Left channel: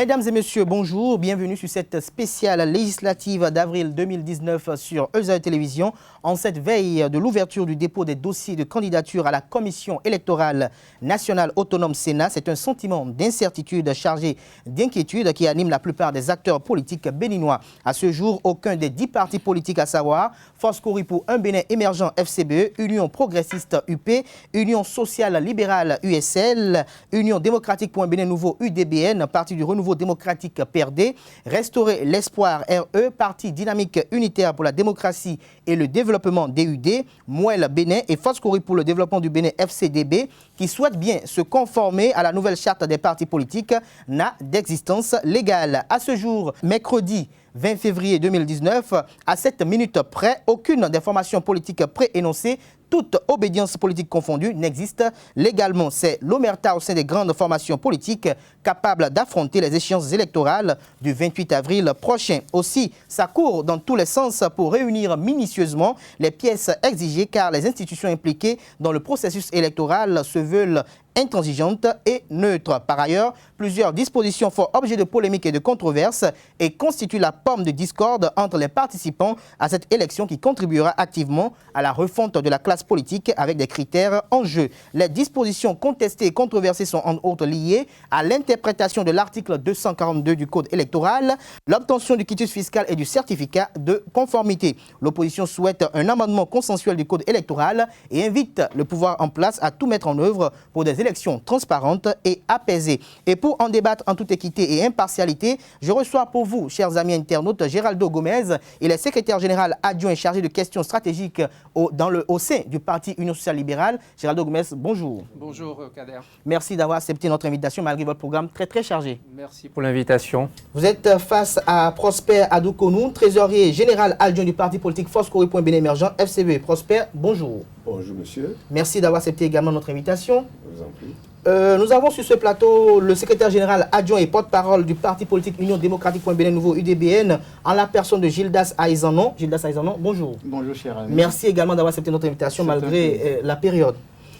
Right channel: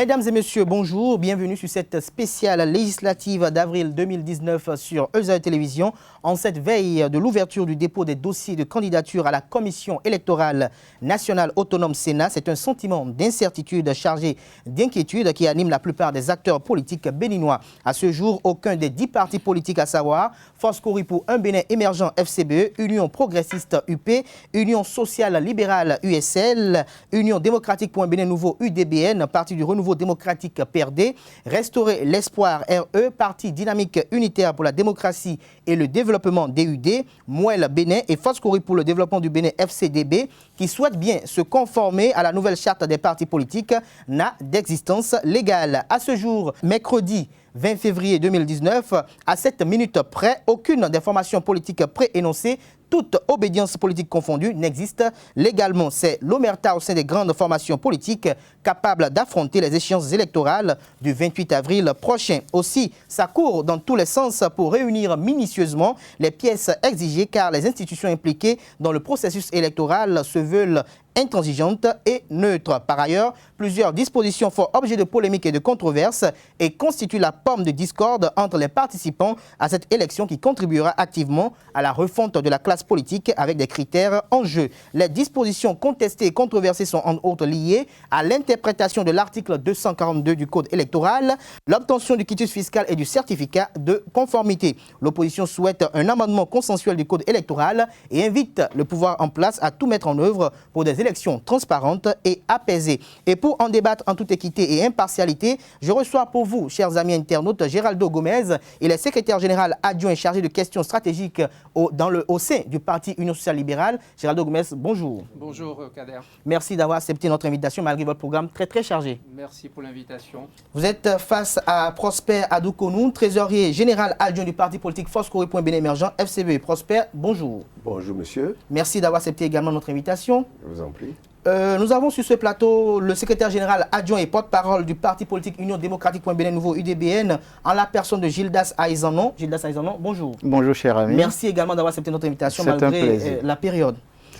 Mesdames et messieurs, bonjour, bienvenue sur cette spéciale législative d'avril 2019 sur Eusa Télévision. En cette veille de l'ouverture du dépôt des dossiers de candidature à la Commission électorale nationale autonome Sénat, c'est un sentiment d'incertitude chargé d'inquiétude qui anime la plupart des acteurs politiques béninois. À ce jour, aucun des 10 partis politiques, à savoir Force Cori pour un Bénin émergent FCBE, Union progressiste UP, Union sociale libérale USL, Union démocratique pour un Bénin nouveau UDBN, Parti du renouveau démocratique PRD, Restaurer l'espoir RE, Parti dynamique unitaire pour la démocratie et le développement DUD, Mouel Bénin et Force Cori pour le développement du Bénin FCDB, qui souhaitent bien se conformer à la nouvelle charte des partis politiques, n'a d'existence légale. À ce jour, mercredi 20 février 2019, à 7 minutes près, aucune des formations politiques préénoncées, toute obédience politique confondue, n'existe légalement. C'est l'omerta au sein des grandes formations politiques capables d'affronter les échéances électorales du 28 avril prochain. Aussi, ça court dans tous les sens pour réunir minutieusement les pièces exigées car les institutions impliquées dans le processus électoral se veulent intransigeantes et neutres. Par ailleurs, plusieurs dispositions font objet de polémiques et de controverses et constituent la pomme de discorde entre les participants à cette élection qui contribuera activement à la refonte de la classe politique avec des critères en jeu. Les dispositions contestées et controversées sont en outre liées à l'interprétation de l'article 242 du Code électoral, l'obtention du quitus fiscal et du certificat de conformité. L'opposition souhaite un amendement consensuel du Code électoral et invite le pouvoir en place à tout mettre en œuvre pour des élections transparentes et apaisées. Et pour en débattre en toute équité et impartialité, je reçois pour vous, chers amis internautes, Géraldo Gomez. Il est secrétaire général adjoint chargé de questions stratégiques au sein du Parti Union sociale libérale. Géraldo Gomez, bonjour. Bonjour Kader. Merci d'avoir accepté notre invitation malgré votre programme très chargé. Merci pour l'invitation. Vous êtes face à Prosper Adoukonou, trésorier général adjoint du parti politique Force Cori pour un Bénin émergent FCBE. Prosper, bonjour. Bonjour monsieur. Merci d'avoir accepté également notre invitation. Je vous en prie. Nous avons sur ce plateau le secrétaire général adjoint et porte-parole du parti politique Union démocratique pour un Bénin nouveau UDBN en la personne de Gildas Aizanon. Gildas Aizanon, bonjour. Bonjour cher ami. Merci également d'avoir accepté notre invitation malgré la période.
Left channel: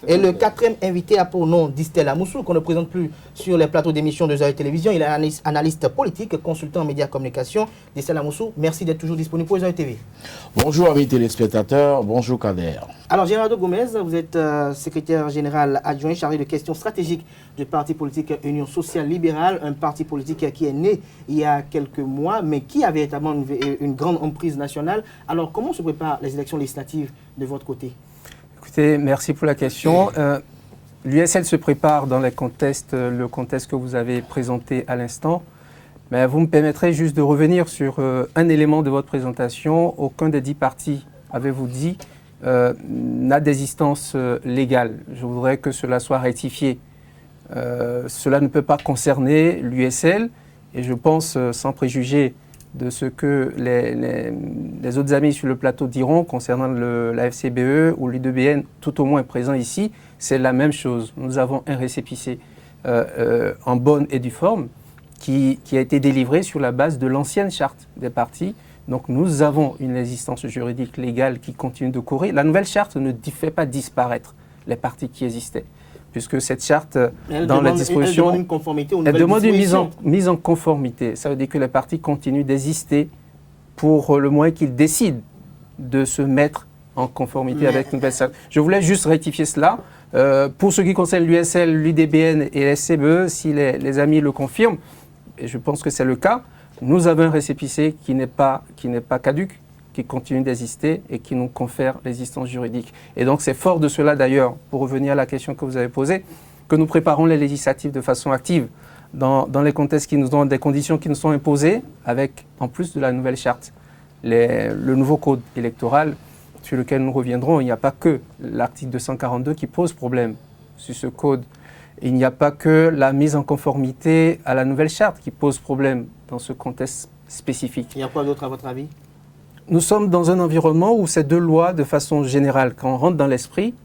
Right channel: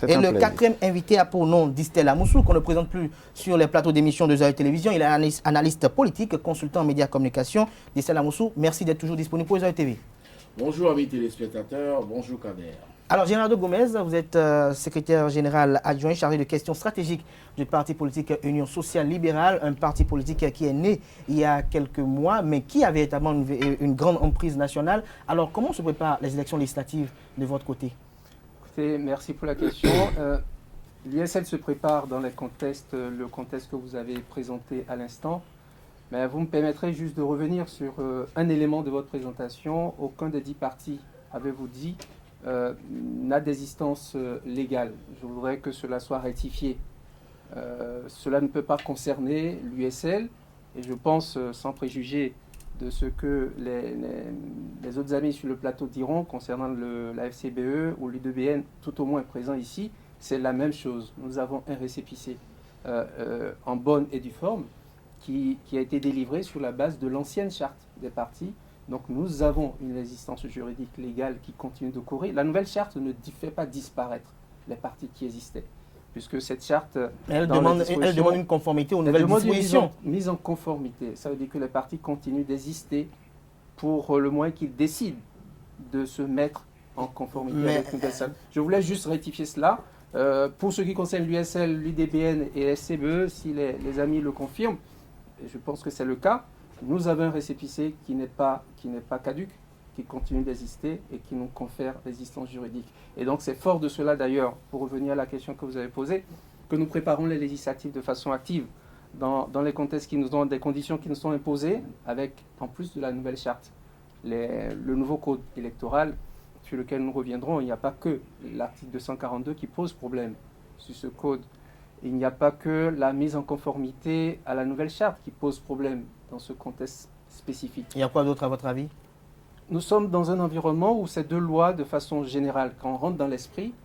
Et le quatrième invité a pour nom Distel Amoussou, qu'on ne présente plus sur les plateaux d'émissions de Eusa Télévision. Il est analyste politique, consultant en médias et communication. Distel Amoussou, merci d'être toujours disponible pour Eusa TV. Bonjour amis téléspectateurs, bonjour Kader. Alors Géraldo Gomez, vous êtes secrétaire général adjoint chargé de questions stratégiques du parti politique Union sociale libérale, un parti politique qui est né il y a quelques mois, mais qui a véritablement une grande emprise nationale. Alors comment se préparent les élections législatives de votre côté ? Écoutez, merci pour la question. L'USL se prépare dans le contexte que vous avez présenté à l'instant. Mais vous me permettrez juste de revenir sur un élément de votre présentation. Aucun des 10 partis, avez-vous dit, n'a d'existence légale. Je voudrais que cela soit rectifié. Cela ne peut pas concerner l'USL et je pense, sans préjuger de ce que les autres amis sur le plateau diront concernant la FCBE ou l'UDBN, tout au moins présent ici, c'est la même chose. Nous avons un récépissé en bonne et due forme qui a été délivré sur la base de l'ancienne charte des partis. Donc nous avons une existence juridique légale qui continue de courir. La nouvelle charte ne fait pas disparaître les partis qui existaient, puisque cette charte, elle demande une conformité aux nouvelles dispositions. Une mise en conformité. Ça veut dire que les partis continuent d'exister pour le moins qu'ils décident de se mettre en conformité avec une nouvelle charte. Je voulais juste rectifier cela. Pour ce qui concerne l'USL, l'UDBN et la SCBE, si les amis le confirment, et je pense que c'est le cas, nous avons un récépissé qui n'est pas caduc, qui continue d'exister et qui nous confère l'existence juridique. Et donc c'est fort de cela d'ailleurs, pour revenir à la question que vous avez posée, que nous préparons les législatives de façon active dans les contextes qui nous ont des conditions qui nous sont imposées, avec en plus de la nouvelle charte, le nouveau code électoral sur lequel nous reviendrons. Il n'y a pas que l'article 242 qui pose problème sur ce code. Il n'y a pas que la mise en conformité à la nouvelle charte qui pose problème dans ce contexte spécifique. Il y a quoi d'autre à votre avis ? Nous sommes dans un environnement où ces deux lois, de façon générale, quand on rentre dans l'esprit,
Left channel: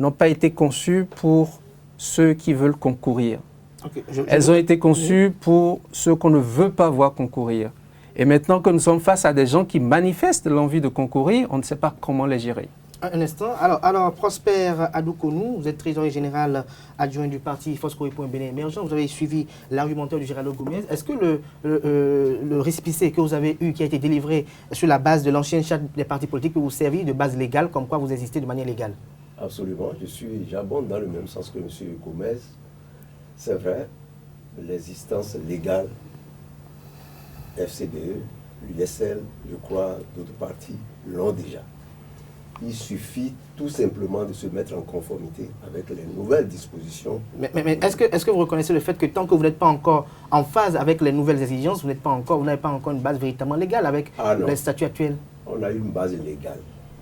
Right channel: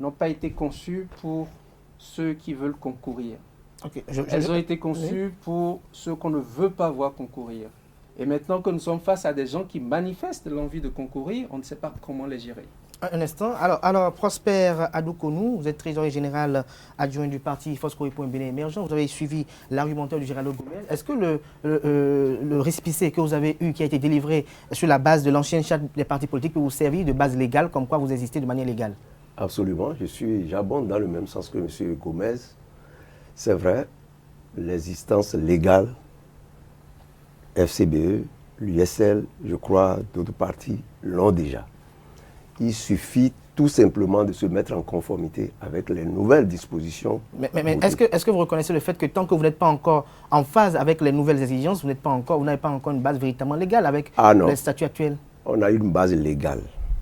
n'ont pas été conçues pour ceux qui veulent concourir. Okay, elles ont été conçues pour ceux qu'on ne veut pas voir concourir. Et maintenant que nous sommes face à des gens qui manifestent l'envie de concourir, on ne sait pas comment les gérer. Un instant. Alors, Prosper Adoukonou, vous êtes trésorier général adjoint du parti Fosco et Point Bénin Émergent. Vous avez suivi l'argumentaire du Gérald Gomez. Est-ce que le récépissé que vous avez eu, qui a été délivré sur la base de l'ancienne charte des partis politiques, peut vous servir de base légale, comme quoi vous existez de manière légale? Absolument. J'abonde dans le même sens que M. Gomez. C'est vrai, l'existence légale, FCBE, l'USL, je crois, d'autres partis l'ont déjà. Il suffit tout simplement de se mettre en conformité avec les nouvelles dispositions. Mais est-ce que vous reconnaissez le fait que tant que vous n'êtes pas encore en phase avec les nouvelles exigences, vous n'avez pas encore une base véritablement légale avec les statuts actuels? On a une base légale.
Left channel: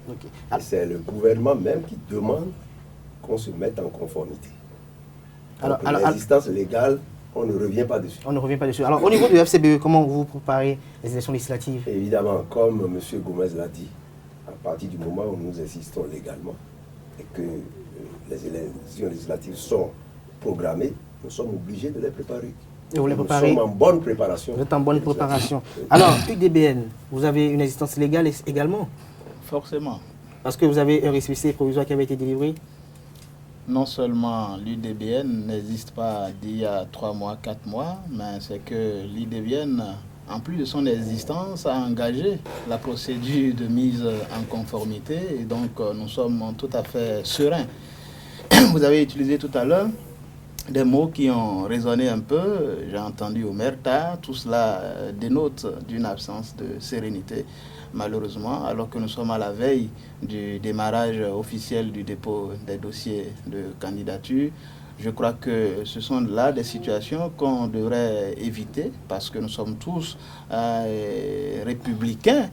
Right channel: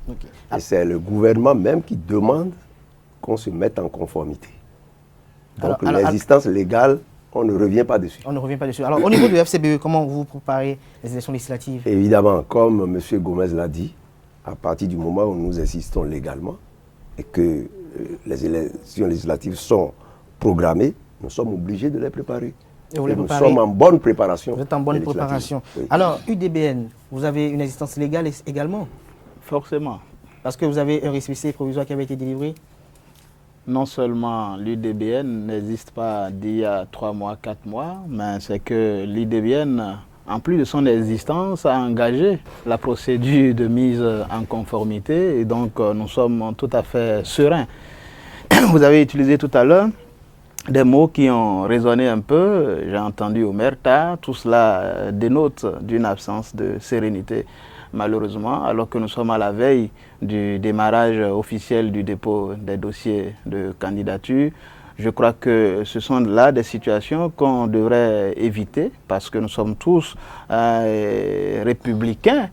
Okay. Et c'est le gouvernement même qui demande qu'on se mette en conformité. Donc l'existence légale, on ne revient pas dessus. On ne revient pas dessus. Alors au niveau du FCBE, comment vous préparez les élections législatives? Évidemment, comme M. Gomez l'a dit, à partir du moment où nous existons légalement et que les élections législatives sont programmées, nous sommes obligés de les préparer. Et vous les nous préparez? sommes en bonne préparation. Vous êtes en bonne préparation. Alors, UDBN, vous avez une existence légale également? Forcément. Parce que vous avez un récépissé provisoire qui avait été délivré? Non seulement l'UDBN n'existe pas d'il y a 3 mois, 4 mois, mais c'est que l'UDBN, en plus de son existence, a engagé la procédure de mise en conformité et donc nous sommes tout à fait sereins. Vous avez utilisé tout à l'heure des mots qui ont résonné un peu. J'ai entendu Omerta, tout cela dénote d'une absence de sérénité, malheureusement, alors que nous sommes à la veille du démarrage officiel du dépôt des dossiers de candidature. Je crois que ce sont là des situations qu'on devrait éviter parce que nous sommes tous républicains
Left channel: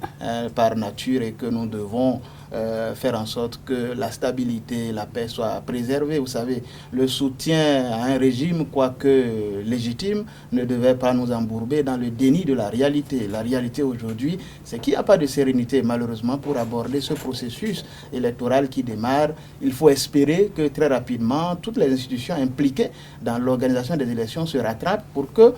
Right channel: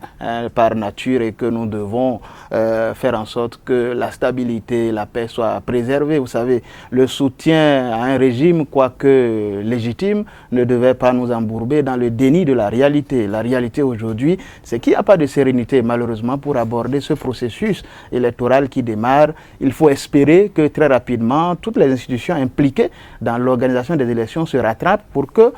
par nature et que nous devons faire en sorte que la stabilité, la paix soient préservées. Vous savez, le soutien à un régime, quoique légitime, ne devait pas nous embourber dans le déni de la réalité. La réalité aujourd'hui, c'est qu'il n'y a pas de sérénité, malheureusement, pour aborder ce processus électoral qui démarre. Il faut espérer que très rapidement, toutes les institutions impliquées dans l'organisation des élections se rattrapent pour que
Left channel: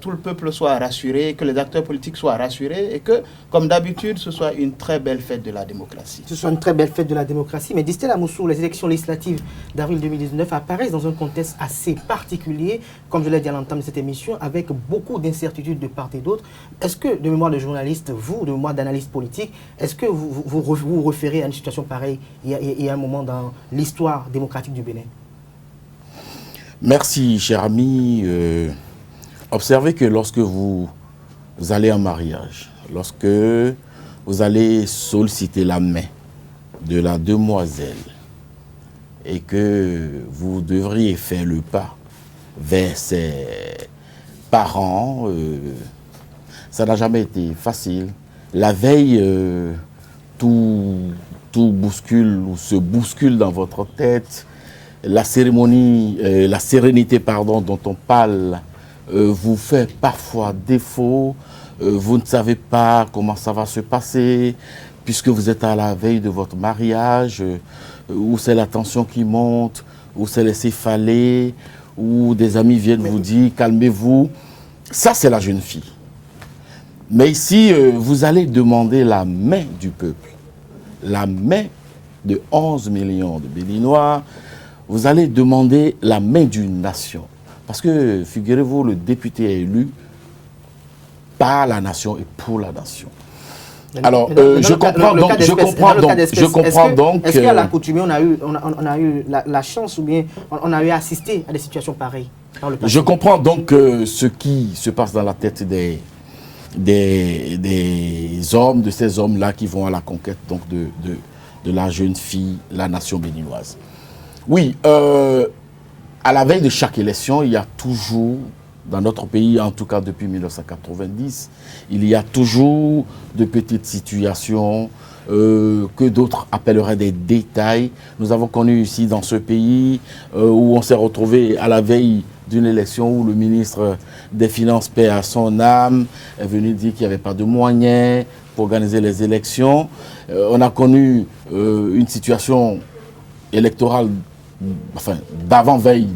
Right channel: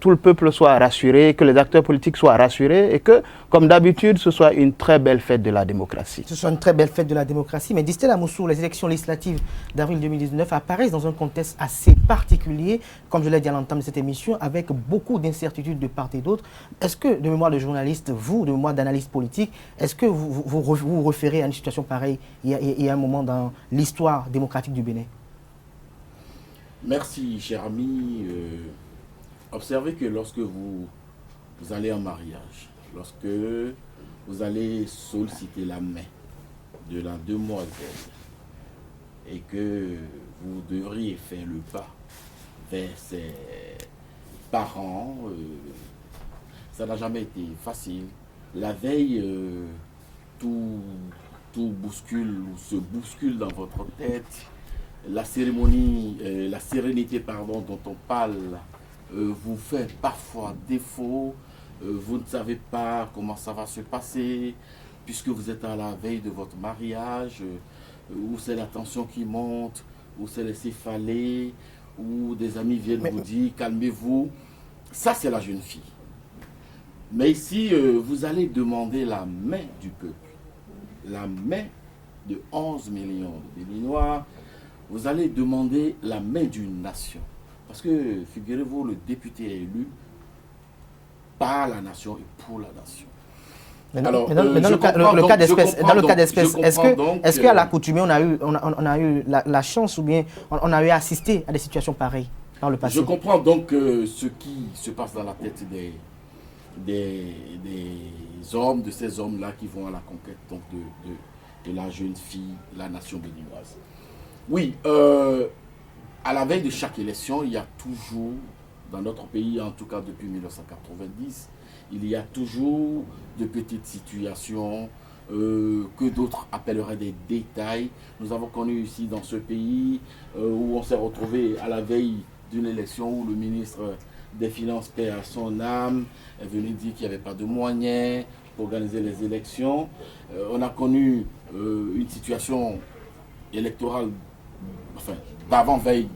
tout le peuple soit rassuré, que les acteurs politiques soient rassurés et que, comme d'habitude, ce soit une très belle fête de la démocratie. Ce soit une très belle fête de la démocratie. Mais Distel Amoussou, les élections législatives d'avril 2019 apparaissent dans un contexte assez particulier, comme je l'ai dit à l'entame de cette émission, avec beaucoup d'incertitudes de part et d'autre. Est-ce que, de mémoire de journaliste, vous, de mémoire d'analyste politique, est-ce que vous référez à une situation pareille il y a un moment dans l'histoire démocratique du Bénin? Merci, cher ami. Observez que lorsque vous allez en mariage, lorsque vous allez solliciter la main de la demoiselle et que vous devriez faire le pas vers ses parents, ça n'a jamais été facile. La veille, tout bouscule ou se bouscule dans votre tête. La cérémonie, la sérénité, pardon, dont on parle, vous fait parfois défaut. Vous ne savez pas comment ça va se passer, puisque vous êtes à la veille de votre mariage, où c'est la tension qui monte, où c'est les céphalées, où des amis viennent vous dire « calmez-vous ». Ça, c'est la jeune fille. Mais ici, vous allez demander la main du peuple, la main de 11 millions de Béninois. Vous allez demander la main d'une nation. Parce que, figurez-vous, le député est élu par la nation et pour la nation. Alors, je comprends donc... Est-ce qu'à l'accoutumée, on a eu la chance ou bien on a eu assisté à des situations pareilles dans le passé? Je comprends donc ce qui se passe dans la tête des hommes, de ces hommes-là qui vont à la conquête donc, de la jeune fille, la nation béninoise. Oui, à la veille de chaque élection, il y a toujours, dans notre pays, en tout cas depuis 1990, il y a toujours de petites situations que d'autres appelleraient des détails. Nous avons connu ici dans ce pays où on s'est retrouvé à la veille d'une élection où le ministre des Finances, paix à son âme, est venu dire qu'il n'y avait pas de moyens pour organiser les élections. On a connu une situation électorale, enfin d'avant-veille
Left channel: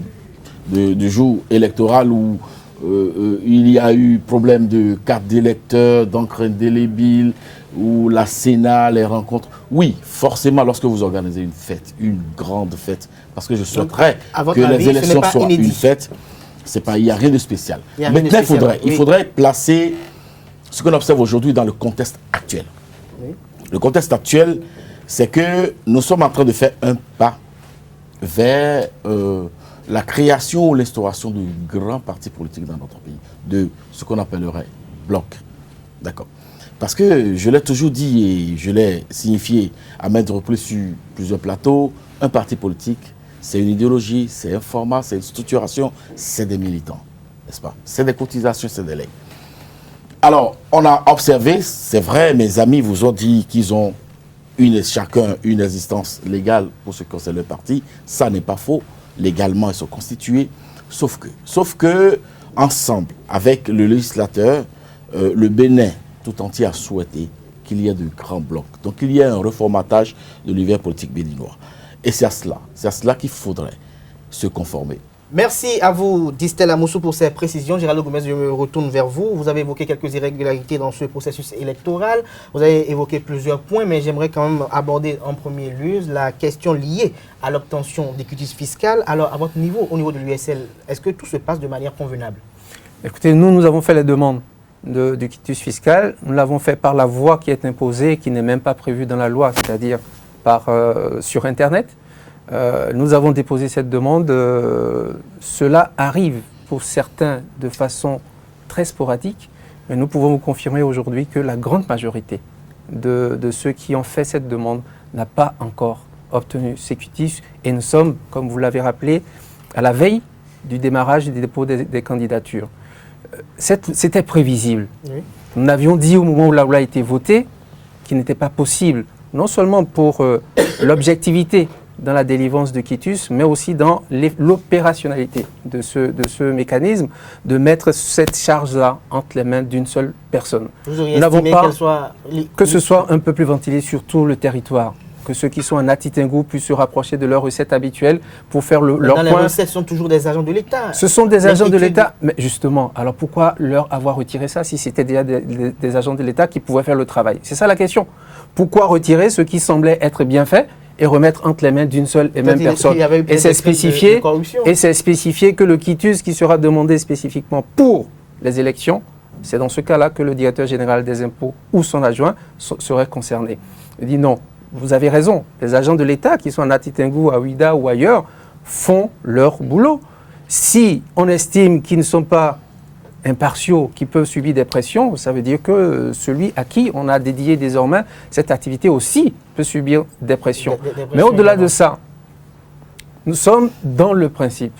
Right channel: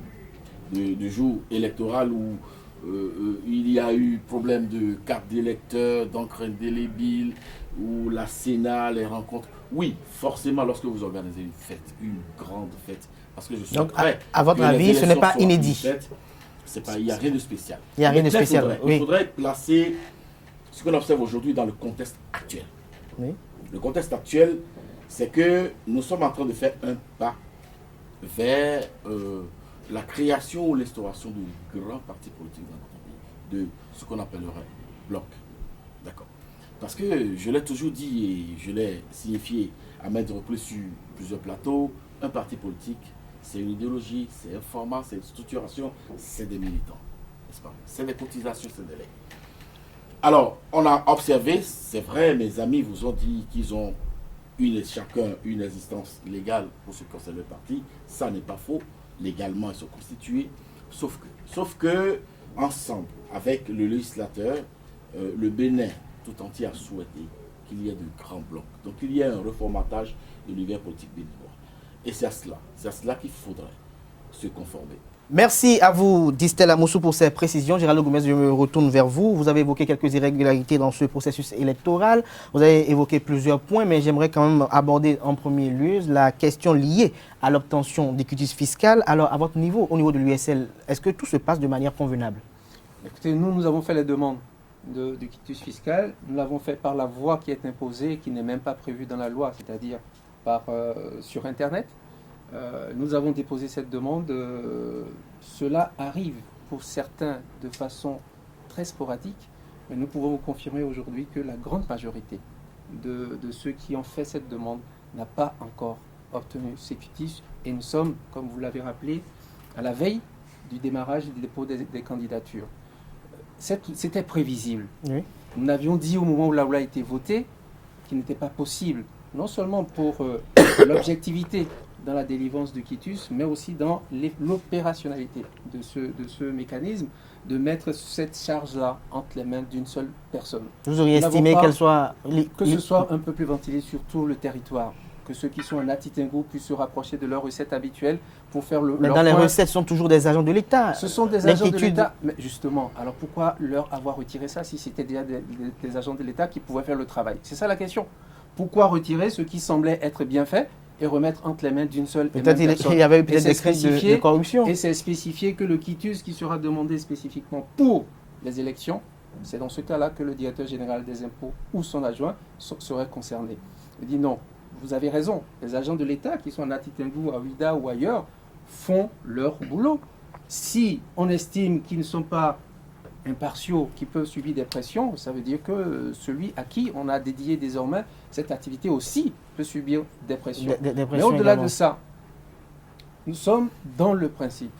du jour électoral où il y a eu problème de carte d'électeur, d'encre indélébile, ou la Sénat, les rencontres. Oui, forcément, lorsque vous organisez une fête, une grande fête, parce que je souhaiterais à votre que avis, les ce n'est élections pas soient inédit. une fête, il n'y a rien de spécial. Il y a rien de Maintenant, spécial, il oui. faudrait placer ce qu'on observe aujourd'hui dans le contexte actuel. Oui. Le contexte actuel, c'est que nous sommes en train de faire un pas vers la création ou l'instauration de grands partis politiques dans notre pays, de ce qu'on appellerait bloc. D'accord. Parce que je l'ai toujours dit et je l'ai signifié à maintes reprises sur plusieurs plateaux, un parti politique, c'est une idéologie, c'est un format, c'est une structuration, c'est des militants, n'est-ce pas? C'est des cotisations, c'est des legs. Alors, on a observé, c'est vrai, mes amis vous ont dit qu'ils ont chacun une existence légale pour ce qui concerne le parti. Ça n'est pas faux. Légalement, ils sont constitués. Sauf que ensemble, avec le législateur, le Bénin tout entier a souhaité qu'il y ait de grands blocs. Donc, il y a un reformatage de l'univers politique béninois. Et c'est à cela qu'il faudrait se conformer. Merci à vous, Distel Amoussou, pour ces précisions. Gérald Goumez, je me retourne vers vous. Vous avez évoqué quelques irrégularités dans ce processus électoral. Vous avez évoqué plusieurs points, mais j'aimerais quand même aborder en premier lieu la question liée à l'obtention des quitus fiscales. Alors, à votre niveau, au niveau de l'USL, est-ce que tout se passe de manière convenable? Écoutez, nous avons fait les demandes du quitus fiscal. Nous l'avons fait par la voie qui est imposée, qui n'est même pas prévue dans la loi, c'est-à-dire sur Internet. Nous avons déposé cette demande. Cela arrive pour certains de façon très sporadique, mais nous pouvons vous confirmer aujourd'hui que la grande majorité de ceux qui ont fait cette demande n'a pas encore obtenu ces quitus. Et nous sommes, comme vous l'avez rappelé, à la veille du démarrage du dépôt des candidatures. C'était prévisible. Oui. Nous avions dit au moment où la loi a été votée qu'il n'était pas possible, non seulement pour l'objectivité dans la délivrance de quitus, mais aussi dans l'opérationnalité de ce mécanisme, de mettre cette charge-là entre les mains d'une seule personne. Vous auriez estimé qu'elle soit... Que ce soit un peu plus ventilé sur tout le territoire, que ceux qui sont en Atitingou puissent se rapprocher de leurs recettes habituelles pour faire leur Dans les point. recettes, ce sont toujours des agents de l'État. Ce sont des agents de l'État. Mais justement, alors pourquoi leur avoir retiré ça si c'était déjà des agents de l'État qui pouvaient faire le travail? C'est ça la question. Pourquoi retirer ce qui semblait être bien fait et remettre entre les mains d'une seule et même personne? Il y avait eu et c'est de corruption. Et c'est spécifié que le quitus qui sera demandé spécifiquement pour les élections, c'est dans ce cas-là que le directeur général des impôts ou son adjoint serait concerné. Il dit non, vous avez raison, les agents de l'État qui sont en Atitingou, à Ouida ou ailleurs font leur boulot. Si on estime qu'ils ne sont pas impartiaux, qui peuvent subir des pressions, ça veut dire que celui à qui on a dédié désormais cette activité aussi peut subir des pressions. Mais au-delà de ça, nous sommes dans le principe.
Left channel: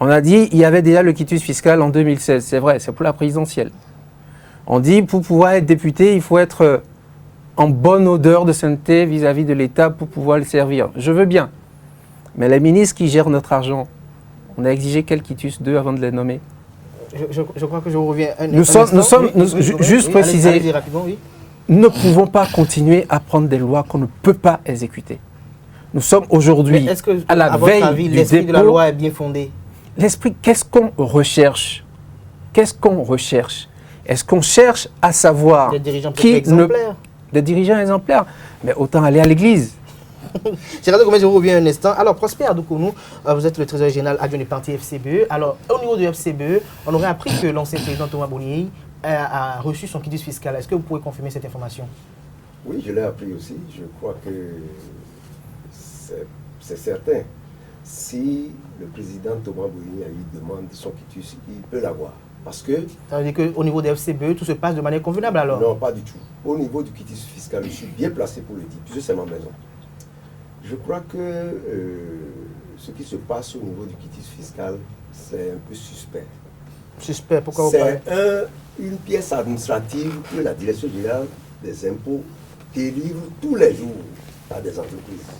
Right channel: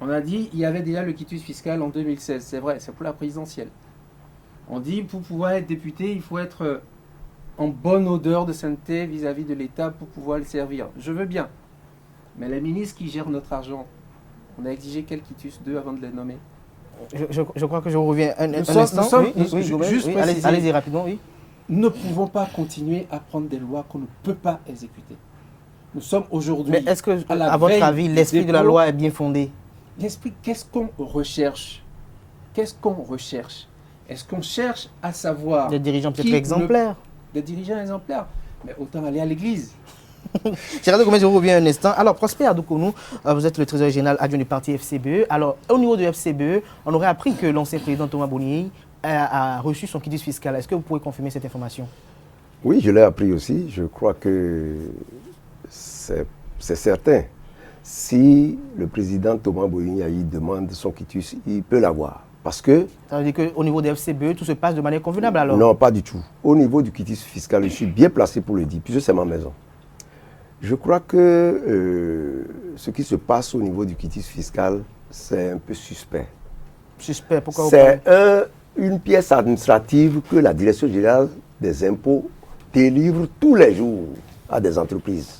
On a dit qu'il y avait déjà le quitus fiscal en 2016, c'est vrai, c'est pour la présidentielle. On dit pour pouvoir être député, il faut être en bonne odeur de sainteté vis-à-vis de l'État pour pouvoir le servir. Je veux bien. Mais les ministres qui gèrent notre argent, on a exigé quel quitus d'eux avant de les nommer? Je crois que je reviens Juste préciser, allez-y rapidement, oui. Nous ne pouvons pas continuer à prendre des lois qu'on ne peut pas exécuter. Nous sommes aujourd'hui est-ce que, à la à votre veille avis, du l'esprit de la dépôt. loi est bien fondé? L'esprit, qu'est-ce qu'on recherche? Qu'est-ce qu'on recherche? Est-ce qu'on cherche à savoir Des dirigeants peut-être exemplaires. Des dirigeants exemplaires. Mais autant aller à l'église. Gérald Goumez, je reviens un instant. Alors, Prosper Adoukonou, vous êtes le trésorier général adjoint du parti FCBE. Alors, au niveau du FCBE, on aurait appris que l'ancien président Thomas Boniei a reçu son quitus fiscal. Est-ce que vous pouvez confirmer cette information? Oui, je l'ai appris aussi. Je crois que c'est certain. Si le président Thomas Boniei demande son quitus, il peut l'avoir. Parce que... Ça veut dire qu'au niveau des FCBE, tout se passe de manière convenable alors? Non, pas du tout. Au niveau du quitus fiscal, je suis bien placé pour le dire, puisque c'est ma maison. Je crois que ce qui se passe au niveau du quitus fiscal, c'est un peu suspect. Suspect, pourquoi vous parlez? C'est une pièce administrative que la Direction générale des impôts délivre tous les jours à des entreprises.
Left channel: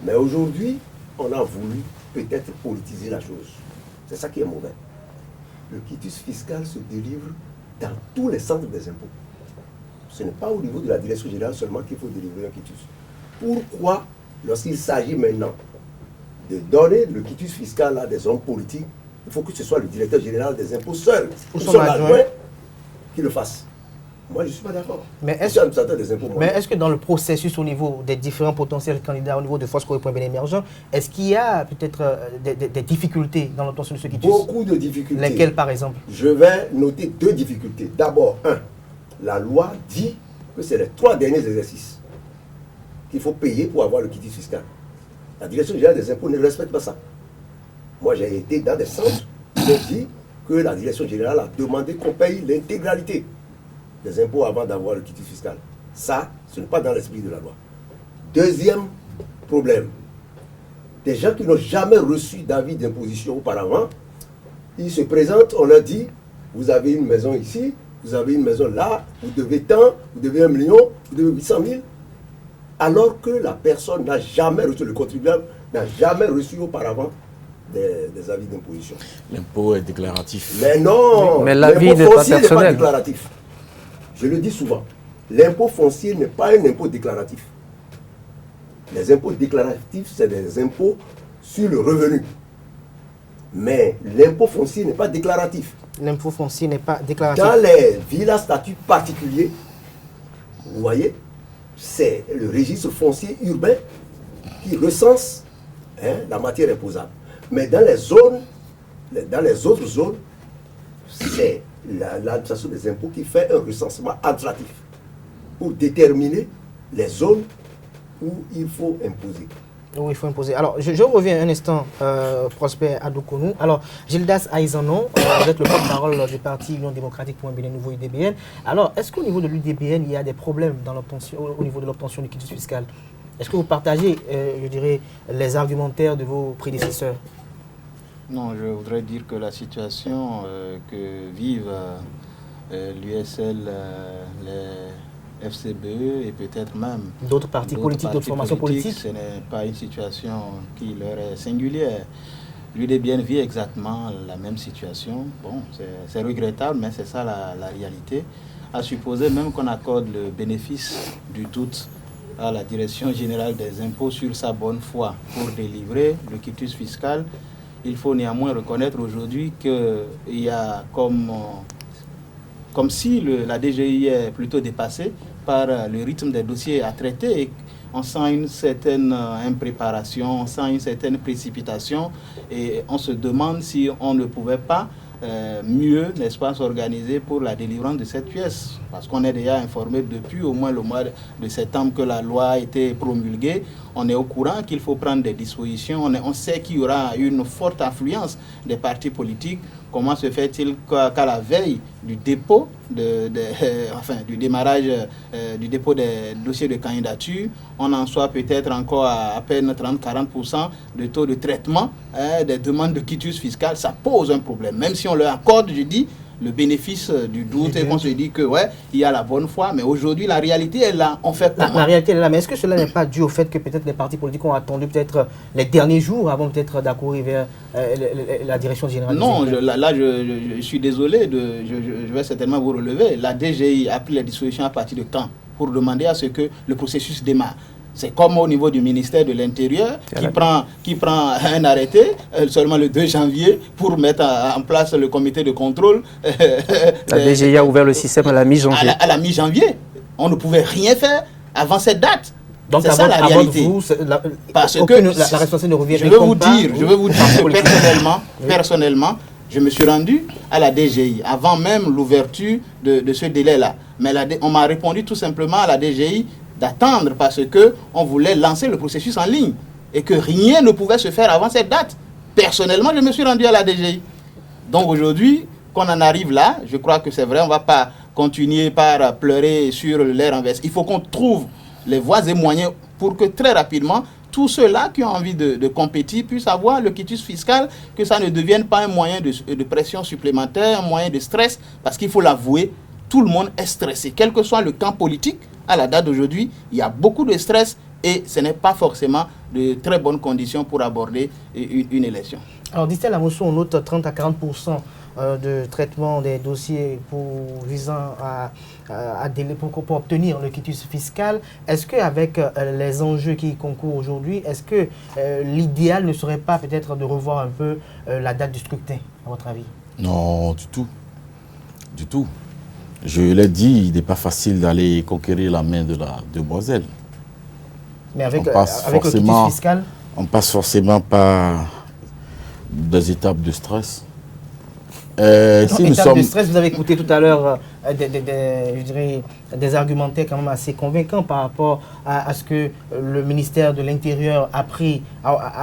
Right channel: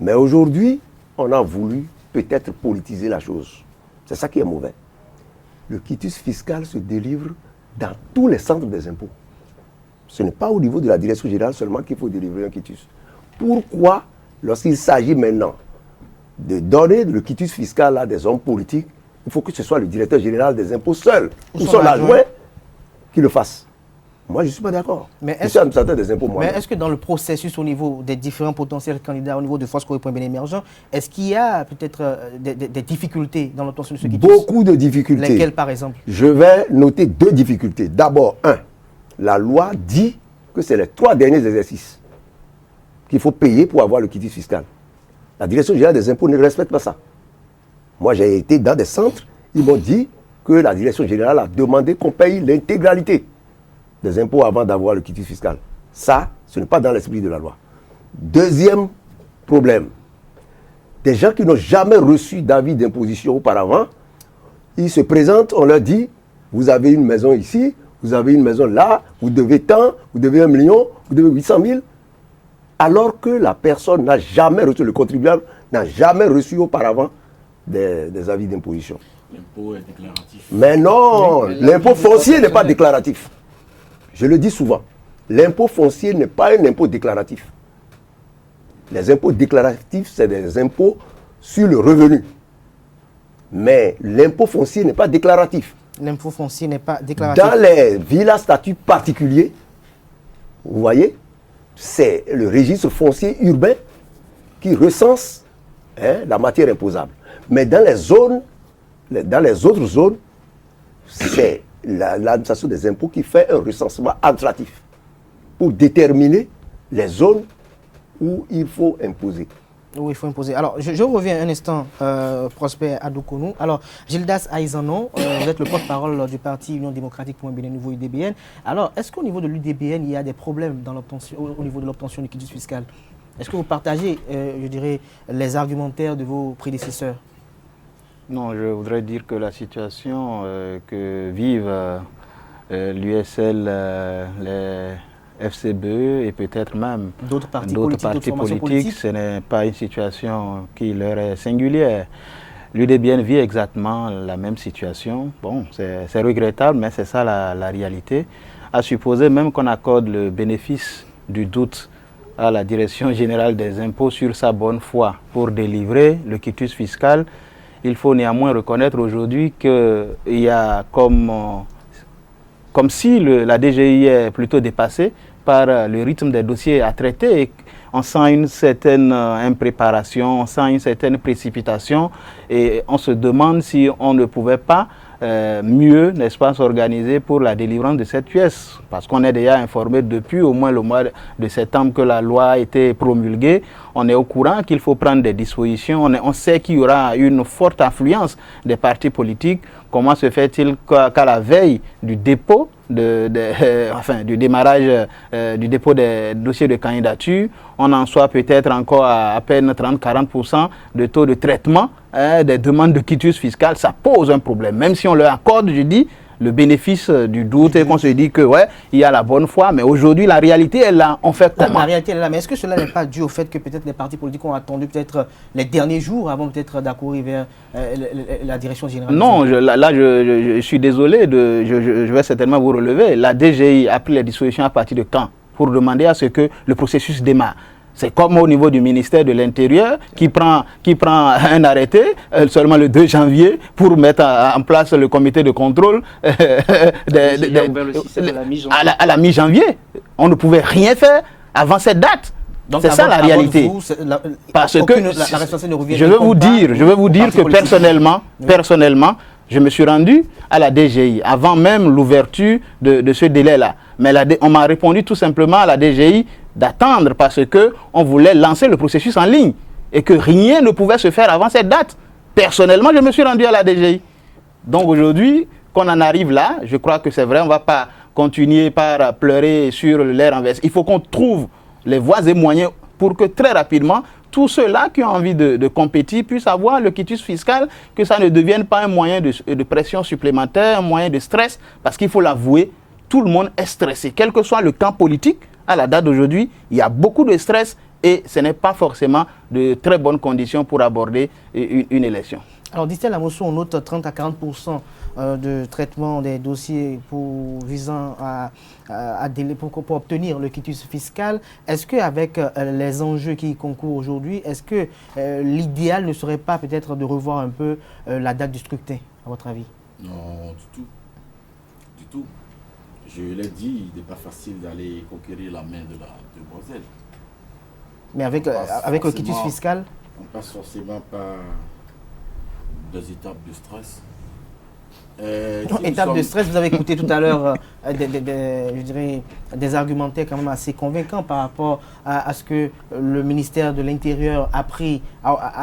Mais aujourd'hui, on a voulu peut-être politiser la chose. C'est ça qui est mauvais. Le quitus fiscal se délivre dans tous les centres des impôts. Ce n'est pas au niveau de la Direction générale seulement qu'il faut délivrer un quitus. Pourquoi, lorsqu'il s'agit maintenant de donner le quitus fiscal à des hommes politiques, il faut que ce soit le directeur général des impôts seul ou son son adjoint adjoint qui le fasse. Moi, je ne suis pas d'accord. Mais Je suis administrateur des impôts, moi. Mais est-ce que dans le processus au niveau des différents potentiels candidats, au niveau de Force Corée Bien Émergent, est-ce qu'il y a peut-être des difficultés dans l'obtention de ce quitus? Beaucoup de difficultés. Lesquelles, par exemple? Je vais noter 2 difficultés. D'abord, la loi dit que c'est les 3 derniers exercices qu'il faut payer pour avoir le quitus fiscal. La Direction générale des impôts ne respecte pas ça. Moi, j'ai été dans des centres, ils m'ont dit que la Direction générale a demandé qu'on paye l'intégralité des impôts avant d'avoir le quitus fiscal. Ça, ce n'est pas dans l'esprit de la loi. Deuxième problème, des gens qui n'ont jamais reçu d'avis d'imposition auparavant, ils se présentent, on leur dit, vous avez une maison ici, vous avez une maison là, vous devez tant, vous devez 1 million, vous devez 800 000, alors que la personne n'a jamais reçu, le contribuable n'a jamais reçu auparavant des avis d'imposition. L'impôt est déclaratif. Mais non, Oui, mais l'avis l'impôt n'est pas foncier n'est pas personnel. déclaratif. Je le dis souvent, l'impôt foncier n'est pas un impôt déclaratif. Les impôts déclaratifs, c'est des impôts sur le revenu. Mais l'impôt foncier n'est pas déclaratif. L'impôt foncier n'est pas déclaratif. Dans les villas statut particulier, vous voyez, c'est le registre foncier urbain qui recense la matière imposable. Mais dans les zones, dans les autres zones, c'est l'administration des impôts qui fait un recensement administratif pour déterminer les zones où il faut imposer. Oui, il faut imposer. Alors, je reviens un instant, Prosper Adoukonou. Alors, Gildas Aïzanon, vous êtes le porte-parole du parti Union démocratique pour un Bénin Nouveau UDBN. Alors, est-ce qu'au niveau de l'UDBN, il y a des problèmes dans au niveau de l'obtention du quitus fiscal? Est-ce que vous partagez, je dirais, les argumentaires de vos prédécesseurs? Non, je voudrais dire que la situation que vivent l'USL, les FCBE et peut-être même D'autres partis politiques, d'autres formations politiques, ce n'est pas une situation qui leur est singulière. L'UDBN vit exactement la même situation. Bon, c'est regrettable, mais c'est ça la réalité. À supposer même qu'on accorde le bénéfice du doute à la Direction générale des impôts sur sa bonne foi pour délivrer le quitus fiscal, il faut néanmoins reconnaître aujourd'hui qu'il y a comme si la DGI est plutôt dépassée par le rythme des dossiers à traiter. Et on sent une certaine impréparation, on sent une certaine précipitation et on se demande si on ne pouvait pas mieux, n'est-ce pas, s'organiser pour la délivrance de cette pièce. Parce qu'on est déjà informé depuis au moins le mois de septembre que la loi a été promulguée. On est au courant qu'il faut prendre des dispositions. On sait qu'il y aura une forte affluence des partis politiques. Comment se fait-il qu'à la veille du dépôt, du démarrage du dépôt des dossiers de candidature, on en soit peut-être encore à peine 30-40% de taux de traitement des demandes de quitus fiscal? Ça pose un problème. Même si on leur accorde, je dis, le bénéfice du doute et qu'on se dit que ouais, il y a la bonne foi, mais aujourd'hui la réalité est là. On fait comment? La réalité est là, mais est-ce que cela n'est pas dû au fait que peut-être les partis politiques ont attendu peut-être les derniers jours avant peut-être d'accourir vers la direction générale? Non, je suis désolé, je vais certainement vous relever. La DGI a pris les dispositions à partir de quand pour demander à ce que le processus démarre? C'est comme au niveau du ministère de l'Intérieur qui prend un arrêté seulement le 2 janvier pour mettre en place le comité de contrôle. La DGI a ouvert le système à la mi-janvier. À la mi-janvier. On ne pouvait rien faire avant cette date. Donc c'est ça la réalité. Parce que la responsabilité ne revient pas. Je veux vous dire que personnellement, je me suis rendu à la DGI avant même l'ouverture de ce délai-là. Mais on m'a répondu tout simplement à la DGI d'attendre parce qu'on voulait lancer le processus en ligne et que rien ne pouvait se faire avant cette date. Personnellement, je me suis rendu à la DGI. Donc aujourd'hui, qu'on en arrive là, je crois que c'est vrai, on ne va pas continuer par pleurer sur l'air renversé. Il faut qu'on trouve les voies et moyens pour que très rapidement, tous ceux-là qui ont envie de compétir puissent avoir le quitus fiscal, que ça ne devienne pas un moyen de pression supplémentaire, un moyen de stress, parce qu'il faut l'avouer, tout le monde est stressé. Quel que soit le camp politique, à la date d'aujourd'hui, il y a beaucoup de stress et ce n'est pas forcément de très bonnes conditions pour aborder une élection. Alors, Distel Amosso, on note 30 à 40% de traitement des dossiers visant pour obtenir le quitus fiscal. Est-ce qu'avec les enjeux qui y concourent aujourd'hui, est-ce que l'idéal ne serait pas peut-être de revoir un peu la date du scrutin, à votre avis? Non, du tout. Du tout. Je l'ai dit, il n'est pas facile d'aller conquérir la main de la demoiselle. Mais avec le quitus fiscal? On passe forcément par des étapes de stress. Étape de stress, vous avez écouté tout à l'heure je dirais, des argumentaires quand même assez convaincants par rapport à ce que le ministère de l'Intérieur a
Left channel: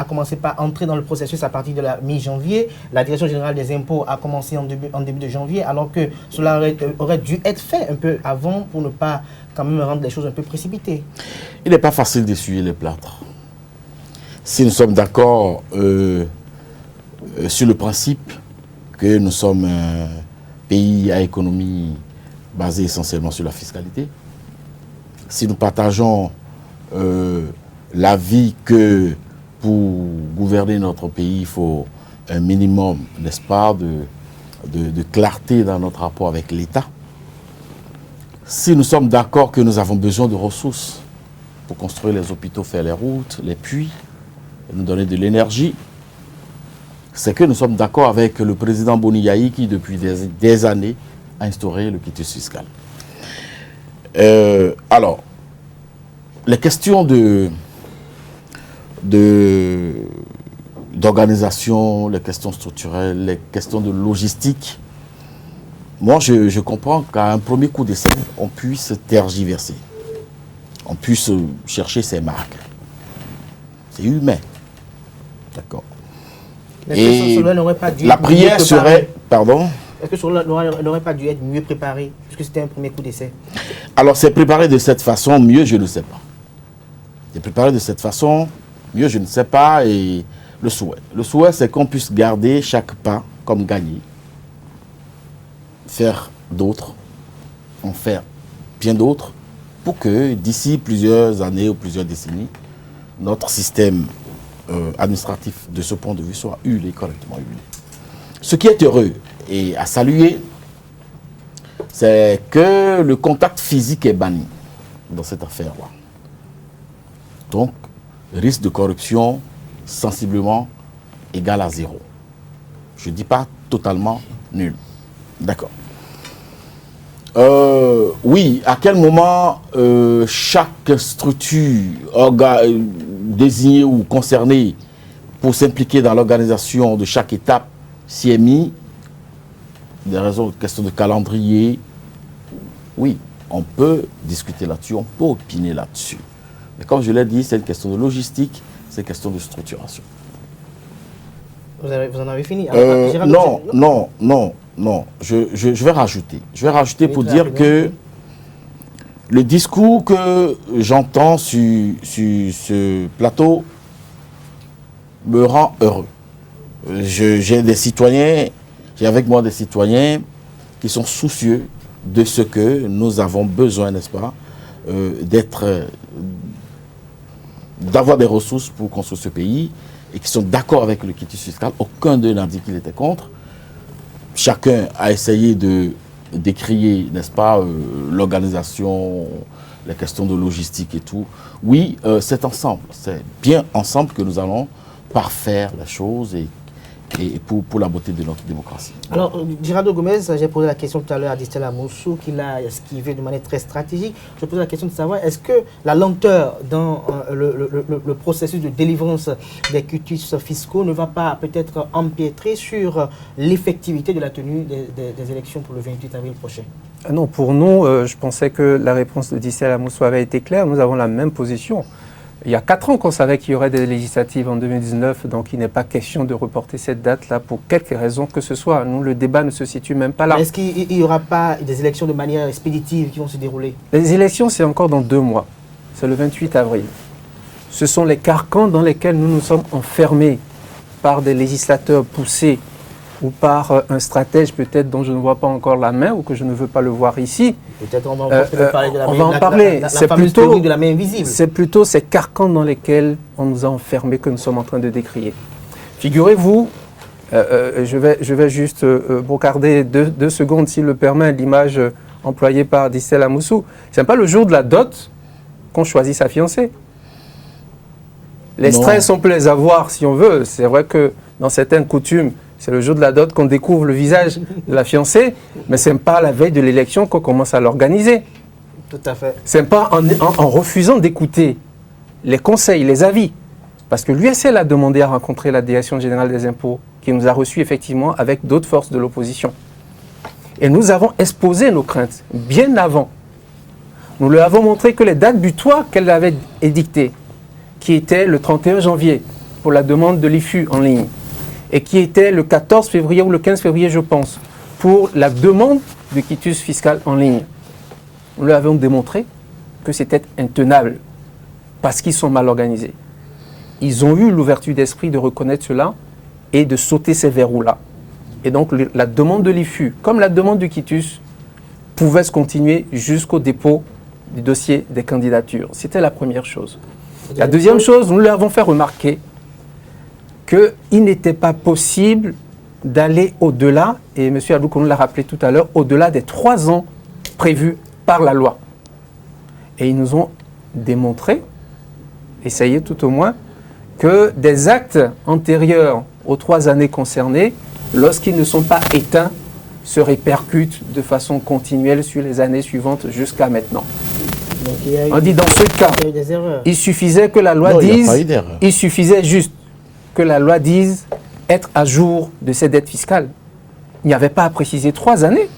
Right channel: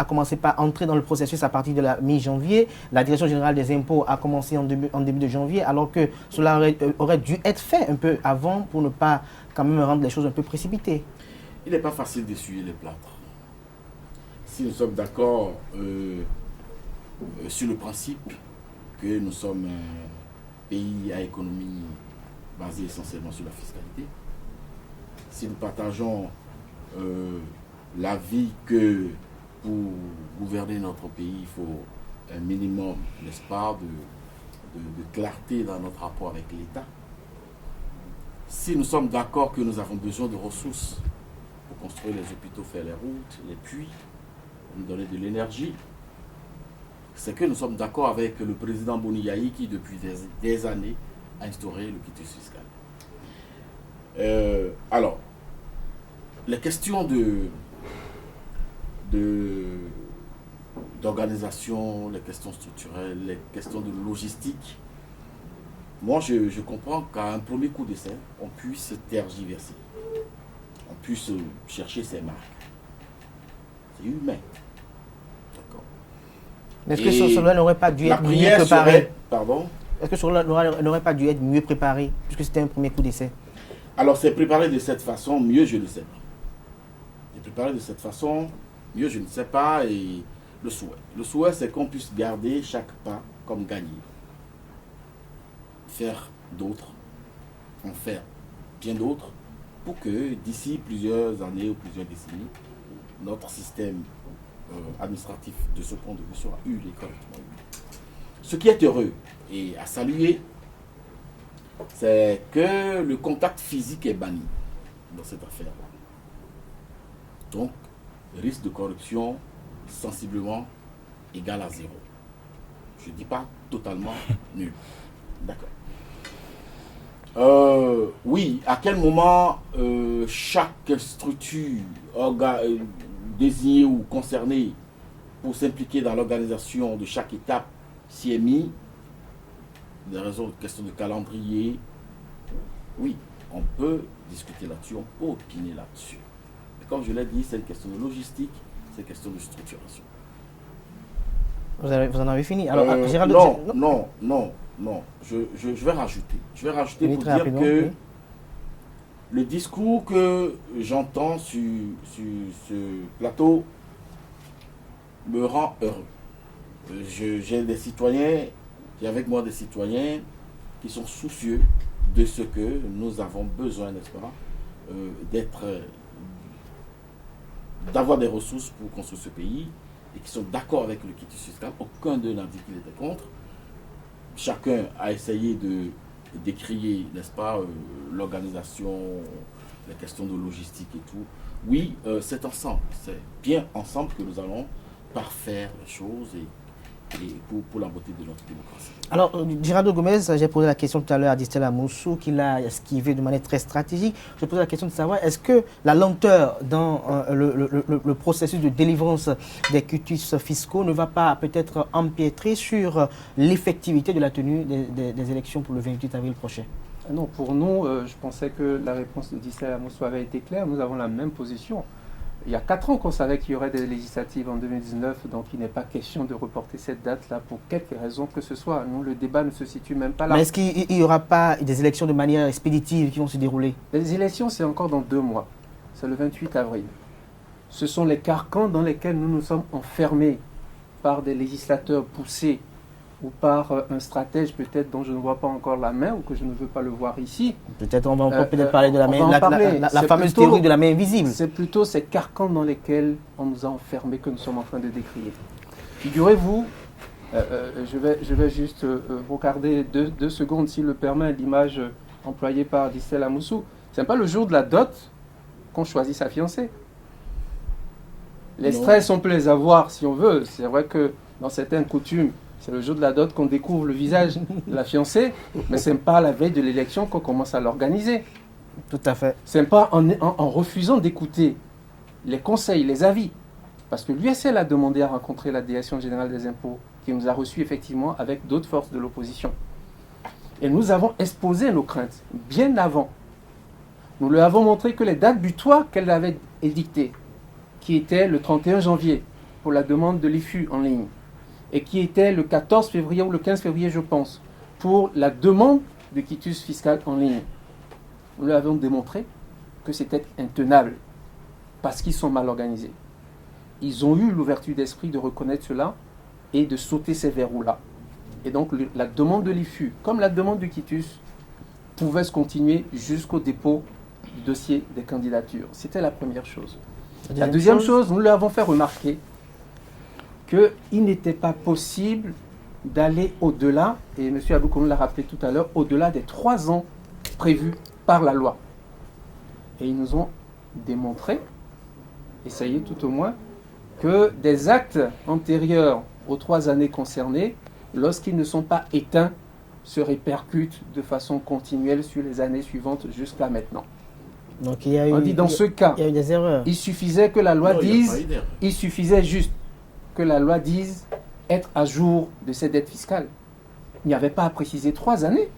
commencé par entrer dans le processus à partir de la mi-janvier. La Direction générale des impôts a commencé en début de janvier, alors que cela aurait dû être fait un peu avant pour ne pas quand même rendre les choses un peu précipitées. Il n'est pas facile d'essuyer les plâtres. Si nous sommes d'accord sur le principe que nous sommes un pays à économie basée essentiellement sur la fiscalité, si nous partageons l'avis que pour gouverner notre pays, il faut un minimum, n'est-ce pas, de clarté dans notre rapport avec l'État, si nous sommes d'accord que nous avons besoin de ressources pour construire les hôpitaux, faire les routes, les puits, nous donner de l'énergie, c'est que nous sommes d'accord avec le président Boniaï qui, depuis des années, a instauré le quitus fiscal. Alors, les questions d'organisation, les questions structurelles, les questions de logistique, moi, je comprends qu'à un premier coup d'essai, on puisse tergiverser, on puisse chercher ses marques. C'est humain. D'accord. Est-ce que cela n'aurait pas dû la être prière mieux préparé? serait... Pardon? Est-ce que cela n'aurait pas dû être mieux préparé, puisque c'était un premier coup d'essai? Alors, c'est préparé de cette façon, mieux, je ne sais pas. C'est préparé de cette façon, mieux, je ne sais pas, et le souhait. Le souhait, c'est qu'on puisse garder chaque pas comme gagné, faire d'autres, en faire bien d'autres, pour que d'ici plusieurs années ou plusieurs décennies, notre système administratif de ce point de vue soit correctement huilé. Ce qui est heureux et à saluer, c'est que le contact physique est banni dans cette affaire-là. Donc, risque de corruption sensiblement égal à 0. Je ne dis pas totalement nul. D'accord. Oui, à quel moment chaque structure désignée ou concernée pour s'impliquer dans l'organisation de chaque étape s'y est mis, des raisons de question de calendrier, oui, on peut discuter là-dessus, on peut opiner là-dessus. Mais comme je l'ai dit, c'est une question de logistique, c'est une question de structuration. Vous en avez fini? Alors, non. Je vais rajouter. Je vais rajouter pour dire que le discours que j'entends sur ce plateau me rend heureux. J'ai avec moi des citoyens qui sont soucieux de ce que nous avons besoin, n'est-ce pas, d'avoir des ressources pour construire ce pays et qui sont d'accord avec le quitus fiscal. Aucun d'eux n'a dit qu'il était contre. Chacun a essayé de décrier, n'est-ce pas, l'organisation, les questions de logistique et tout. Oui, c'est ensemble, c'est bien ensemble que nous allons parfaire la chose et pour la beauté de notre démocratie. Alors, Girardo Gomez, j'ai posé la question tout à l'heure à Distel Amosso, qui l'a esquivé de manière très stratégique. Je pose la question de savoir, est-ce que la lenteur dans le processus de délivrance des quitus fiscaux ne va pas peut-être empiétrer sur l'effectivité de la tenue des élections pour le 28 avril prochain? Non, pour nous, je pensais que la réponse de Distel Amosso avait été claire. Nous avons la même position. Il y a 4 ans qu'on savait qu'il y aurait des législatives en 2019, donc il n'est pas question de reporter cette date-là pour quelque raison que ce soit. Nous, le débat ne se situe même pas là. Mais est-ce qu'il n'y aura pas des élections de manière expéditive qui vont se dérouler? Les élections, c'est encore dans 2 mois. C'est le 28 avril. Ce sont les carcans dans lesquels nous nous sommes enfermés par des législateurs poussés ou par un stratège peut-être dont je ne vois pas encore la main ou que je ne veux pas le voir ici. Peut-être on va peut-être parler de la on main, va en parler. la fameuse théorie de la main invisible. C'est plutôt ces carcans dans lesquels on nous a enfermés que nous sommes en train de décrier. Figurez-vous, je vais juste brocarder 2 secondes, s'il le permet, l'image employée par Dissel Amoussou. Ce n'est pas le jour de la dot qu'on choisit sa fiancée. Les stress, on peut les avoir si on veut. C'est vrai que dans certaines coutumes, c'est le jour de la dot qu'on découvre le visage de la fiancée, mais ce n'est pas la veille de l'élection qu'on commence à l'organiser. Tout à fait. Ce n'est pas en refusant d'écouter les conseils, les avis, parce que l'USL a demandé à rencontrer la Direction générale des impôts, qui nous a reçus effectivement avec d'autres forces de l'opposition. Et nous avons exposé nos craintes bien avant. Nous lui avons montré que les dates butoirs qu'elle avait édictées, qui était le 31 janvier pour la demande de l'IFU en ligne, et qui était le 14 février ou le 15 février, je pense, pour la demande de quitus fiscal en ligne. Nous leur avons démontré que c'était intenable, parce qu'ils sont mal organisés. Ils ont eu l'ouverture d'esprit de reconnaître cela et de sauter ces verrous-là. Et donc la demande de l'IFU, comme la demande du quitus, pouvait se continuer jusqu'au dépôt du dossier des candidatures. C'était la première chose. La deuxième chose, nous leur avons fait remarquer qu'il n'était pas possible d'aller au-delà, et M. Abdou l'a rappelé tout à l'heure, au-delà des 3 ans prévus par la loi. Et ils nous ont démontré, essayé tout au moins, que des actes antérieurs aux 3 années concernées, lorsqu'ils ne sont pas éteints, se répercutent de façon continuelle sur les années suivantes jusqu'à maintenant. Donc, on dit dans ce cas, il y a eu des erreurs. Il suffisait que la loi dise, il suffisait juste que la loi dise être à jour de ses dettes fiscales. Il n'y avait pas à préciser 3 années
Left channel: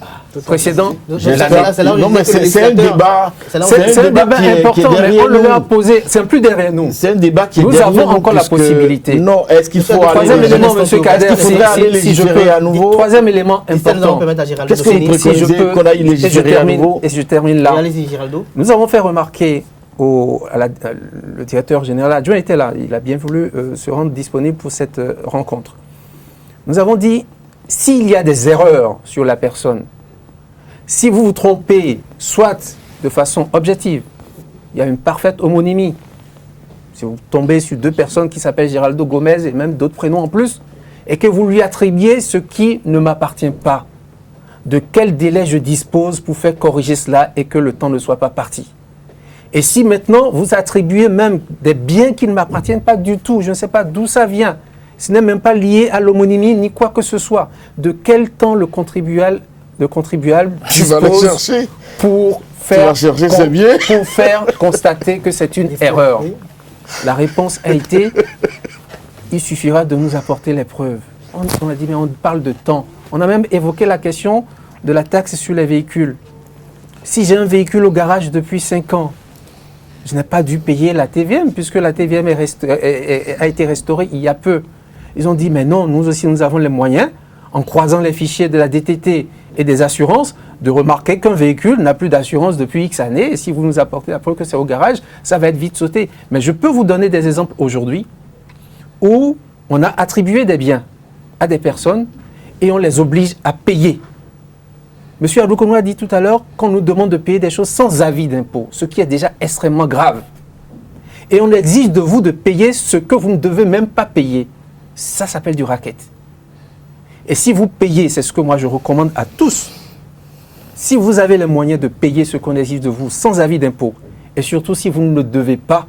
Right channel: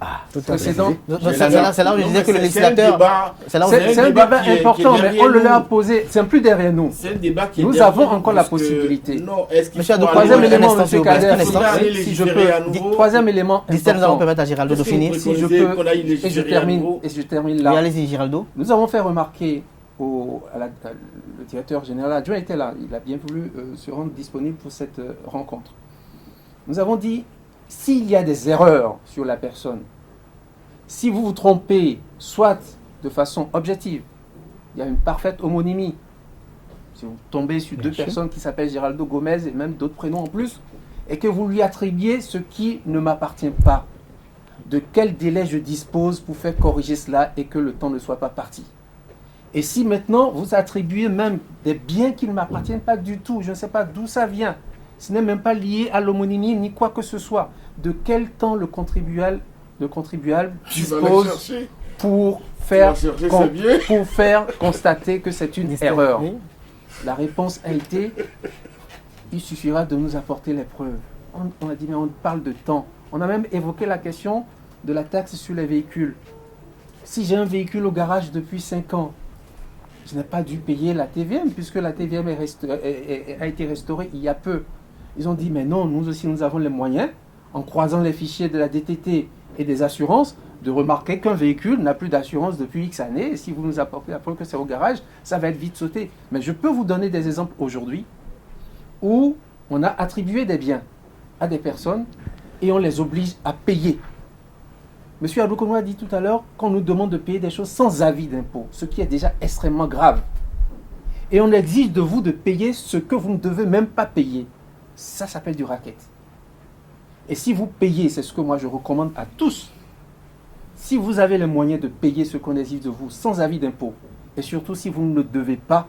précédentes. C'est là où je disais que le législateur... C'est un débat important, mais on le a posé. C'est plus derrière nous. C'est un débat qui est nous derrière nous. Nous avons encore la possibilité. Non, est-ce qu'il faut troisième élément, M. Kader, si je peux... à nouveau? Troisième élément important. Nous allons permettre à Géraldo de finir. Si je peux, qu'on aille légiférer à nouveau. Et je termine là. Allez-y, Géraldo. Nous avons fait remarquer le directeur général adjoint était là. Il a bien voulu se rendre disponible pour cette rencontre. Nous avons dit, s'il y a des erreurs sur la personne, si vous vous trompez, soit de façon objective, il y a une parfaite homonymie. Si vous tombez sur 2 personnes qui s'appellent Géraldo Gomez et même d'autres prénoms en plus, et que vous lui attribuez ce qui ne m'appartient pas, de quel délai je dispose pour faire corriger cela et que le temps ne soit pas parti. Et si maintenant vous attribuez même des biens qui ne m'appartiennent pas du tout, je ne sais pas d'où ça vient, ce n'est même pas lié à l'homonymie ni quoi que ce soit. De quel temps le contribuable dispose pour faire constater que c'est une erreur? La réponse a été, il suffira de nous apporter les preuves. On a dit, mais on parle de temps. On a même évoqué la question de la taxe sur les véhicules. Si j'ai un véhicule au garage depuis 5 ans, je n'ai pas dû payer la TVM, puisque la TVM a été restaurée il y a peu. Ils ont dit, mais non, nous aussi, nous avons les moyens, en croisant les fichiers de la DTT et des assurances, de remarquer qu'un véhicule n'a plus d'assurance depuis X années. Et si vous nous apportez la preuve que c'est au garage, ça va être vite sauté. Mais je peux vous donner des exemples aujourd'hui où on a attribué des biens à des personnes et on les oblige à payer. Monsieur Abdou a dit tout à l'heure qu'on nous demande de payer des choses sans avis d'impôt, ce qui est déjà extrêmement grave. Et on exige de vous de payer ce que vous ne devez même pas payer. Ça s'appelle du racket. Et si vous payez, c'est ce que moi je recommande à tous, si vous avez les moyens de payer ce qu'on exige de vous sans avis d'impôt, et surtout si vous ne le devez pas,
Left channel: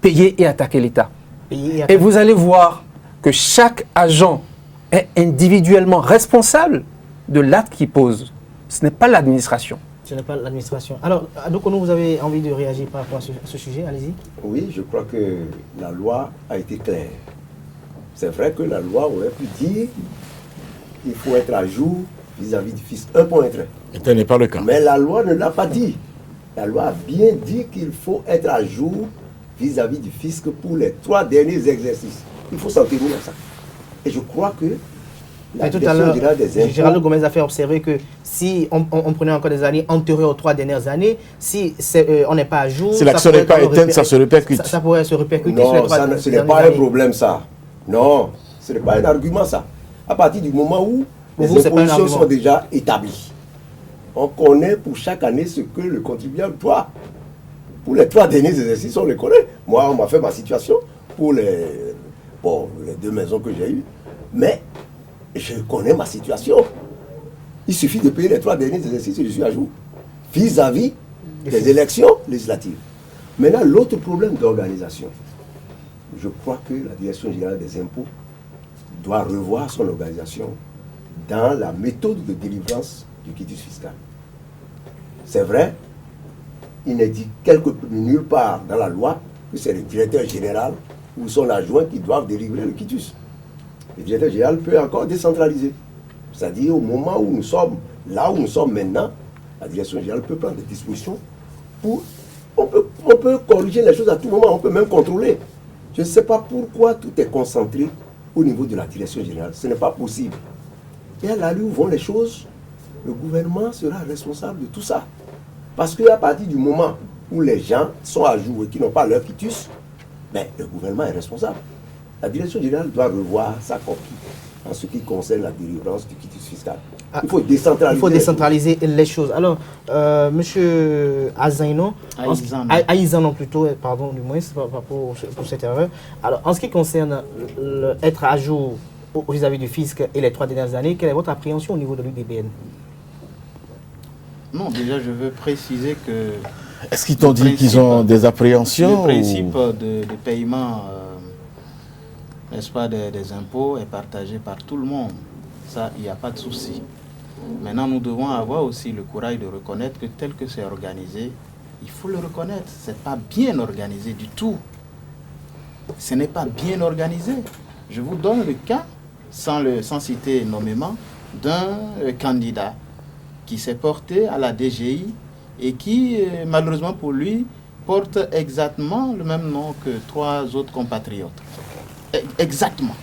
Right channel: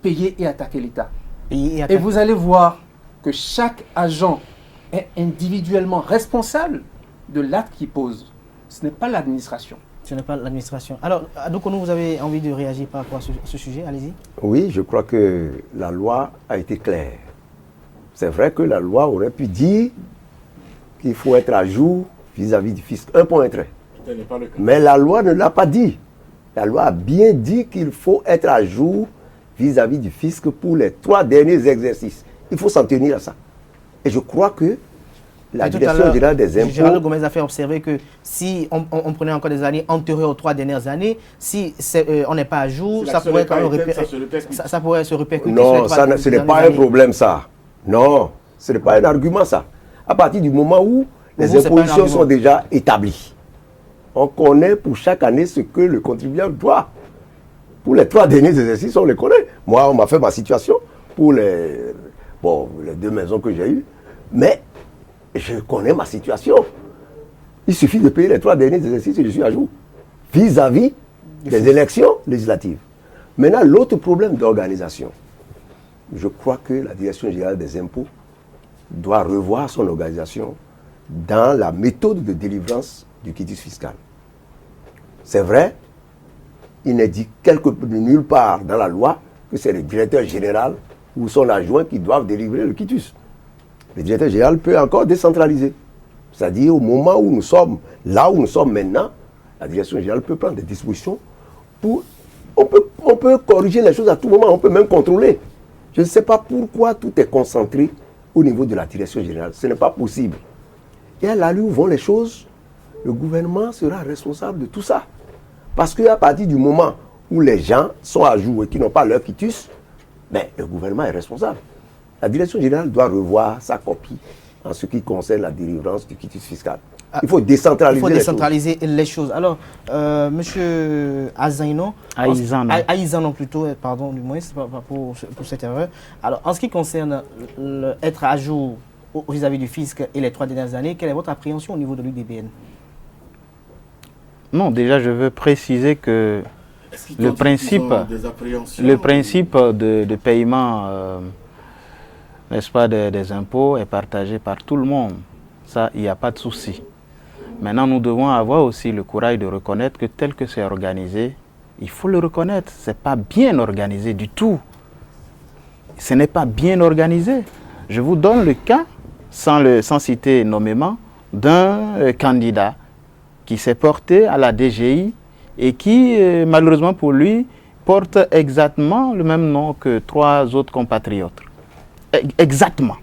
payez et attaquez l'État. Et vous allez voir que chaque agent est individuellement responsable de l'acte qu'il pose. Ce n'est pas l'administration. Ce n'est pas l'administration. Alors, Adoukono, vous avez envie de réagir par rapport à ce sujet? Allez-y. Oui, je crois que la loi a été claire. C'est vrai que la loi aurait pu dire qu'il faut être à jour vis-à-vis du fisc. Un point très. Et ce n'est pas le cas. Mais la loi ne l'a pas dit. La loi a bien dit qu'il faut être à jour vis-à-vis du fisc pour les 3 derniers exercices. Il faut s'en tenir à ça. Et je crois que la Direction générale des impôts... Géraldo Gomez a fait observer que si on prenait encore des années antérieures aux 3 dernières années, si on n'est pas à jour, si l'action n'est pas éteinte, ça se répercute. Ça pourrait se répercuter non, sur les 3 dernières années. Non, ce n'est pas un problème ça. Non, ce n'est pas un argument ça. À partir du moment où les vous, c'est pas un impositions argument. sont déjà établies, on connaît pour chaque année ce que le contribuable doit. Pour les 3 derniers exercices, on les connaît. Moi, on m'a fait ma situation pour les 2 maisons que j'ai eues. Mais je connais ma situation. Il suffit de payer les 3 derniers exercices et je suis à jour. Vis-à-vis des élections législatives. Maintenant, l'autre problème d'organisation. Je crois que la Direction générale des impôts doit revoir son organisation dans la méthode de délivrance du quitus fiscal. C'est vrai, il n'est dit nulle part dans la loi que c'est le directeur général ou son adjoint qui doivent délivrer le quitus. Le directeur général peut encore décentraliser. C'est-à-dire au moment où nous sommes, là où nous sommes maintenant, la direction générale peut prendre des dispositions pour... On peut corriger les choses à tout moment, on peut même contrôler. Je ne sais pas pourquoi tout est concentré au niveau de la direction générale. Ce n'est pas possible. Et à l'allure où vont les choses, le gouvernement sera responsable de tout ça. Parce qu'à partir du moment où les gens sont à jour et qui n'ont pas leur quitus, mais le gouvernement est responsable. La direction générale doit revoir sa copie en ce qui concerne la délivrance du quitus fiscal. Il faut décentraliser. Il faut décentraliser les choses. Alors, monsieur Aïzanon plutôt, pardon du moins, c'est pas pour cette erreur. Alors, en ce qui concerne être à jour vis-à-vis du fisc et les 3 dernières années, quelle est votre appréhension au niveau de l'UDBN? Non, déjà, je veux préciser que... Est-ce qu'ils t'ont dit qu'ils ont des appréhensions? Le principe de paiement, n'est-ce pas, des impôts est partagé par tout le monde. Ça, il n'y a pas de souci. Maintenant, nous devons avoir aussi le courage de reconnaître que tel que c'est organisé, il faut le reconnaître, ce n'est pas bien organisé du tout. Ce n'est pas bien organisé. Je vous donne le cas, sans citer nommément, d'un candidat qui s'est porté à la DGI et qui, malheureusement pour lui, porte exactement le même nom que 3 autres compatriotes. Exactement.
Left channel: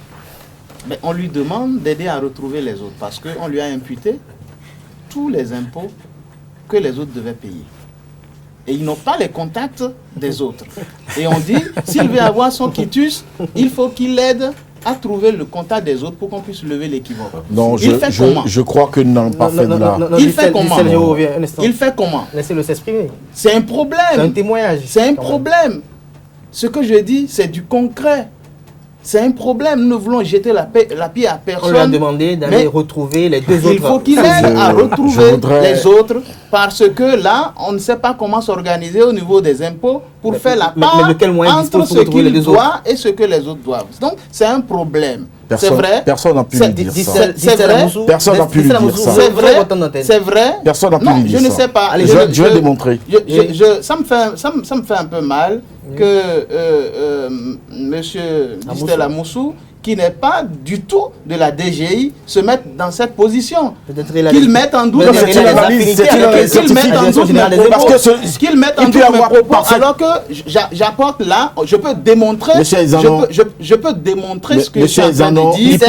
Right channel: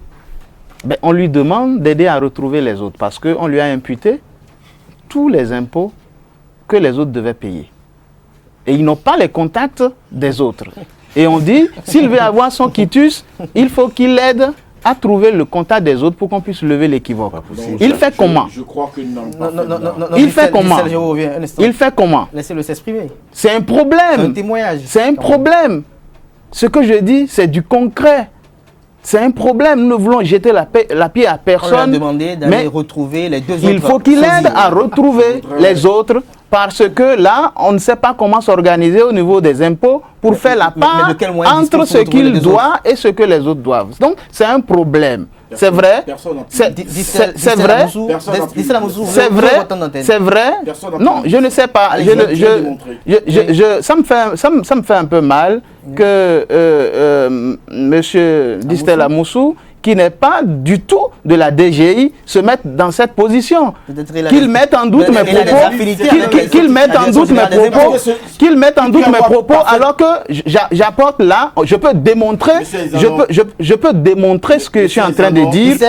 Mais on lui demande d'aider à retrouver les autres parce qu'on lui a imputé tous les impôts que les autres devaient payer. Et ils n'ont pas les contacts des autres. Et on dit, s'il veut avoir son quitus, il faut qu'il aide à trouver le contact des autres pour qu'on puisse lever l'équivoque. Il fait comment? Je crois que non, pas fait là. Il fait comment? Il fait comment? Laissez-le s'exprimer. C'est un problème. C'est un témoignage. C'est un problème. Ce que je dis, c'est du concret. C'est un problème. Nous voulons jeter la pierre à personne. On lui a demandé d'aller retrouver les 2 autres. Il faut qu'il aide à retrouver les autres parce que là, on ne sait pas comment s'organiser au niveau des impôts pour faire la part entre ce qu'il doit et ce que les autres doivent. Donc, c'est un problème. C'est vrai. Personne n'a pu dire ça. C'est vrai. Personne n'a pu dire ça. C'est vrai. C'est vrai. Personne n'a pu Non, dire je ne ça. sais pas. Allez, je vais démontrer. Ça me fait un peu mal que M. Distel Amoussou, qui n'est pas du tout de la DGI, se mette dans cette position. Qu'il mette en doute mes propos, alors que j'apporte là, je peux démontrer ce que je suis en train de dire.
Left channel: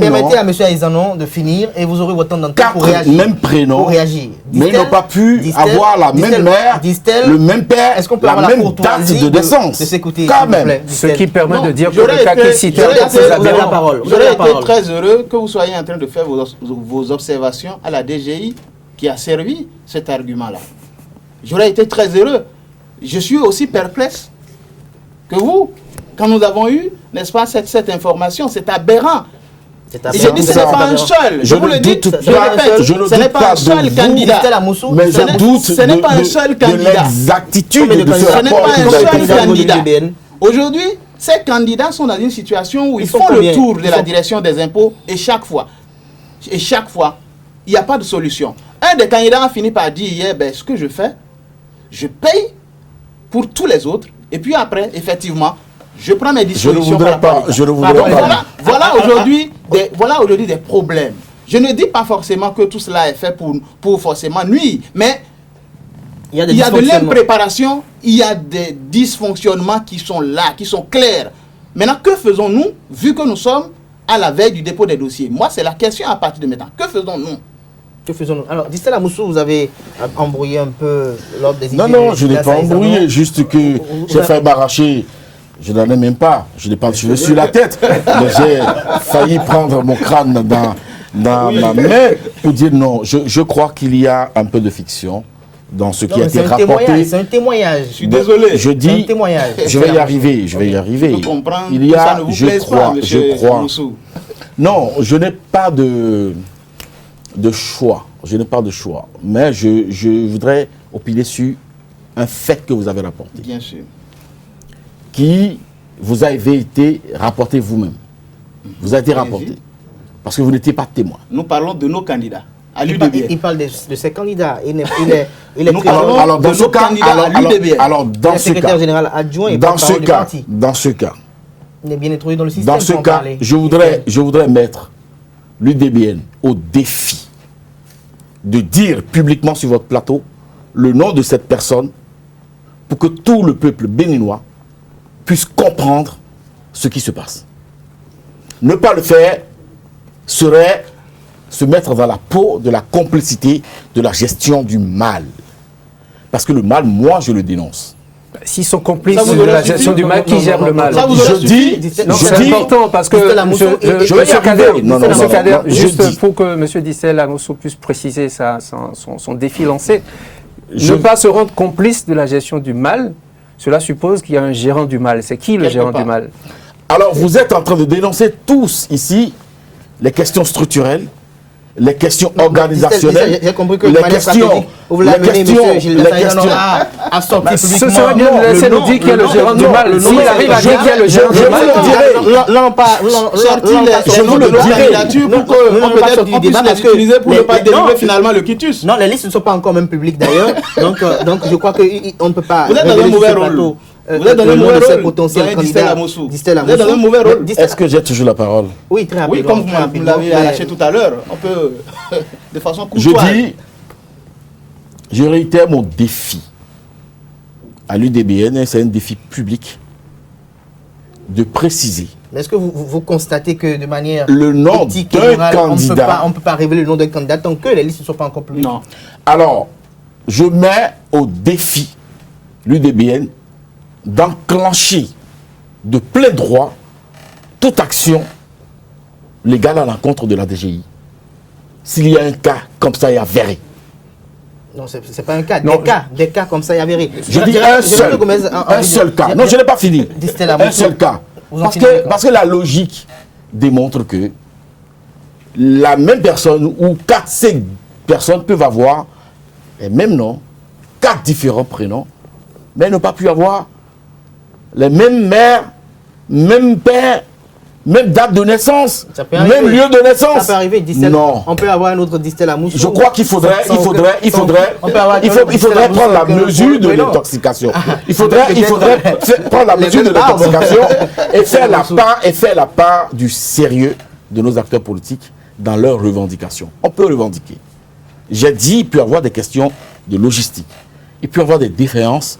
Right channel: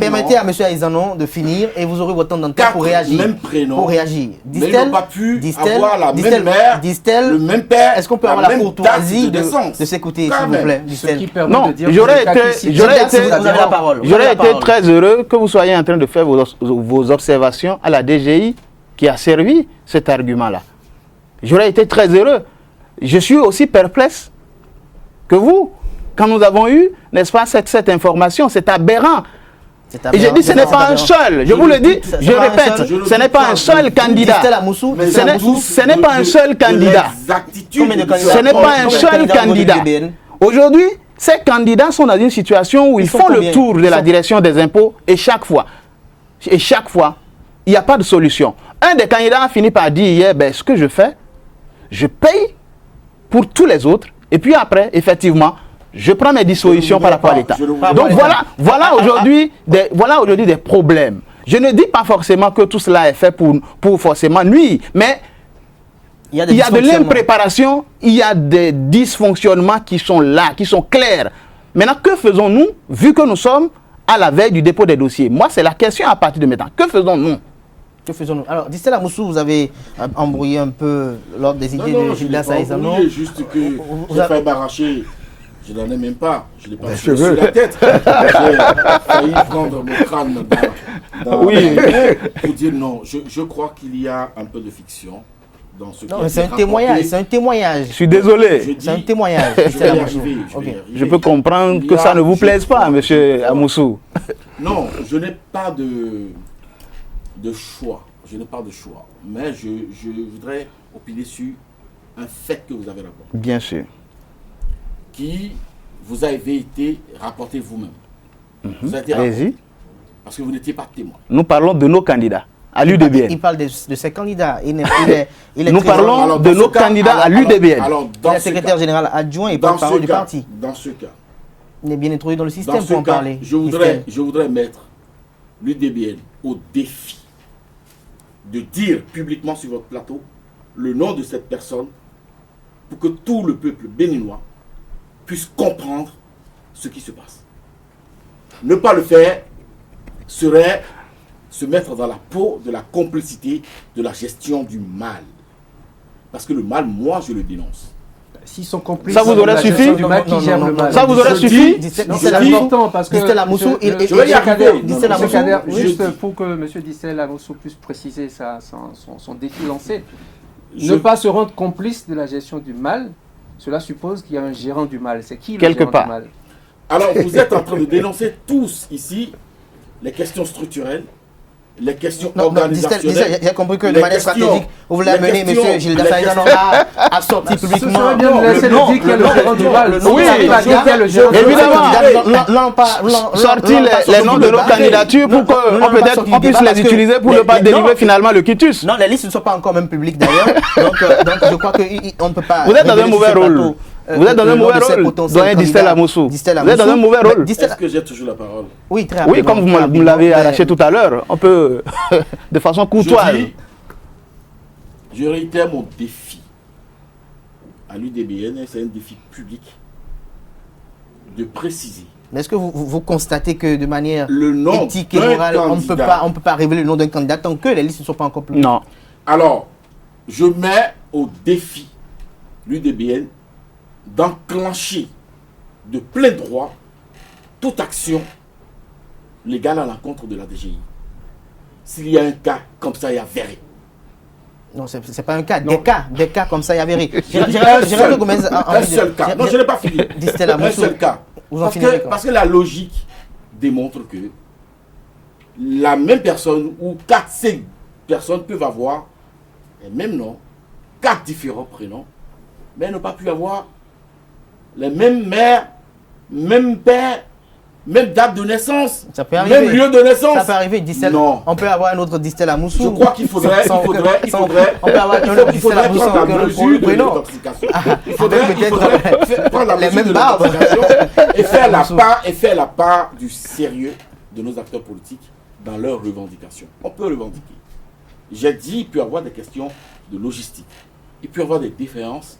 Permettez à M. Aïzanon de finir et vous aurez votre temps d'antenne pour réagir. Même prénom, pour réagir. Mais ils n'ont pas pu avoir la même mère, le même père, est-ce qu'on peut avoir la courtoisie de s'écouter, s'il vous plaît? Ce qui permet de dire que le cas que si vous avez la parole. J'aurais été très heureux que vous soyez en train de faire vos observations à la DGI qui a servi cet argument-là. J'aurais été très heureux. Je suis aussi perplexe que vous, quand nous avons eu, n'est-ce pas, cette information. C'est aberrant. Et je dis, ce n'est pas un seul. Je vous le dis, je répète, ce n'est pas un seul candidat. Ce n'est pas un seul candidat. Ce n'est pas un seul candidat. Aujourd'hui, ces candidats sont dans une situation où ils font le tour de la direction des impôts et chaque fois, il n'y a pas de solution. Un des candidats a fini par dire hier, ben, ce que je fais, je paye pour tous les autres et puis après, effectivement, je prends mes dispositions par rapport à l'État. Donc voilà aujourd'hui des problèmes. Je ne dis pas forcément que tout cela est fait pour forcément nuire, mais il y a de l'impréparation, il y a des dysfonctionnements qui sont là, qui sont clairs. Maintenant, que faisons-nous, vu que nous sommes à la veille du dépôt des dossiers? Moi, c'est la question à partir de maintenant. Que faisons-nous? Que faisons-nous? Alors, Distel Amoussou, vous avez embrouillé un peu l'ordre des idées. Non, je n'ai pas embrouillé, juste que j'ai fait m'arracher Je n'en ai même pas. Je n'ai pas de cheveux sur la tête. Mais j'ai failli prendre mon crâne dans ma main pour dire non. Je crois qu'il y a un peu de fiction dans ce qui a été rapporté. C'est un témoignage. Je suis désolé. Je dis, C'est un témoignage. je vais y arriver. Je vais y arriver. Je peux comprendre Il y que a- ça ne vous je plaise crois, pas, monsieur je crois. Amoussou. Non, je n'ai pas de choix. Je n'ai pas de choix. Mais je voudrais opiner sur un fait que vous avez rapporté, Bien sûr. qui vous avait été rapporté vous-même. Vous a été Allez-y. rapporté. Parce que vous n'étiez pas témoin. Nous parlons de nos candidats. À Il l'UDBN. parle de ses candidats. Il est Nous très- parlons de nos candidats à l'UDBN. Alors, il dans est ce secrétaire cas, général adjoint et dans ce porte-parole du cas, parti. dans ce cas, Il est bien introduit dans le système dans ce pour en cas, parler. je voudrais mettre l'UDBN au défi de dire publiquement sur votre plateau le nom de cette personne pour que tout le peuple béninois puisse comprendre ce qui se passe. Ne pas le faire serait se mettre dans la peau de la complicité de la gestion du mal. Parce que le mal, moi, je le dénonce. S'ils sont complices Ça vous de aurait la suffi gestion du mal, Non, qui gère non, le non, mal? Ça vous aurait Je suffi dis, Non, je c'est dis- important parce que Distel Amoussou, je vais je y vais arriver. arriver. Non, Distel non, Amoussou, non, non, je Juste dis- pour que M. Distel Amoussou puisse préciser son défi lancé, Je- ne pas se rendre complice de la gestion du mal, cela suppose qu'il y a un gérant du mal. C'est qui le Quelque gérant part. du mal? Alors, vous êtes en train de dénoncer tous ici les questions structurelles, les questions organisationnelles. J'ai compris que de les manière questions- stratégique, vous voulez les amener questions- M. Gilles les Dassaïdan questions- à sortir Ce publiquement. serait bien de laisser le dire qu'il y a le gérant du mal. Le nom S'il de arrive à ce dire qu'il y a le gérant je du vais mal, dire- Là, on parle. Sortir les noms de nos candidatures pour qu'on puisse les utiliser pour ne pas délivrer finalement le quitus. Non, les listes ne sont pas encore même publiques d'ailleurs. Donc, je crois qu'on ne peut pas. Vous êtes dans un révéler sur mauvais ce rôle. plateau, Vous êtes dans le un nom de mauvais ces rôle, potentiels doyen Distel candidats. Amoussou. Distel Vous êtes dans un Amoussou. mauvais Mais rôle. Distel- Est-ce que j'ai toujours la parole? Oui, très rapidement. Oui, comme vous très me l'avez rapidement, lâché tout à l'heure, on peut de façon Je courtoise. dis, je réitère mon défi à l'UDBN, et c'est un défi public, de préciser Mais est-ce que vous constatez que de manière le nom éthique et d'un morale, on candidat. ne peut pas révéler le nom d'un candidat tant que les listes ne sont pas encore publiques? Non. Alors, je mets au défi l'UDBN d'enclencher de plein droit toute action légale à l'encontre de la DGI. S'il y a un cas comme ça, il y a avéré. Non, ce n'est pas un cas. Non. Des cas comme ça, il y a avéré. Je dis un seul cas. Non, je n'ai pas fini. Distel Un Amoussou, seul cas. vous en Parce finirez que, quand? parce que la logique démontre que la même personne ou 4-5 personnes peuvent avoir les mêmes noms, 4 différents prénoms, mais ne pas pu avoir les mêmes mères, même père, même date de naissance, Ça peut même arriver. lieu de naissance. Ça peut arriver, Distel. Non. On peut avoir un autre Distel Amoussou. Je crois qu'il faudrait, On peut avoir il un autre Distel faudrait Amoussou prendre avec un la autre mesure de prénom. l'intoxication. Il avec faudrait peut-être prendre la les mesure de mêmes barbes. l'intoxication et Amoussou. faire la part du sérieux de nos acteurs politiques dans leurs revendications. On peut revendiquer. J'ai dit, il peut y avoir des questions de logistique. Il peut y avoir des différences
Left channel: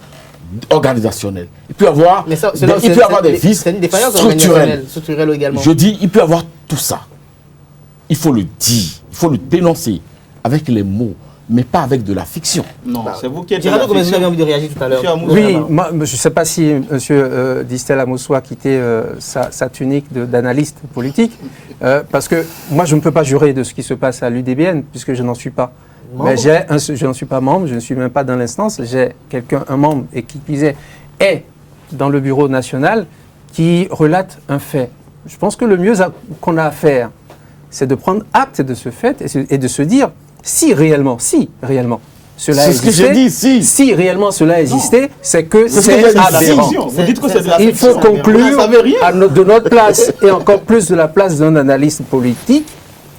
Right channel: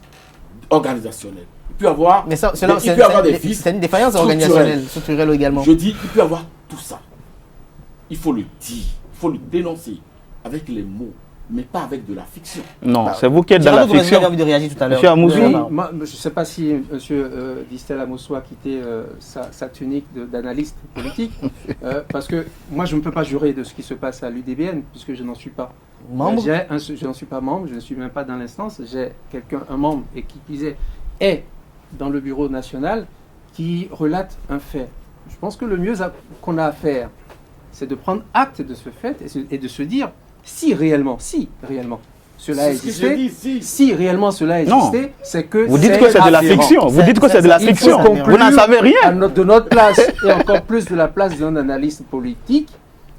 organisationnelles. Il peut y avoir, Mais ça, il peut y avoir des vices c'est une défaillance structurels. organisationnelle, structurelle également. Je dis, il peut y avoir tout ça. Il faut le dire, il faut le dénoncer avec les mots, mais pas avec de la fiction. Non, c'est vous qui êtes dans Géraldo, la comment vous avez fiction. envie de réagir tout à l'heure? Monsieur Amoussou. Oui, Vraiment. moi, je ne sais pas si M. Distel Amoussou a quitté sa tunique d'analyste politique, parce que moi, je ne peux pas jurer de ce qui se passe à l'UDBN, puisque je n'en suis pas. Membre? Mais je n'en suis pas membre, je ne suis même pas dans l'instance. J'ai un membre, et qui disait, est dans le bureau national, qui relate un fait. Je pense que le mieux qu'on a à faire, c'est de prendre acte de ce fait et de se dire, si réellement cela C'est ce que existait, j'ai dit, si. réellement cela existait, c'est que Vous dites que c'est de la aberrant. fiction. Vous dites que c'est de la Il faut fiction. conclure Vous n'en savez rien. de notre place, et encore plus de la place d'un analyste politique,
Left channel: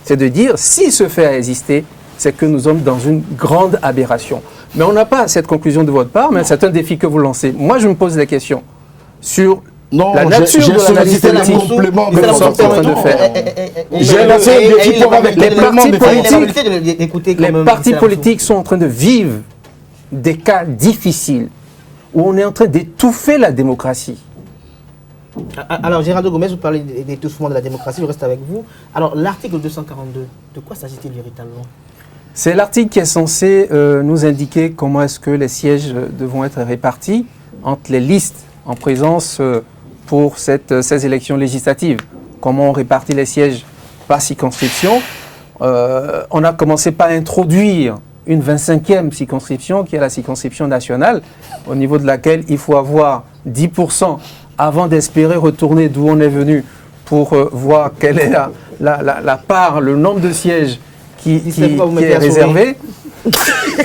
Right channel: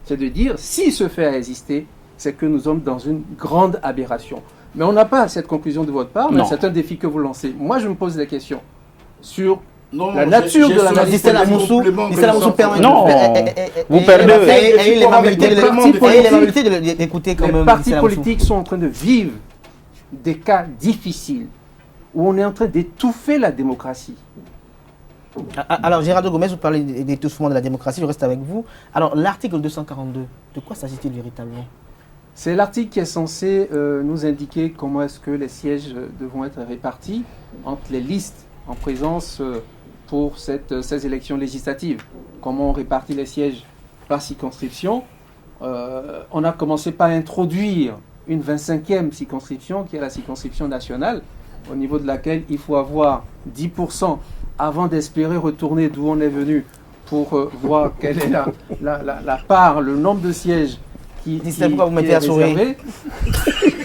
c'est de dire, si ce fait a existé, c'est que nous sommes dans une grande aberration. Mais on n'a pas cette conclusion de votre part, mais Non. c'est un défi que vous lancez. Moi, je me pose des questions sur Non, la nature de l'analyse Distel politique. Amoussou, complément Distel de Amoussou ça. permet Non. d'écouter quand Les même. partis Distel Amoussou. politiques sont en train de vivre des cas difficiles où on est en train d'étouffer la démocratie. Alors, Géraldo Gomez, vous parlez d'étouffement de la démocratie, je reste avec vous. Alors, l'article 242, de quoi s'agit-il véritablement? C'est l'article qui est censé nous indiquer comment est-ce que les sièges devront être répartis entre les listes en présence pour ces élections législatives. Comment on répartit les sièges par circonscription. On a commencé par introduire une 25e circonscription, qui est la circonscription nationale, au niveau de laquelle il faut avoir 10% avant d'espérer retourner d'où on est venu pour voir quelle est la part, le nombre de sièges qui est réservé.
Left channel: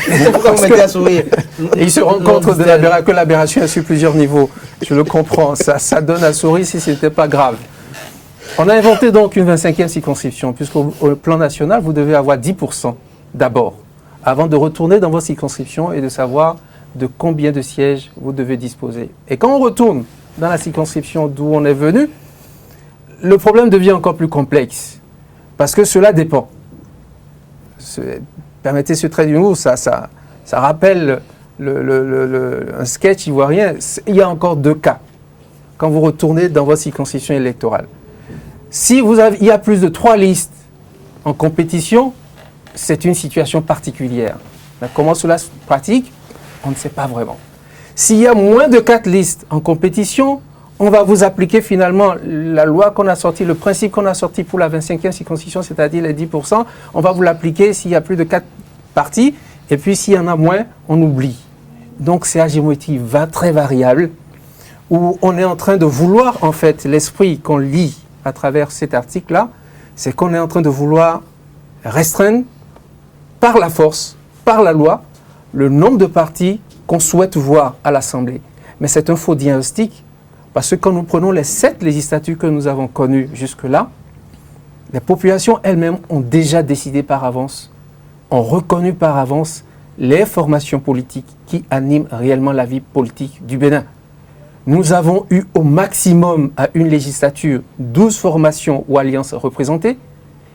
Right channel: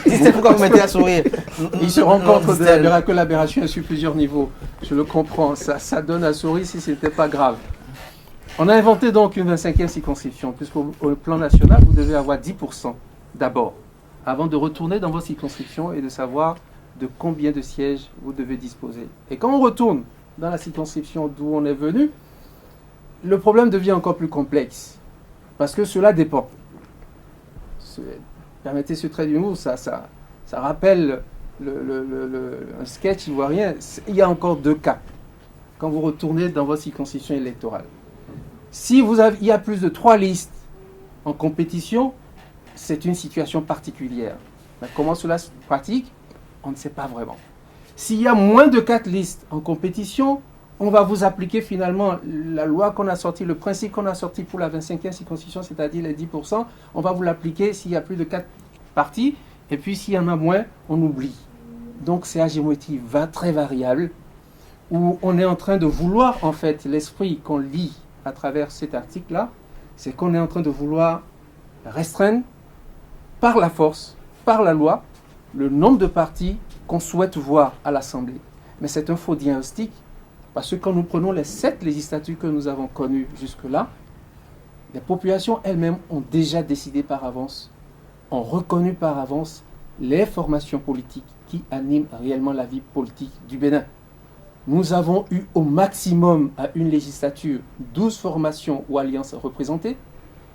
C'est pourquoi vous mettez à sourire. Et il se rend compte que l'aberration est sur plusieurs niveaux. Je le comprends, ça donne à sourire si ce n'était pas grave. On a inventé donc une 25e circonscription, puisqu'au plan national, vous devez avoir 10% d'abord, avant de retourner dans vos circonscriptions et de savoir de combien de sièges vous devez disposer. Et quand on retourne dans la circonscription d'où on est venu, le problème devient encore plus complexe, parce que cela dépend. Permettez ce trait d'humour, ça rappelle un sketch ivoirien. Il y a encore 2 cas quand vous retournez dans votre circonscription électorale. Si il y a plus de 3 listes en compétition, c'est une situation particulière. Mais comment cela se pratique? On ne sait pas vraiment. S'il y a moins de 4 listes en compétition, on va vous appliquer finalement la loi qu'on a sortie, le principe qu'on a sorti pour la 25e circonscription, c'est-à-dire les 10%. On va vous l'appliquer s'il y a plus de 4 partis, et puis s'il y en a moins, on oublie. Donc c'est à géométrie très variable, où on est en train de vouloir, en fait, l'esprit qu'on lit à travers cet article-là, c'est qu'on est en train de vouloir restreindre par la force, par la loi, le nombre de partis qu'on souhaite voir à l'Assemblée. Mais c'est un faux diagnostic, parce que quand nous prenons les 7 législatures que nous avons connues jusque-là, les populations elles-mêmes ont déjà décidé par avance, ont reconnu par avance les formations politiques qui animent réellement la vie politique du Bénin. Nous avons eu au maximum à une législature 12 formations ou alliances représentées.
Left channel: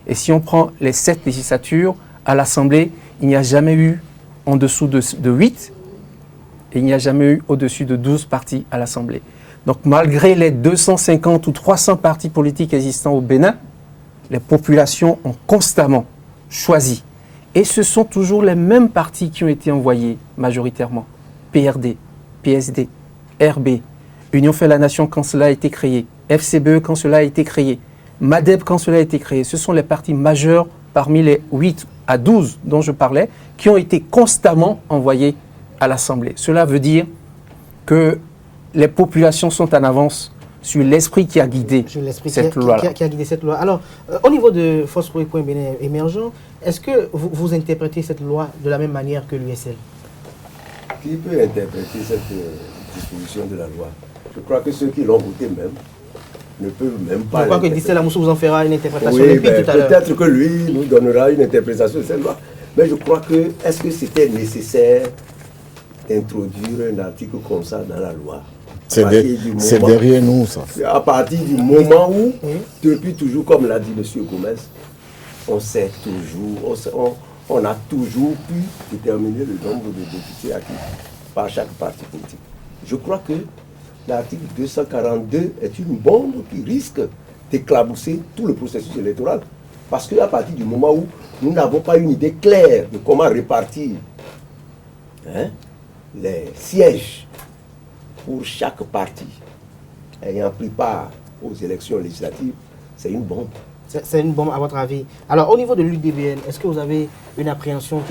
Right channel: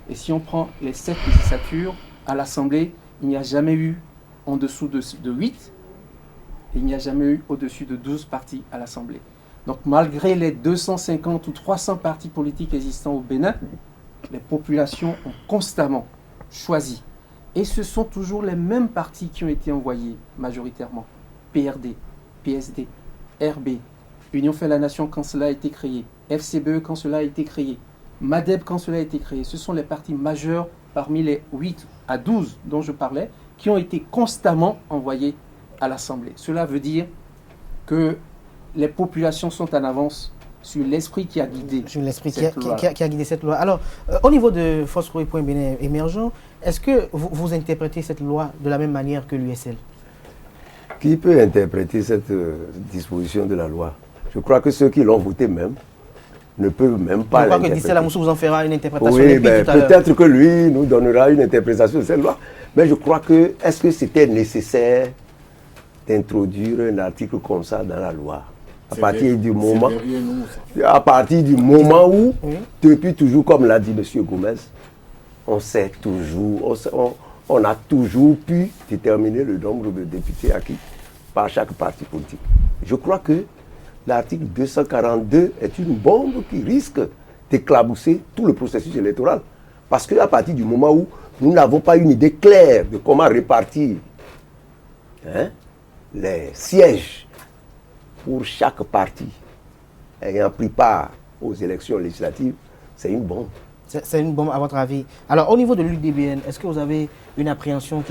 Et si on prend les 7 législatures à l'Assemblée, il n'y a jamais eu en dessous de 8 et il n'y a jamais eu au-dessus de 12 partis à l'Assemblée. Donc malgré les 250 ou 300 partis politiques existants au Bénin, les populations ont constamment choisi. Et ce sont toujours les mêmes partis qui ont été envoyés majoritairement. PRD, PSD, RB, Union fait la Nation quand cela a été créé, FCBE quand cela a été créé, MADEB quand cela a été créé. Ce sont les partis majeurs parmi les 8 à 12 dont je parlais qui ont été constamment envoyés à l'Assemblée. Cela veut dire que les populations sont en avance sur l'esprit qui a guidé cette loi. Qui a guidé cette loi. Alors, au niveau de Force pour le Bénin émergent, est-ce que vous interprétez cette loi de la même manière que l'USL? Qui peut interpréter cette disposition de la loi? Je crois que ceux qui l'ont voté même ne peuvent même pas. Je crois que Dissel Amoussou vous en fera une interprétation limpide tout à l'heure. Peut-être que lui nous donnera une interprétation de cette loi. Mais je crois que, est-ce que c'était nécessaire d'introduire un article comme ça dans la loi? C'est derrière nous, ça. À partir du moment où, depuis toujours, comme l'a dit M. Gomez, on sait toujours, on a toujours pu déterminer le nombre de députés acquis par chaque parti politique. Je crois que l'article 242 est une bombe qui risque d'éclabousser tout le processus électoral. Parce qu'à partir du moment où nous n'avons pas une idée claire de comment répartir les sièges pour chaque parti ayant pris part aux élections législatives, c'est une bombe. C'est une bombe à votre avis. Alors au niveau de l'UDBN, est-ce que vous avez une appréhension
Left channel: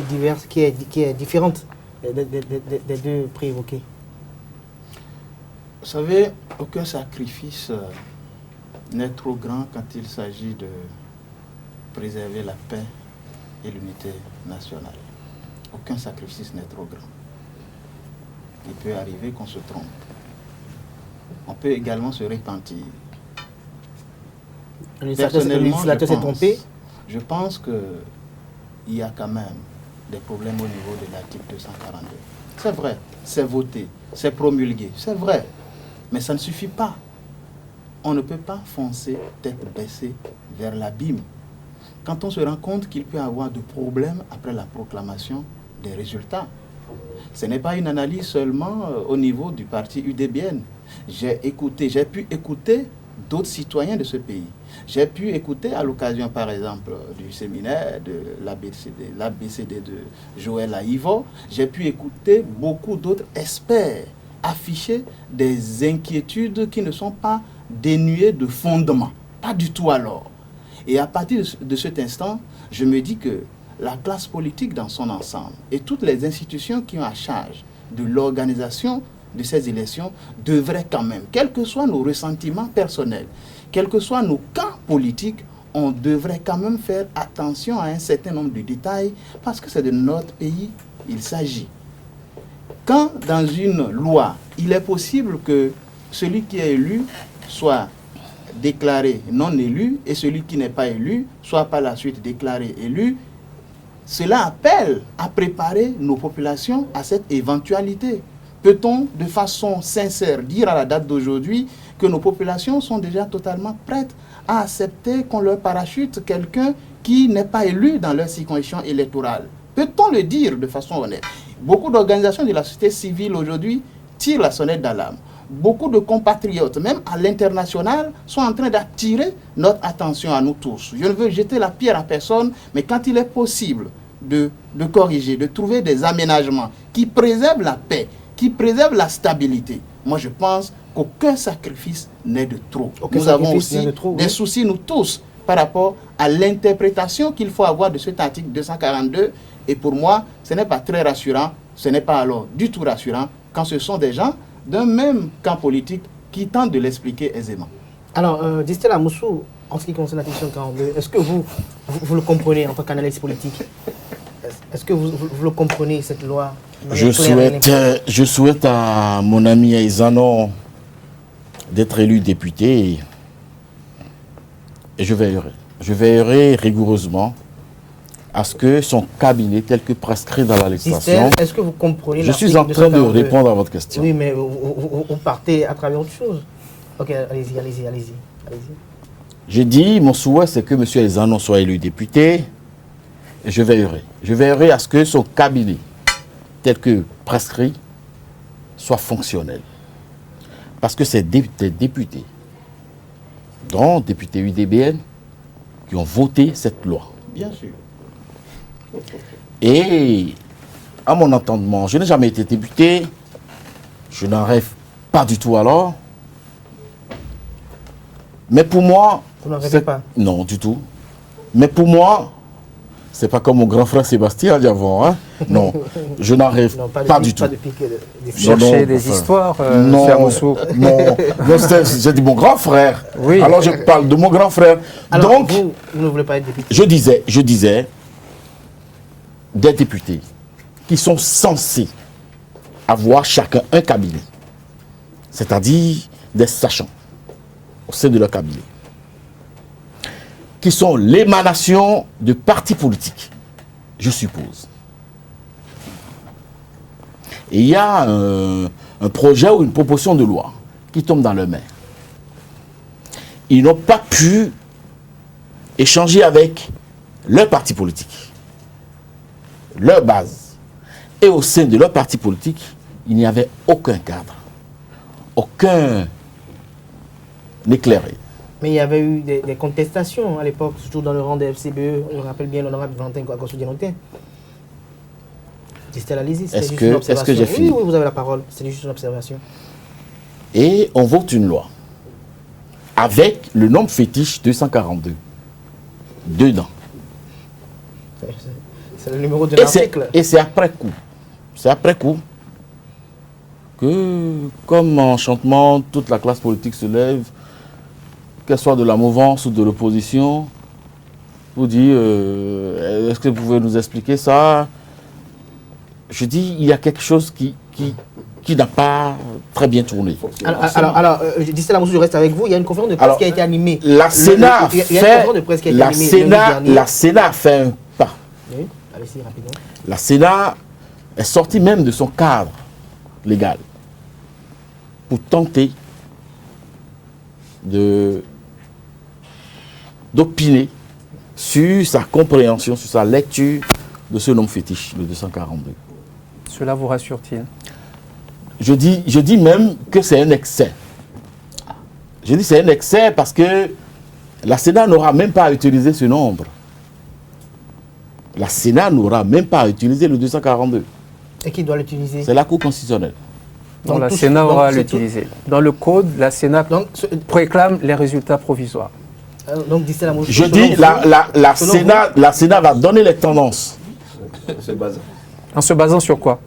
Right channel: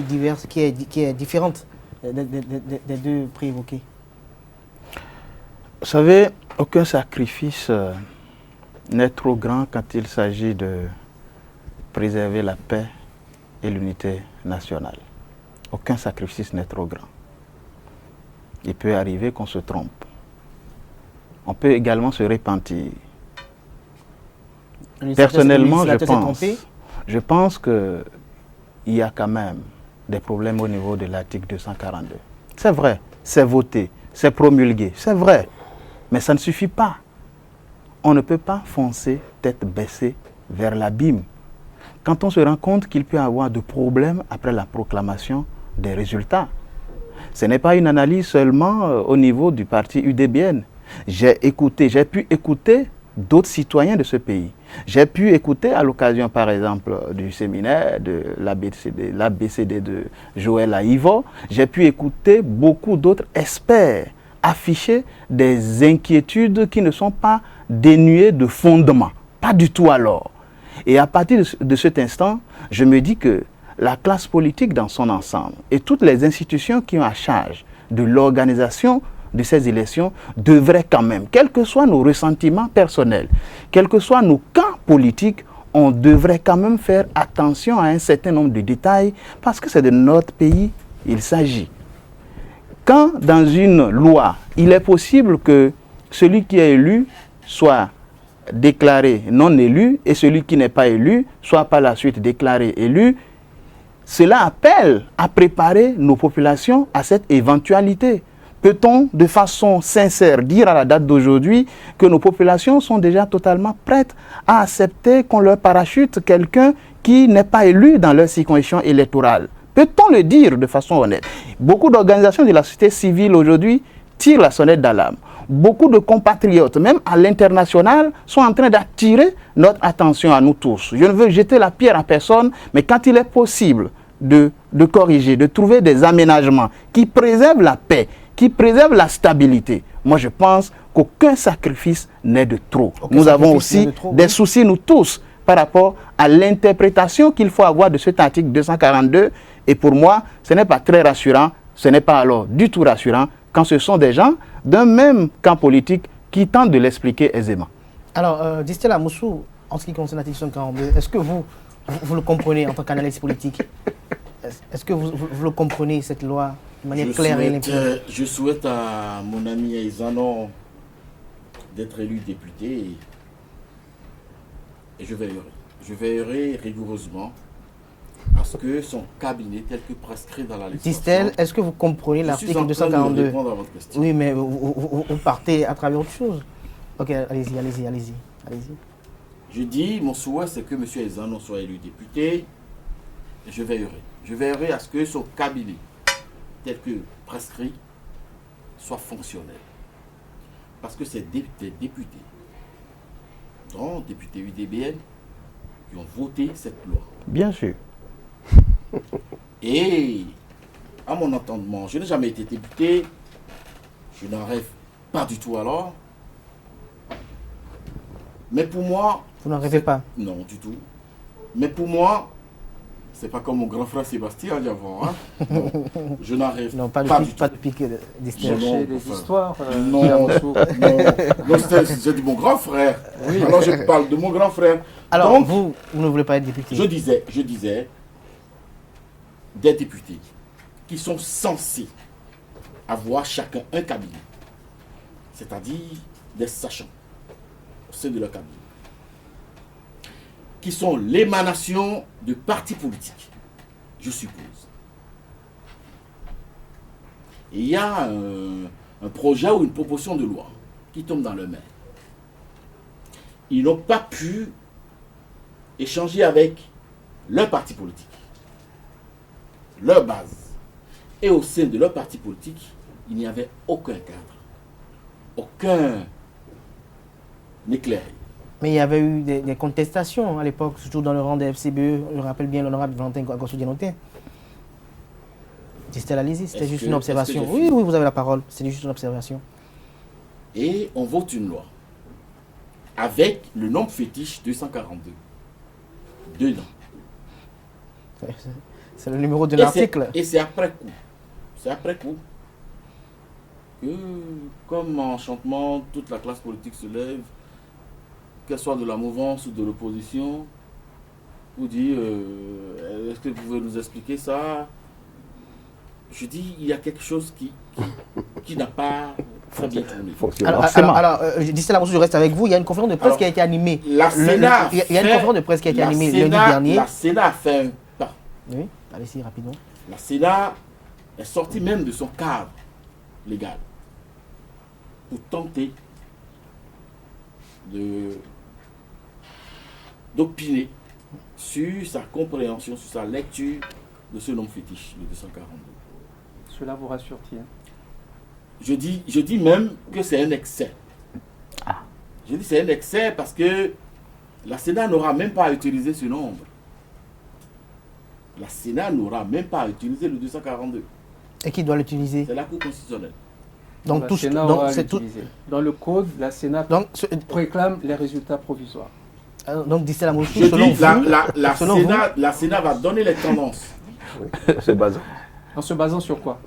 qui est différente des deux préévoqués? Vous savez, aucun sacrifice n'est trop grand quand il s'agit de préserver la paix et l'unité nationale. Aucun sacrifice n'est trop grand. Il peut arriver qu'on se trompe. On peut également se repentir. Personnellement, je pense qu'il y a quand même des problèmes au niveau de l'article 242. C'est vrai, c'est voté, c'est promulgué, c'est vrai. Mais ça ne suffit pas. On ne peut pas foncer tête baissée vers l'abîme. Quand on se rend compte qu'il peut y avoir de problèmes après la proclamation des résultats. Ce n'est pas une analyse seulement au niveau du parti UDBN. J'ai pu écouter d'autres citoyens de ce pays. J'ai pu écouter à l'occasion, par exemple, du séminaire de l'ABCD de Joël Aïvo, j'ai pu écouter beaucoup d'autres experts afficher des inquiétudes qui ne sont pas dénuées de fondement. Pas du tout alors. Et à partir de cet instant, je me dis que la classe politique dans son ensemble et toutes les institutions qui ont à charge de l'organisation de ces élections devraient quand même, quels que soient nos ressentiments personnels, quels que soient nos camps politiques, on devrait quand même faire attention à un certain nombre de détails parce que c'est de notre pays il s'agit. Quand dans une loi, il est possible que celui qui est élu soit déclaré non élu et celui qui n'est pas élu soit par la suite déclaré élu, cela appelle à préparer nos populations à cette éventualité. Peut-on de façon sincère dire à la date d'aujourd'hui que nos populations sont déjà totalement prêtes à accepter qu'on leur parachute quelqu'un qui n'est pas élu dans leur circonscription électorale? Peut-on le dire de façon honnête? Beaucoup d'organisations de la société civile aujourd'hui tirent la sonnette d'alarme. Beaucoup de compatriotes, même à l'international, sont en train d'attirer notre attention à nous tous. Je ne veux jeter la pierre à personne, mais quand il est possible de corriger, de trouver des aménagements qui préservent la paix, qui préservent la stabilité, moi je pense qu'aucun sacrifice n'est de trop. Nous avons aussi des soucis, nous tous, par rapport à l'interprétation qu'il faut avoir de cet article 242. Et pour moi, ce n'est pas très rassurant, ce n'est pas alors du tout rassurant quand ce sont des gens d'un même camp politique qui tentent de l'expliquer aisément. Alors, Distel Amoussou, en ce qui concerne la question 42, est-ce que vous le comprenez en tant qu'analyste politique? Est-ce que vous le comprenez, cette loi de manière claire et limpide? Je souhaite à mon ami Aïzanon d'être élu député et je veillerai. Je veillerai rigoureusement à ce que son cabinet, tel que prescrit dans la législation... Est-ce que vous comprenez l'article 242? Je suis en train de répondre à votre question. Oui, mais vous partez à travers autre chose. Ok, allez-y. J'ai dit, mon souhait, c'est que M. Aïzanon soit élu député et je veillerai. Je veillerai à ce que son cabinet, tel que prescrit, soit fonctionnel. Parce que c'est des députés, dont députés UDBN, qui ont voté cette loi. Bien sûr. Et à mon entendement, je n'ai jamais été député, je n'en rêve pas du tout alors. Mais pour moi... Vous n'en rêvez pas? Non, du tout. Mais pour moi, c'est pas comme mon grand frère Sébastien d'avant. Hein? Non, je n'en rêve pas du tout. Pas de piquer des chercher des histoires, non, j'ai dit mon grand frère. Oui. Alors je parle de mon grand frère. Alors donc, vous ne voulez pas être député? Je disais, des députés qui sont censés avoir chacun un cabinet, c'est-à-dire des sachants au sein de leur cabinet, qui sont l'émanation de partis politiques, je suppose. Et il y a un projet ou une proposition de loi qui tombe dans leurs mains. Ils n'ont pas pu échanger avec leur parti politique, leur base. Et au sein de leur parti politique, il n'y avait aucun cadre, aucun éclairé. Mais il y avait eu des contestations à l'époque, surtout dans le rang des FCBE. Je me rappelle bien l'honorable Valentin Kouakosso-Dianoté. C'était la lisière, c'était juste une observation. Oui, vous avez la parole, c'est juste une observation. Et on vote une loi avec le nombre fétiche 242 dedans. C'est le numéro de l'article. Et c'est après coup. C'est après coup que, comme enchantement, toute la classe politique se lève, qu'elle soit de la mouvance ou de l'opposition, vous dit, est-ce que vous pouvez nous expliquer ça? Je dis, il y a quelque chose qui n'a pas très bien tourné. Alors Distel Amoussou, je reste avec vous. Il y a une conférence de presse qui a été animée. La Sénat il y a une conférence de presse qui a été animée lundi dernier. La Sénat a fait un pas. Oui, allez-y rapidement. La Sénat est sortie même de son cadre légal pour tenter d'opiner sur sa compréhension, sur sa lecture de ce nombre fétiche, le 242. Cela vous rassure-t-il? Je dis même que c'est un excès. Je dis c'est un excès parce que la Sénat n'aura même pas à utiliser ce nombre. La Sénat n'aura même pas à utiliser le 242. Et qui doit l'utiliser? C'est la Cour constitutionnelle. Donc, la Sénat aura à l'utiliser. Dans le code, la Sénat réclame les résultats provisoires. Donc, Distella Moussou, je dis, la Sénat va donner les tendances. En se basant sur quoi?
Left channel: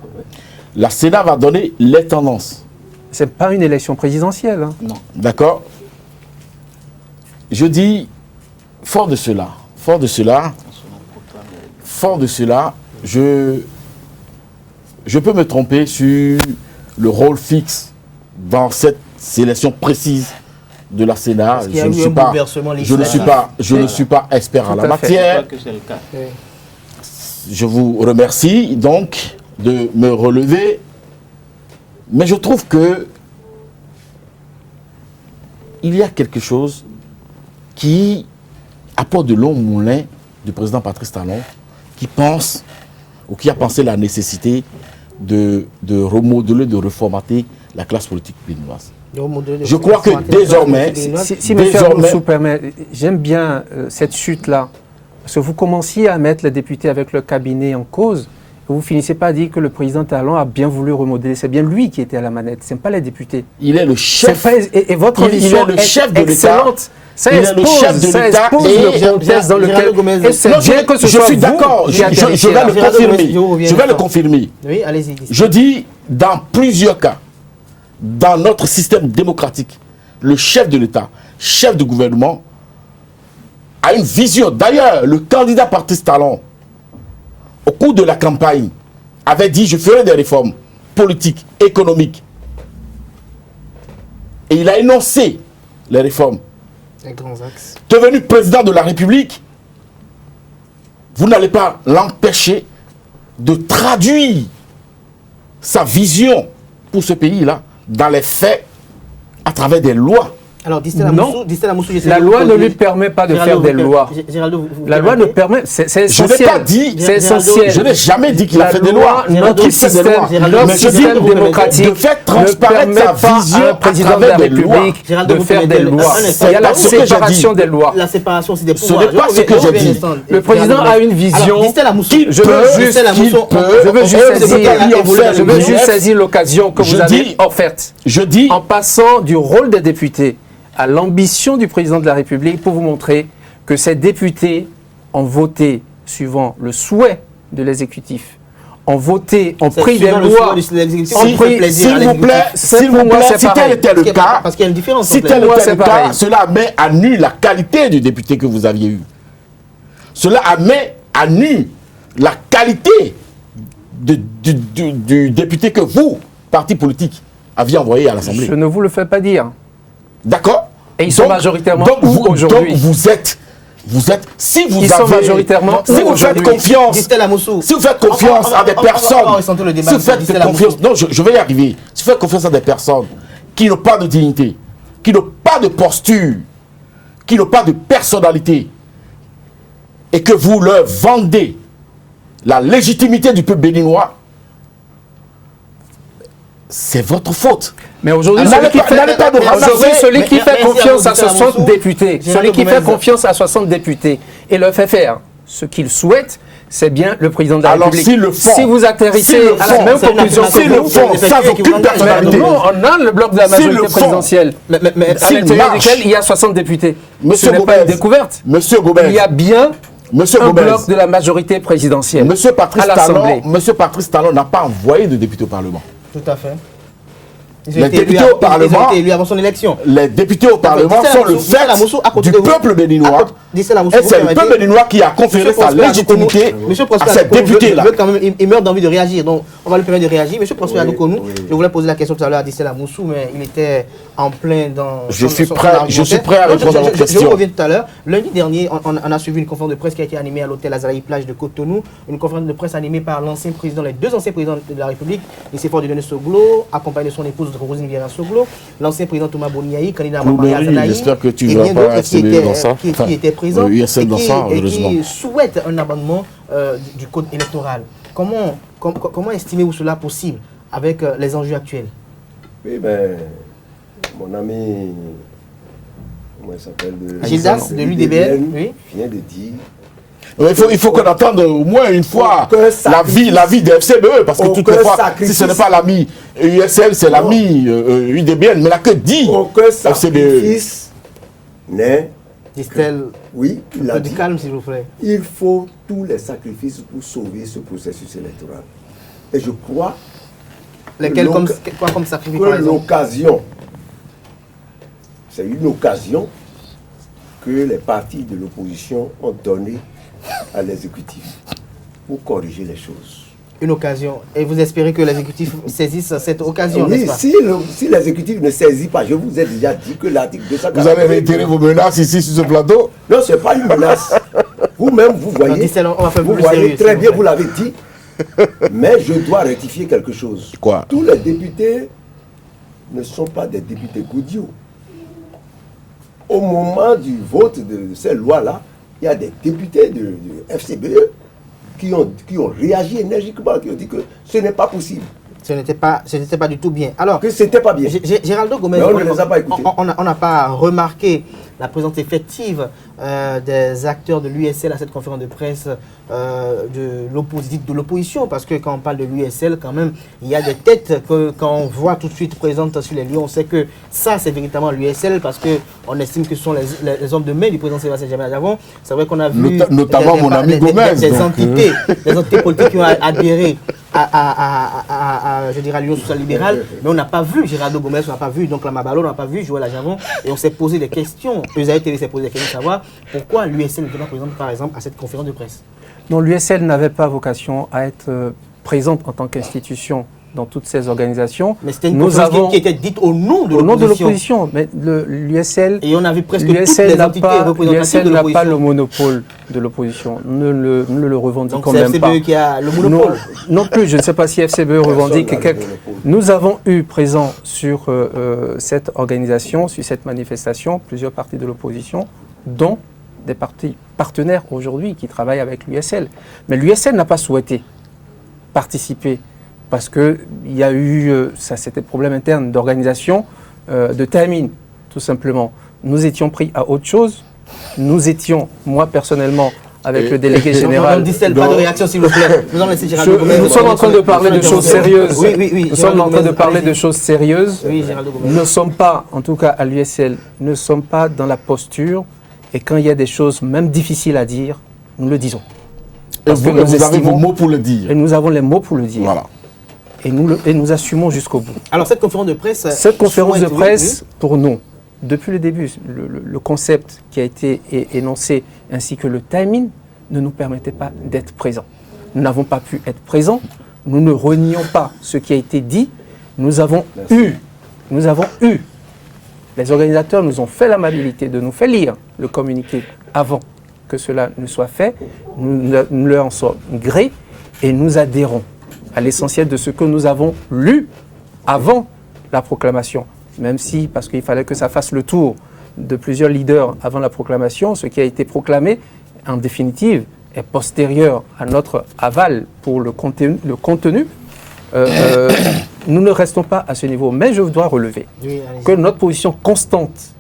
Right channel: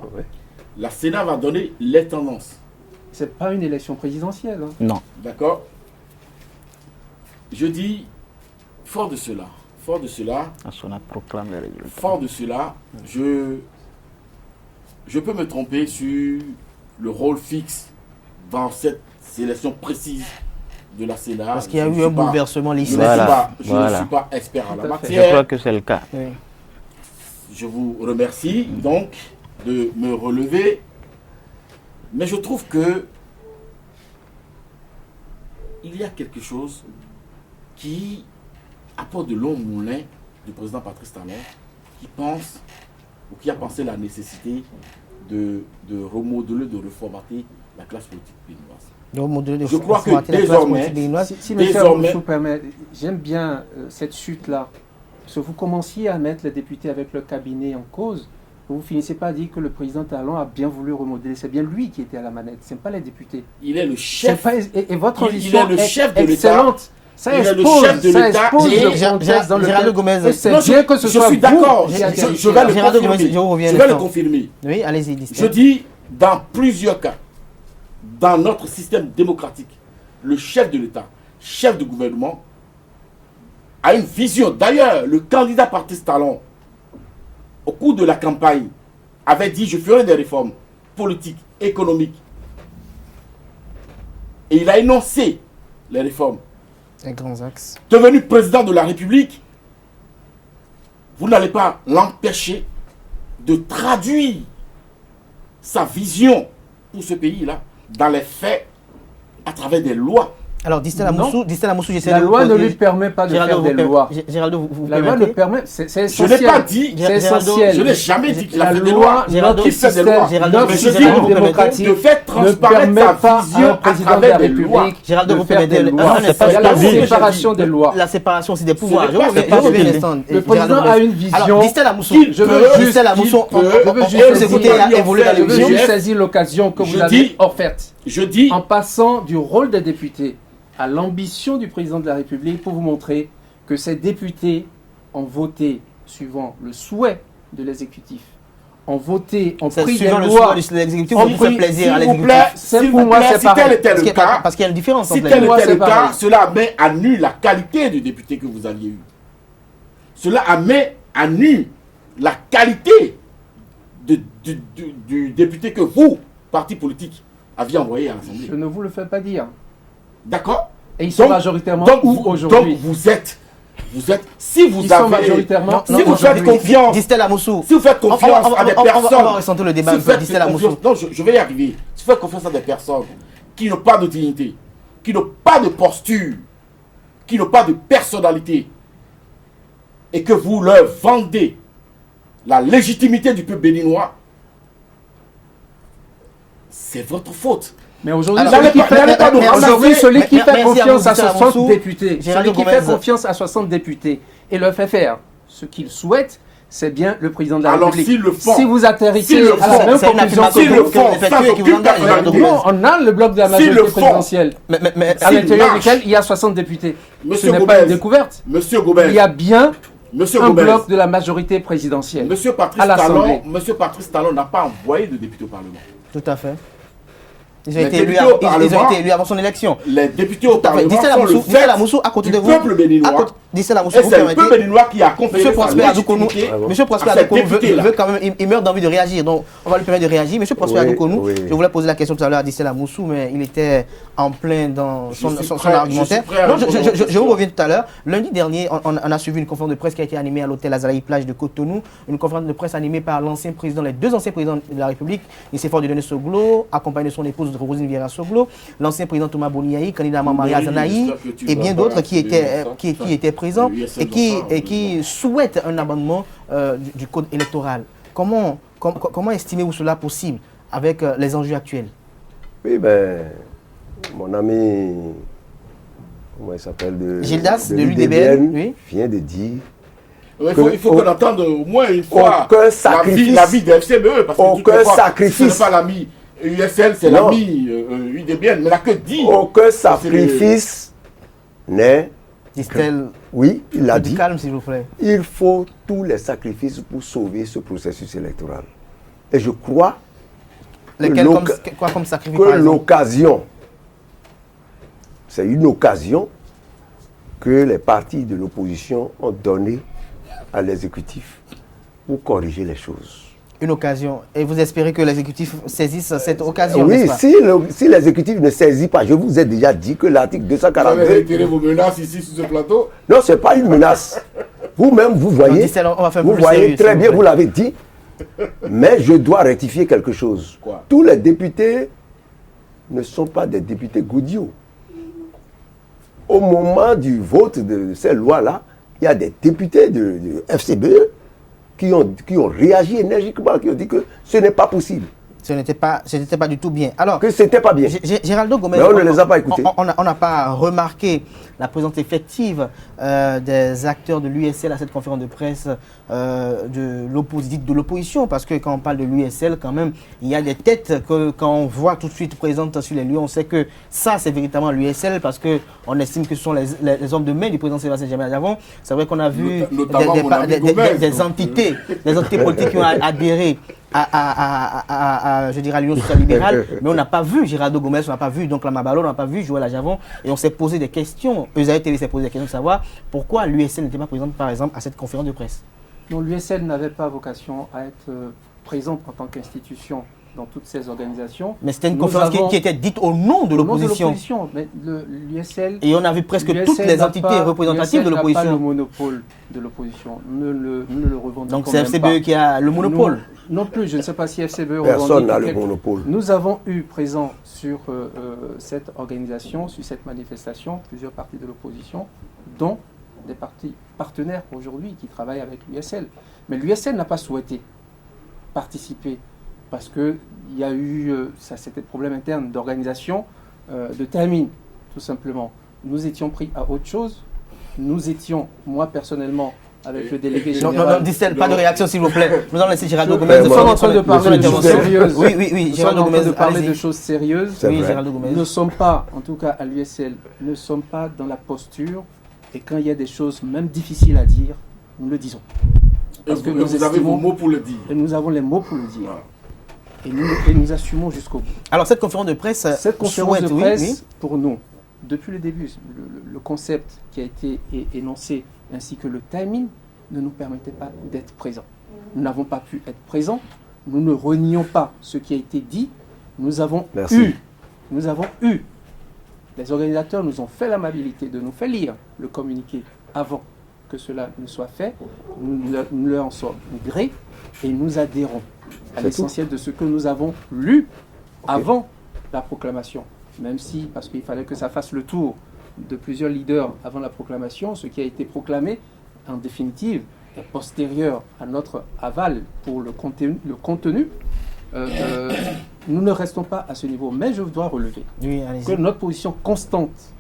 La Sénat va donner les tendances. Ce n'est pas une élection présidentielle. Hein. Non. D'accord. Je dis, fort de cela, je peux me tromper sur le rôle fixe dans cette sélection précise de la Sénat. Parce qu'il y a eu un bouleversement législatif. Je ne suis pas expert en la matière. Je crois que c'est le cas. Oui. Je vous remercie donc de me relever. Mais je trouve que il y a quelque chose qui apporte de longs moulins du président Patrice Talon, qui pense ou qui a pensé la nécessité de remodeler, de reformater la classe politique béninoise. Je crois que désormais, si M. Moussou permet, j'aime bien cette chute-là, parce que vous commenciez à mettre les députés avec le cabinet en cause, et vous finissez pas à dire que le président Talon a bien voulu remodeler. C'est bien lui qui était à la manette, ce n'est pas les députés. Il est le chef. Et votre ambition est le chef de excellente. Ça il est le chef de l'État. Je suis d'accord, je vais le confirmer. Oui, allez-y. Je dis, dans plusieurs cas, dans notre système démocratique, le chef de l'État, chef de gouvernement, a une vision. D'ailleurs, le candidat Patrice Talon, au cours de la campagne, avait dit « je ferai des réformes politiques, économiques ». Et il a énoncé les réformes. Les grands axes. Devenu président de la République, vous n'allez pas l'empêcher de traduire sa vision pour ce pays-là dans les faits à travers des lois. Alors, Distella Moussou, la loi ne lui permet pas de faire des lois. Géraldo, la loi ne permet, c'est essentiel. Je n'ai pas dit, c'est essentiel. Je n'ai jamais dit qu'il a fait des lois. Notre système démocratique de faire transparaître sa vision à travers des lois. Géraldo, vous permettez il y a la séparation des lois. La séparation, c'est des pouvoirs. Le président a une vision. Distella Moussou, je veux juste saisir l'occasion que vous avez offerte. Je dis, en passant du rôle des députés à l'ambition du président de la République pour vous montrer que ces députés ont voté suivant le souhait de l'exécutif, ont voté, ont pris des lois. L'exécutif ont pris plaisir à l'exécutif. S'il vous plaît, si tel était le cas, parce qu'il y a une différence. Si tel était le cas, cela met à nu la qualité du député que vous aviez eu. Cela met à nu la qualité du député que vous, parti politique, aviez envoyé à l'Assemblée. Je ne vous le fais pas dire. D'accord. Et ils sont majoritairement aujourd'hui. Donc vous êtes, si vous avez, majoritairement, si vous faites confiance, si vous faites confiance à des personnes, non, je vais y arriver. Si vous faites confiance à des personnes qui n'ont pas de dignité, qui n'ont pas de posture, qui n'ont pas de personnalité, et que vous leur vendez la légitimité du peuple béninois, c'est votre faute. Mais aujourd'hui, celui qui fait confiance à 60 députés, celui qui fait confiance à 60 députés et leur fait faire ce qu'il souhaite, c'est bien le président de la République. Si vous atterrissez à la même conclusion on a le bloc de la majorité présidentielle, à l'intérieur duquel il y a 60 députés. Ce n'est pas une découverte. Il y a bien un bloc de la majorité présidentielle. Monsieur Patrice Talon n'a pas envoyé de députés au Parlement. Tout à fait. Ils ont été élus avant son élection. Les députés au Parlement sont le fait du peuple béninois. Et c'est le peuple béninois qui a conféré sa légitimité à ces députés-là. Il meurt d'envie de réagir, donc on va lui permettre de réagir. Monsieur Prosper Adoukonou, je voulais poser la question tout à l'heure à Distella Moussou, mais il était en plein dans son argumentaire. Je suis prêt à répondre à votre question. Je reviens tout à l'heure. Lundi dernier, on a suivi une conférence de presse qui a été animée à l'hôtel Azalaï Plage de Cotonou, une conférence de presse animée par l'ancien président, les deux anciens présidents de la République, Nicéphore Dieudonné Soglo, accompagné de son épouse Rosine Vieira Soglo, l'ancien président Thomas Boniaï, candidat à Maria Zanaï, et bien d'autres qui étaient présents et qui souhaitent un amendement du code électoral. Comment estimez-vous cela possible avec les enjeux actuels? Oui, ben, mon ami, comment il s'appelle, Gildas de l'UDBN, oui, vient de dire Il faut qu'on attende au moins une fois la vie de FCBE, parce que toutefois, si ce n'est pas l'ami USL, c'est l'ami UDBN, mais là que dit aucun sacrifice n'est... Distel, oui, il a dit, du calme s'il vous plaît. Il faut tous les sacrifices pour sauver ce processus électoral. Et je crois lesquels comme sacrifice par exemple? L'occasion, c'est une occasion que les partis de l'opposition ont donnée à l'exécutif pour corriger les choses. Une occasion. Et vous espérez que l'exécutif saisisse cette occasion, oui, n'est-ce pas? Si l'exécutif ne saisit pas, je vous ai déjà dit que l'article 240... Vous avez réitéré vos menaces ici sur ce plateau? Non, ce n'est pas une menace. Vous-même, vous voyez, on va faire vous plus voyez sérieux, très bien, vous l'avez dit, mais je dois rectifier quelque chose. Quoi? Tous les députés ne sont pas des députés Goudiou. Au moment du vote de ces lois-là, il y a des députés de FCBE qui ont réagi énergiquement, qui ont dit que ce n'est pas possible. Ce n'était pas du tout bien. Alors, que c'était pas bien. Géraldo Gomez, on ne les a pas écoutés. On n'a pas remarqué la présence effective des acteurs de l'USL à cette conférence de presse de l'opposition, parce que quand on parle de l'USL, quand même, il y a des têtes que quand on voit tout de suite présentes sur les lieux, on sait que ça, c'est véritablement l'USL, parce qu'on estime que ce sont les hommes de main du président Sébastien Djamil-Diavon. C'est vrai qu'on a vu des entités politiques qui ont adhéré à je dirais, l'Union sociale libérale, mais on n'a pas vu Géraldo Gomez, on n'a pas vu donc la Mabalo, on n'a pas vu Joël Ajavon, et on s'est posé des questions. Eusaïe TV s'est posé des questions de savoir pourquoi l'USL n'était pas présente, par exemple, à cette conférence de presse. Non, l'USL n'avait pas vocation à être présente en tant qu'institution dans toutes ces organisations. Mais c'était une conférence qui était dite au nom de l'opposition. Mais l'USL... Et on a vu presque toutes les entités représentatives de l'opposition. L'USL n'a pas le monopole de l'opposition. Ne le revendiquons quand même pas. Donc c'est FCBE qui a le monopole? Non plus, je ne sais pas si FCBE revendique quelque... Nous avons eu présent sur cette organisation, sur cette manifestation, plusieurs partis de l'opposition, dont des partis partenaires aujourd'hui qui travaillent avec l'USL. Mais l'USL n'a pas souhaité participer parce qu'il y a eu, ça c'était problème interne d'organisation, de timing, tout simplement. Nous étions pris à autre chose. Nous étions, moi personnellement, avec le délégué général... Pas de réaction s'il vous plaît. Nous allons laisser Géraldo Gomez. Nous sommes en train de parler de choses sérieuses. Oui. Nous sommes en train de parler de choses sérieuses. Oui, Géraldo Gomez. Nous ne sommes pas, en tout cas à l'USL, ne sommes pas dans la posture. Et quand il y a des choses même difficiles à dire, nous le disons. Parce que vous avez vos mots pour le dire. Et nous avons les mots pour le dire. Voilà. Et nous assumons jusqu'au bout. Alors cette conférence de presse... Cette conférence de presse, pour nous, depuis le début, le concept qui a été énoncé, ainsi que le timing, ne nous permettait pas d'être présents. Nous n'avons pas pu être présents. Nous ne renions pas ce qui a été dit. Nous avons eu... Les organisateurs nous ont fait l'amabilité de nous faire lire le communiqué avant que cela ne soit fait. Nous leur en sommes gré et nous adhérons à l'essentiel de ce que nous avons lu avant la proclamation. Même si, parce qu'il fallait que ça fasse le tour de plusieurs leaders avant la proclamation, ce qui a été proclamé, en définitive, est postérieur à notre aval pour le contenu. Nous ne restons pas à ce niveau, mais je dois relever que notre position constante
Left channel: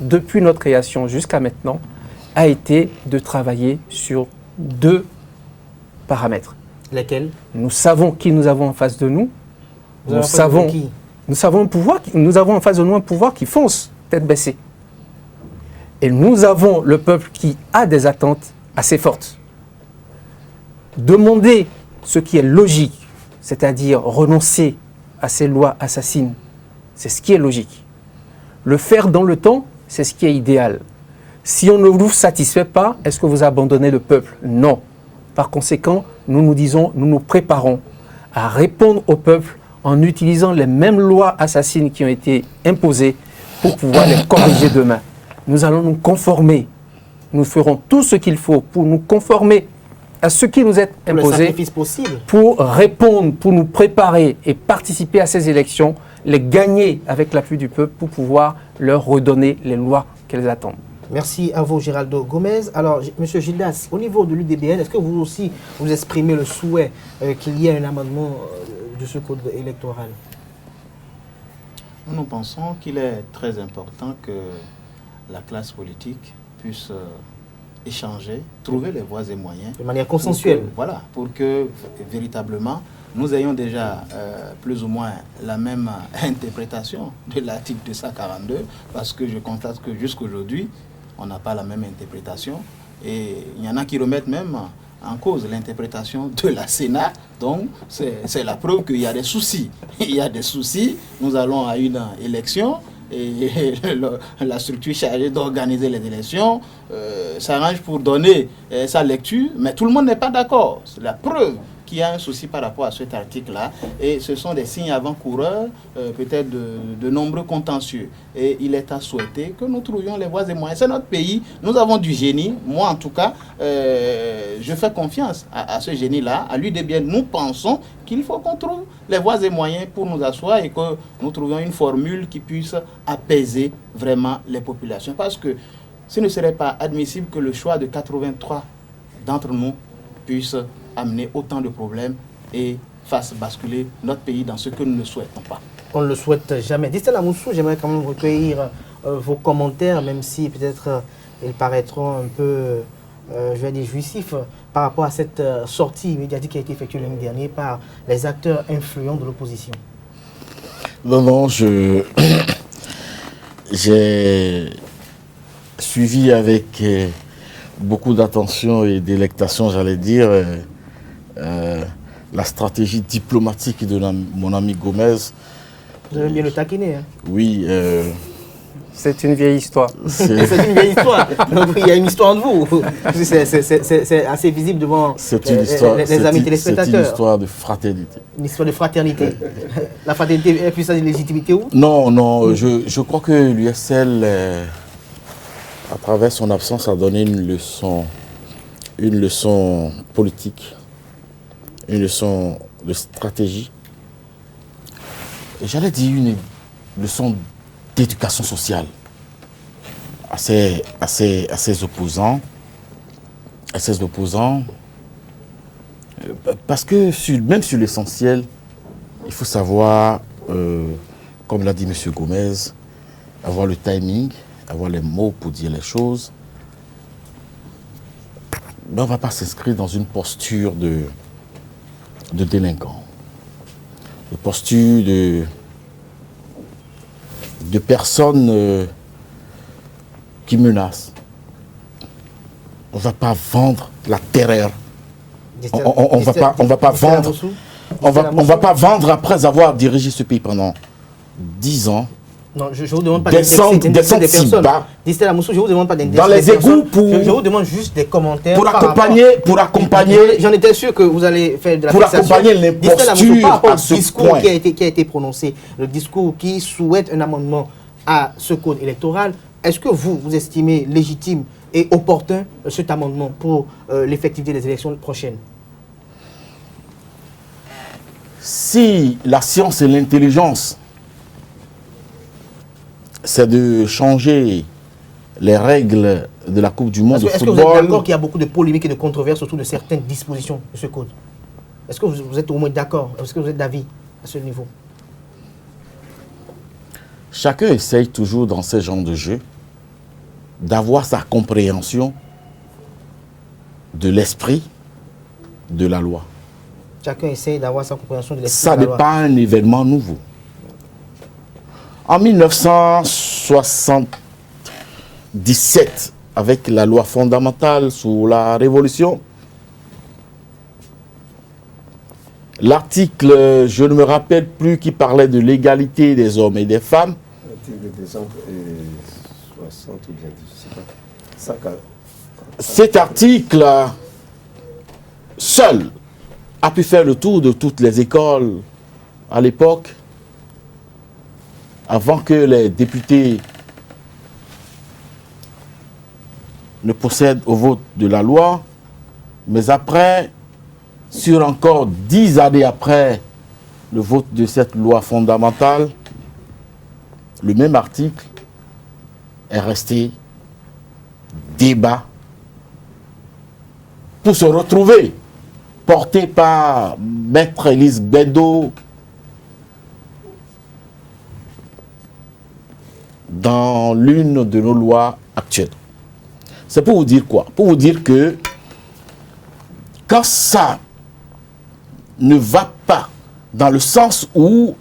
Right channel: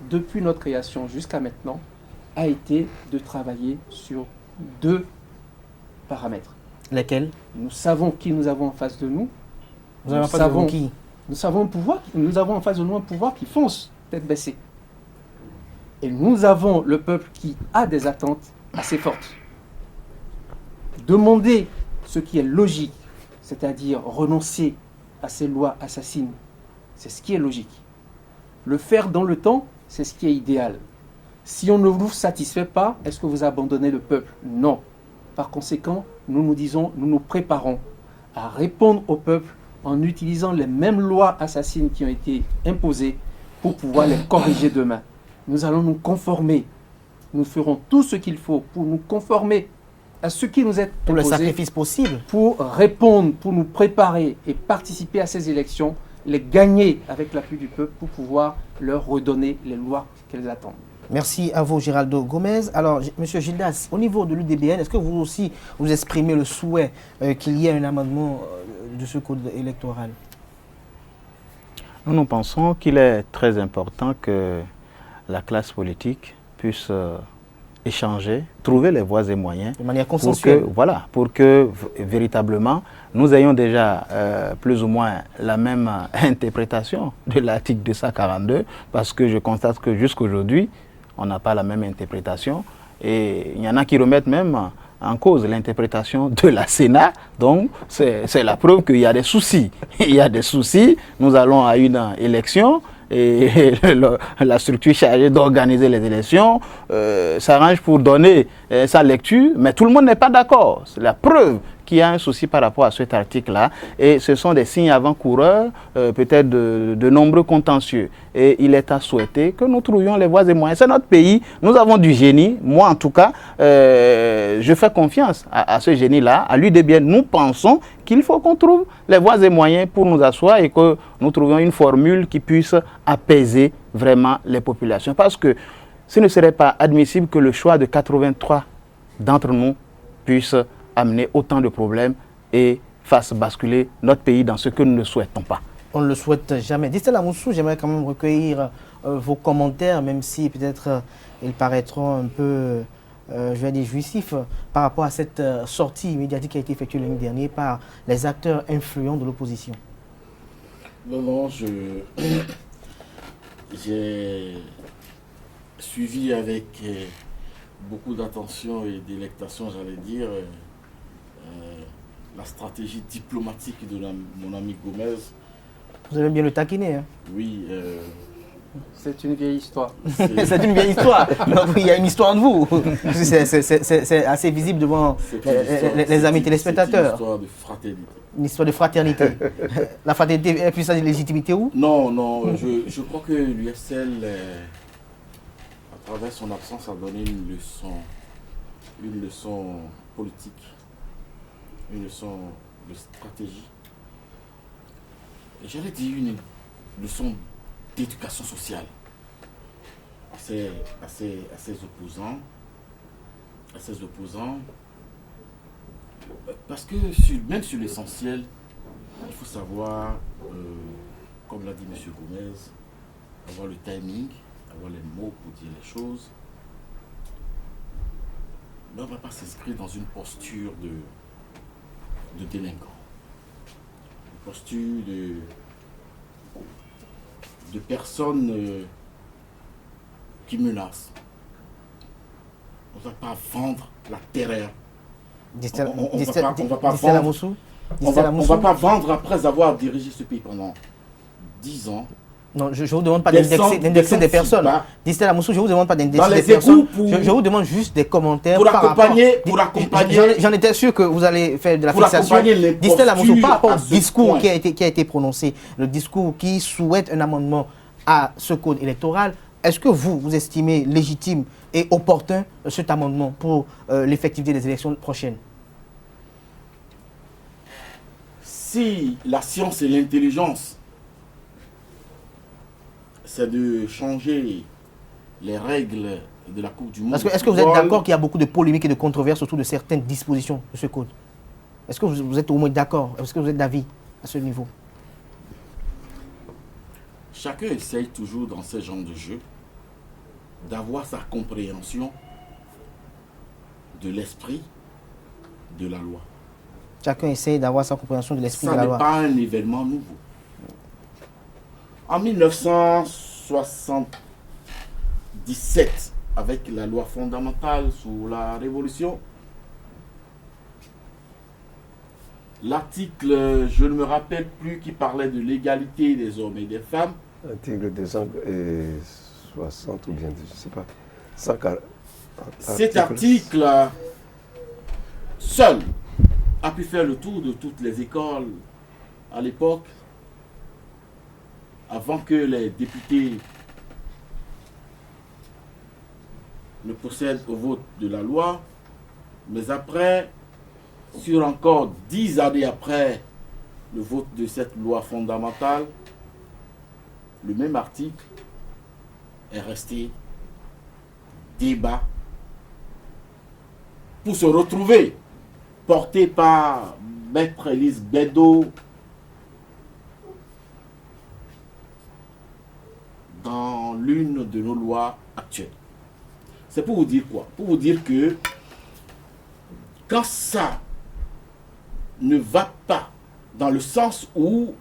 depuis notre création jusqu'à maintenant a été de travailler sur deux paramètres. Lesquels? Nous savons qui nous avons en face de nous. Nous avons en face de nous un pouvoir qui fonce tête baissée. Et nous avons le peuple qui a des attentes assez fortes. Demander ce qui est logique, c'est-à-dire renoncer à ces lois assassines, c'est ce qui est logique. Le faire dans le temps, c'est ce qui est idéal. Si on ne vous satisfait pas, est-ce que vous abandonnez le peuple? Non. Par conséquent, nous nous préparons à répondre au peuple en utilisant les mêmes lois assassines qui ont été imposées pour pouvoir les corriger demain. Nous allons nous conformer. Nous ferons tout ce qu'il faut pour nous conformer à ce qui nous est imposé, le sacrifice possible, pour répondre, pour nous préparer et participer à ces élections, les gagner avec l'appui du peuple pour pouvoir leur redonner les lois qu'elles attendent. Merci à vous, Géraldo Gomez. Alors, M. Gildas, au niveau de l'UDBN, est-ce que vous aussi vous exprimez le souhait qu'il y ait un amendement de ce code électoral? Nous pensons qu'il est très important que la classe politique puisse échanger, trouver les voies et moyens. De manière consensuelle. Pour que véritablement, nous ayons déjà plus ou moins la même interprétation de l'article 242, parce que je constate que jusqu'aujourd'hui, on n'a pas la même interprétation. Et il y en a qui remettent même en cause l'interprétation de la Sénat. Donc, c'est la preuve qu'il y a des soucis. Il y a des soucis. Nous allons à une élection et la structure chargée d'organiser les élections s'arrange pour donner sa lecture, mais tout le monde n'est pas d'accord. C'est la preuve qu'il y a un souci par rapport à cet article-là. Et ce sont des signes avant-coureurs, peut-être de nombreux contentieux. Et il est à souhaiter que nous trouvions les voies et moyens. C'est notre pays, nous avons du génie. Moi, en tout cas, je fais confiance à ce génie-là, à l'UDBN. Nous pensons qu'il faut qu'on trouve les voies et moyens pour nous asseoir et que nous trouvions une formule qui puisse apaiser vraiment les populations. Parce que ce ne serait pas admissible que le choix de 83 d'entre nous puisse amener autant de problèmes et fasse basculer notre pays dans ce que nous ne souhaitons pas. On ne le souhaite jamais. Distel Amoussou, j'aimerais quand même recueillir vos commentaires, même si peut-être ils paraîtront un peu, je vais dire, jouissifs par rapport à cette sortie médiatique qui a été effectuée l'année dernière par les acteurs influents de l'opposition. Non, j'ai suivi avec beaucoup d'attention et délectation, j'allais dire, la stratégie diplomatique de mon ami Gomez. Vous allez bien le taquiner. Hein? Oui. C'est une vieille histoire. C'est une vieille histoire. Donc, il y a une histoire de vous. C'est assez visible devant les amis téléspectateurs. C'est une histoire de fraternité. Une histoire de fraternité. La fraternité est plus sa légitimité où? Non, je crois que l'USL, à travers son absence, a donné une leçon politique, une leçon de stratégie. Et j'allais dire une leçon d'éducation sociale à ses opposants. Parce que même sur l'essentiel, il faut savoir, comme l'a dit M. Gomez, avoir le timing, avoir les mots pour dire les choses. Mais on ne va pas s'inscrire dans une posture de délinquant, une posture de personnes qui menacent. On ne va pas vendre la terreur. On ne va pas vendre après avoir dirigé ce pays pendant 10 ans. Non, je ne vous demande pas d'indexer des personnes. Distel Amoussou, je ne vous demande pas d'indexer des personnes. Je vous demande juste des commentaires. Pour accompagner. J'en étais sûr que vous allez faire de la fixation. Distel Amoussou, par rapport au discours qui a été prononcé, le discours qui souhaite un amendement à ce code électoral, est-ce que vous estimez légitime et opportun cet amendement pour l'effectivité des élections prochaines? Si la science et l'intelligence, c'est de changer les règles de la Coupe du Monde. Est-ce que vous êtes d'accord qu'il y a beaucoup de polémiques et de controverses autour de certaines dispositions de ce code? Est-ce que vous êtes au moins d'accord? Est-ce que vous êtes d'avis à ce niveau? Chacun essaye toujours dans ce genre de jeu d'avoir sa compréhension de l'esprit de la loi. Chacun essaye d'avoir sa compréhension de l'esprit de la loi. Ça n'est pas un événement nouveau. En 1977, avec la loi fondamentale sous la Révolution, l'article, je ne me rappelle plus, qui parlait de l'égalité des hommes et des femmes. L'article 260 ou bien, je ne sais pas. Cet article, seul, a pu faire le tour de toutes les écoles à l'époque, avant que les députés ne procèdent au vote de la loi. Mais après, sur encore 10 années après le vote de cette loi fondamentale, le même article est resté débat pour se retrouver, porté par Maître Élise Bédo dans l'une de nos lois actuelles. C'est pour vous dire quoi? Pour vous dire que quand ça ne va pas dans le sens où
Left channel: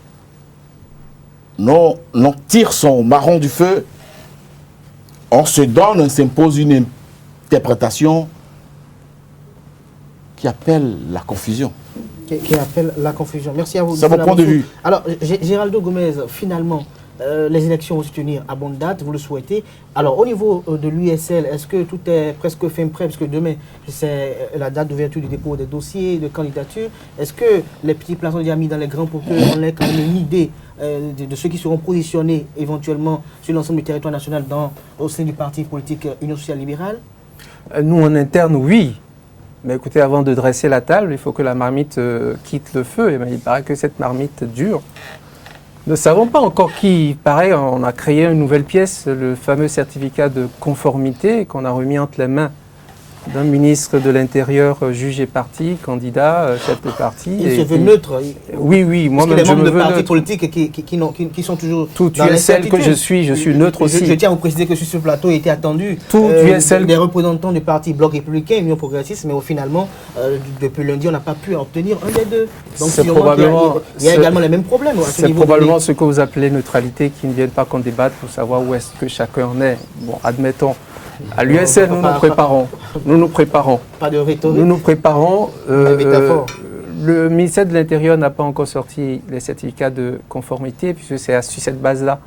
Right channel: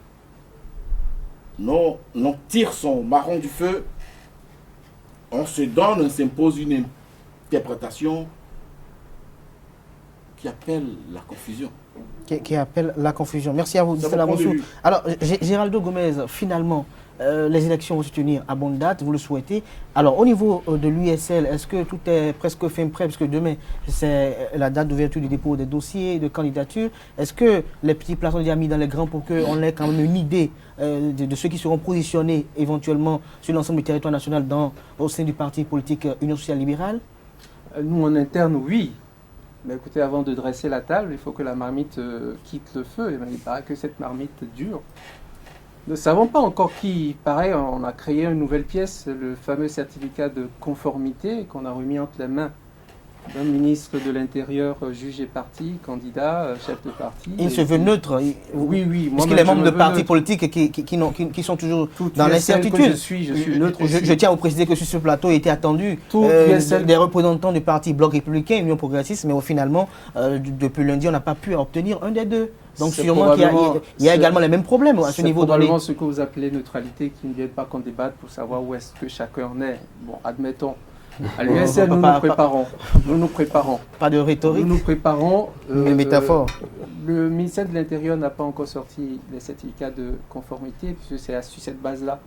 on tire son marron du feu, on se donne, on s'impose une interprétation qui appelle la confusion. Qui appelle la confusion. Merci à vous. C'est mon point de vue. Alors, Géraldo Gomez, finalement, les élections vont se tenir à bonne date, vous le souhaitez. Alors, au niveau de l'USL, est-ce que tout est presque fin prêt? Parce que demain, c'est la date d'ouverture du dépôt des dossiers de candidature. Est-ce que les petits plats sont déjà mis dans les grands pour qu'on ait quand même une idée de ceux qui seront positionnés éventuellement sur l'ensemble du territoire national au sein du parti politique Union sociale libérale? Nous, en interne, oui. Mais écoutez, avant de dresser la table, il faut que la marmite quitte le feu. Et bien, il paraît que cette marmite dure. Nous ne savons pas encore qui. Pareil, on a créé une nouvelle pièce, le fameux certificat de conformité qu'on a remis entre les mains d'un ministre de l'Intérieur jugé parti, candidat, chef de parti. Il se veut neutre. Oui, parce qu'il y a des membres de partis politiques qui sont toujours dans l'incertitude. Que je suis neutre aussi. Je tiens à vous préciser que sur ce plateau était attendu des représentants du parti Bloc républicain, Union progressiste, mais finalement, depuis lundi, on n'a pas pu obtenir un des deux. Donc sûrement qu'il y a également les mêmes problèmes à ce niveau. C'est probablement ce que vous appelez neutralité, qui ne viennent pas qu'on débatte pour savoir où est-ce que chacun en est. Bon, admettons. À l'USL, nous nous préparons. Pas de rhétorique. Nous nous préparons. Métaphore. Le ministère de l'Intérieur n'a pas encore sorti les certificats de conformité, puisque c'est sur cette base-là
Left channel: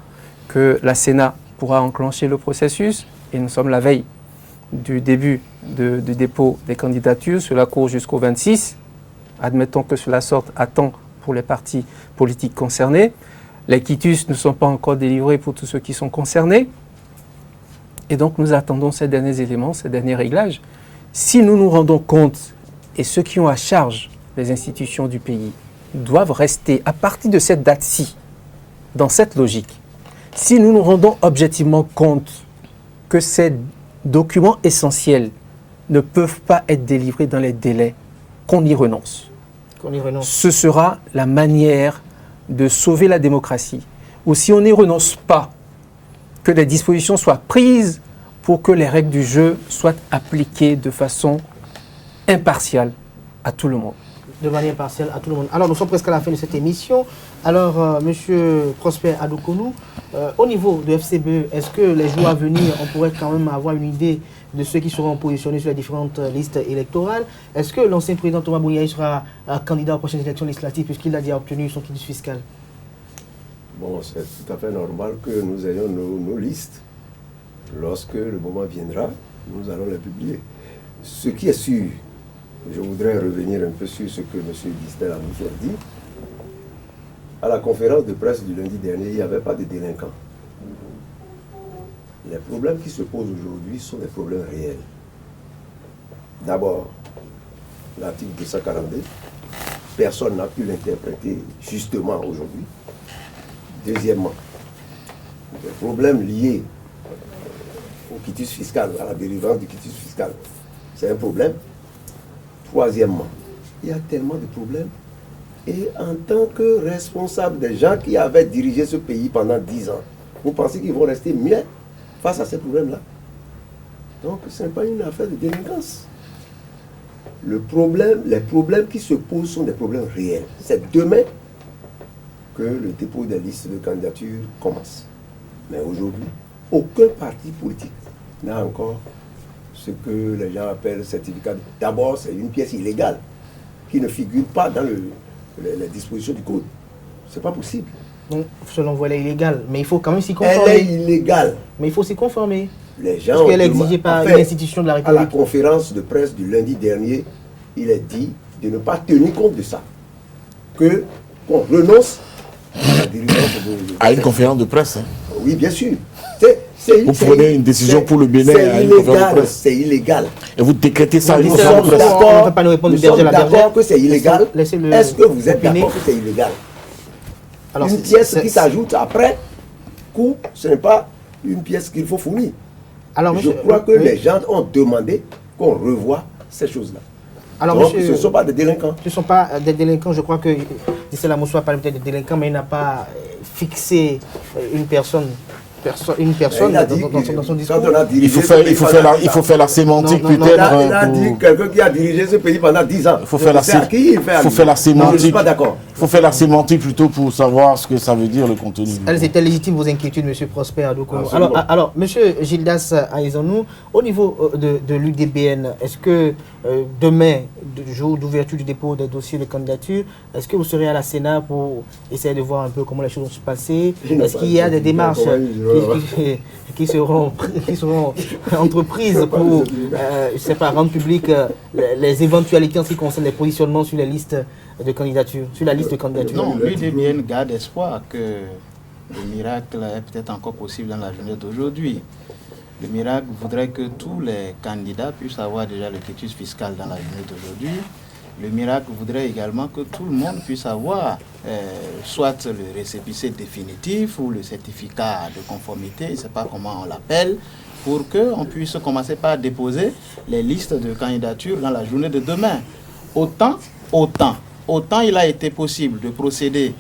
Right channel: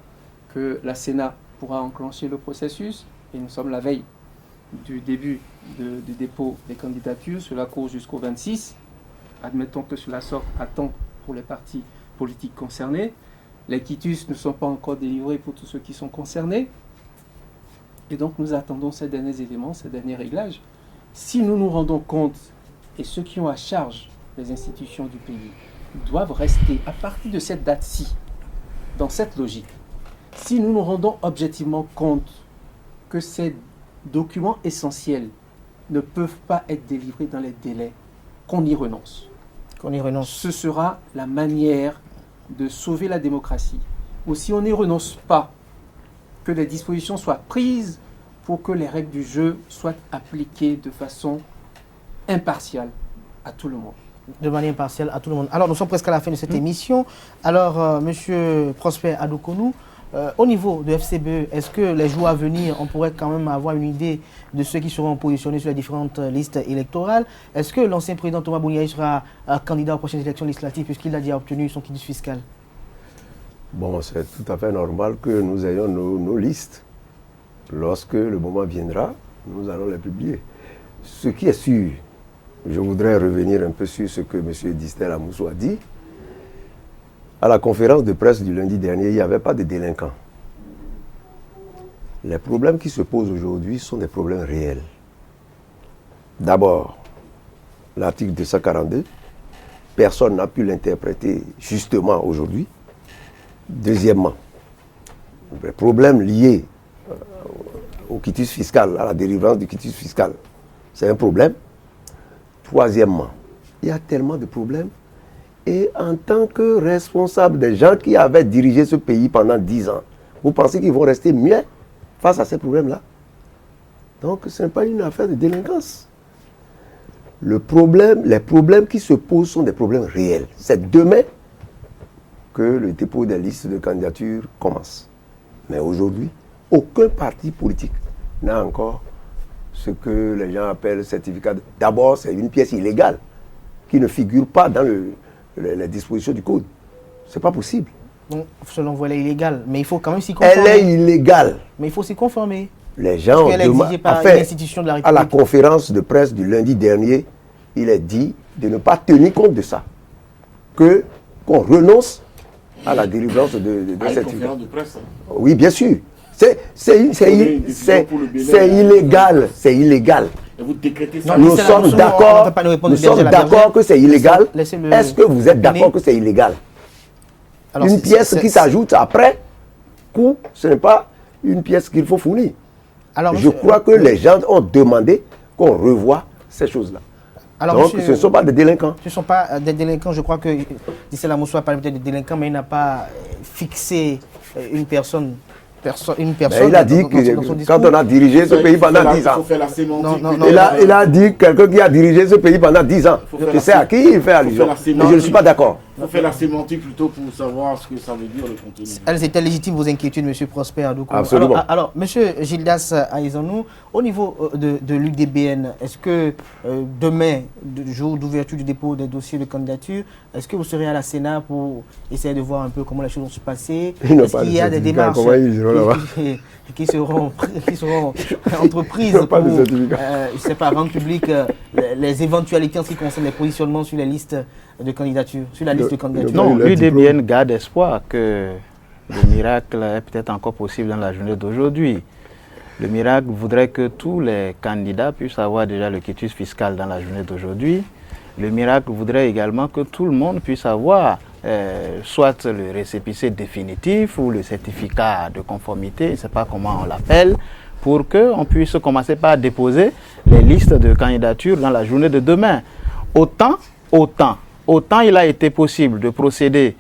que la Sénat pourra enclencher le processus. Et nous sommes la veille du début du dépôt des candidatures. Cela court jusqu'au 26. Admettons que cela sorte à temps pour les partis politiques concernés. Les quitus ne sont pas encore délivrés pour tous ceux qui sont concernés. Et donc, nous attendons ces derniers éléments, ces derniers réglages. Si nous nous rendons compte, et ceux qui ont à charge les institutions du pays doivent rester à partir de cette date-ci, dans cette logique, si nous nous rendons objectivement compte que ces documents essentiels ne peuvent pas être délivrés dans les délais, qu'on y renonce. Ce sera la manière de sauver la démocratie. Ou si on n'y renonce pas, que les dispositions soient prises pour que les règles du jeu soient appliquées de façon impartiale à tout le monde. De manière impartiale à tout le monde. Alors, nous sommes presque à la fin de cette émission. Alors, Monsieur Prosper Adoukonou, au niveau de FCBE, est-ce que les jours à venir, on pourrait quand même avoir une idée de ceux qui seront positionnés sur les différentes listes électorales? Est-ce que l'ancien président Thomas Bouniaï sera candidat aux prochaines élections législatives puisqu'il a déjà obtenu son quitus fiscal? Bon, c'est tout à fait normal que nous ayons nos listes. Lorsque le moment viendra, nous allons les publier. Ce qui est sûr, je voudrais revenir un peu sur ce que M. Distel Amoussou a dit. À la conférence de presse du lundi dernier, il n'y avait pas de délinquants. Les problèmes qui se posent aujourd'hui sont des problèmes réels. D'abord, l'article 242, personne n'a pu l'interpréter justement aujourd'hui. Deuxièmement, les problèmes liés au quitus fiscal, à la délivrance du quitus fiscal, c'est un problème. Troisièmement, il y a tellement de problèmes. Et en tant que responsable des gens qui avaient dirigé ce pays pendant 10 ans, vous pensez qu'ils vont rester muets face à ces problèmes-là? Donc ce n'est pas une affaire de délinquance. Les problèmes qui se posent sont des problèmes réels. C'est demain que le dépôt des listes de candidature commence. Mais aujourd'hui, aucun parti politique n'a encore ce que les gens appellent certificat. D'abord, c'est une pièce illégale qui ne figure pas dans les dispositions du code. C'est pas possible. Donc, selon vous, elle est illégale, mais il faut quand même s'y conformer. Elle est illégale. Mais il faut s'y conformer. Les gens parce qu'elle est exigée par une institution de la République. À la conférence de presse du lundi dernier, il est dit de ne pas tenir compte de ça. Qu'on renonce à la délivrance à une conférence de presse. Hein. Oui, bien sûr. Vous prenez une décision pour le Bénin. C'est illégal, c'est illégal. Et vous décrétez ça. Nous sommes d'accord que c'est illégal. Est-ce que vous êtes d'accord que c'est illégal? Alors, une pièce qui s'ajoute après coup, ce n'est pas une pièce qu'il faut fournir. Alors, je crois que les gens ont demandé qu'on revoie ces choses-là. Alors, donc, ce ne sont pas des délinquants. Ce ne sont pas des délinquants. Je crois que Distel Amoussou a parlé peut-être de délinquants, mais il n'a pas fixé une personne une personne il a dit dans que son discours. quand on a dirigé ce pays pendant 10 il faut ans, faire la sémantique. Non, non, peut-être, il a dit quelqu'un qui a dirigé ce pays pendant 10 ans. Il faut faire la C'est à qui il fait allusion? la sémantique. Je ne suis pas d'accord. Il faut faire la sémantique plutôt pour savoir ce que ça veut dire le contenu. Elles étaient légitimes, vos inquiétudes, M. Prosper Adoukono. Absolument. Alors, M. Gildas Aïzanou, au niveau de l'UDBN, est-ce que demain, jour d'ouverture du dépôt des dossiers de candidature, est-ce que vous serez à la Sénat pour essayer de voir un peu comment les choses vont se passer? Est-ce qu'il y a des démarches qui seront entreprises pour, je sais pas, rendre public les éventualités en ce qui concerne les positionnements sur les listes de candidature, sur la liste de candidature? Non, l'UDBN garde espoir que le miracle est peut-être encore possible dans la journée d'aujourd'hui. Le miracle voudrait que tous les candidats puissent avoir déjà le quitus fiscal dans la journée d'aujourd'hui. Le miracle voudrait également que tout le monde puisse avoir soit le récépissé définitif ou le certificat de conformité, je ne sais pas comment on l'appelle, pour qu'on puisse commencer par déposer les listes de candidatures dans la journée de demain. Autant il a été possible de procéder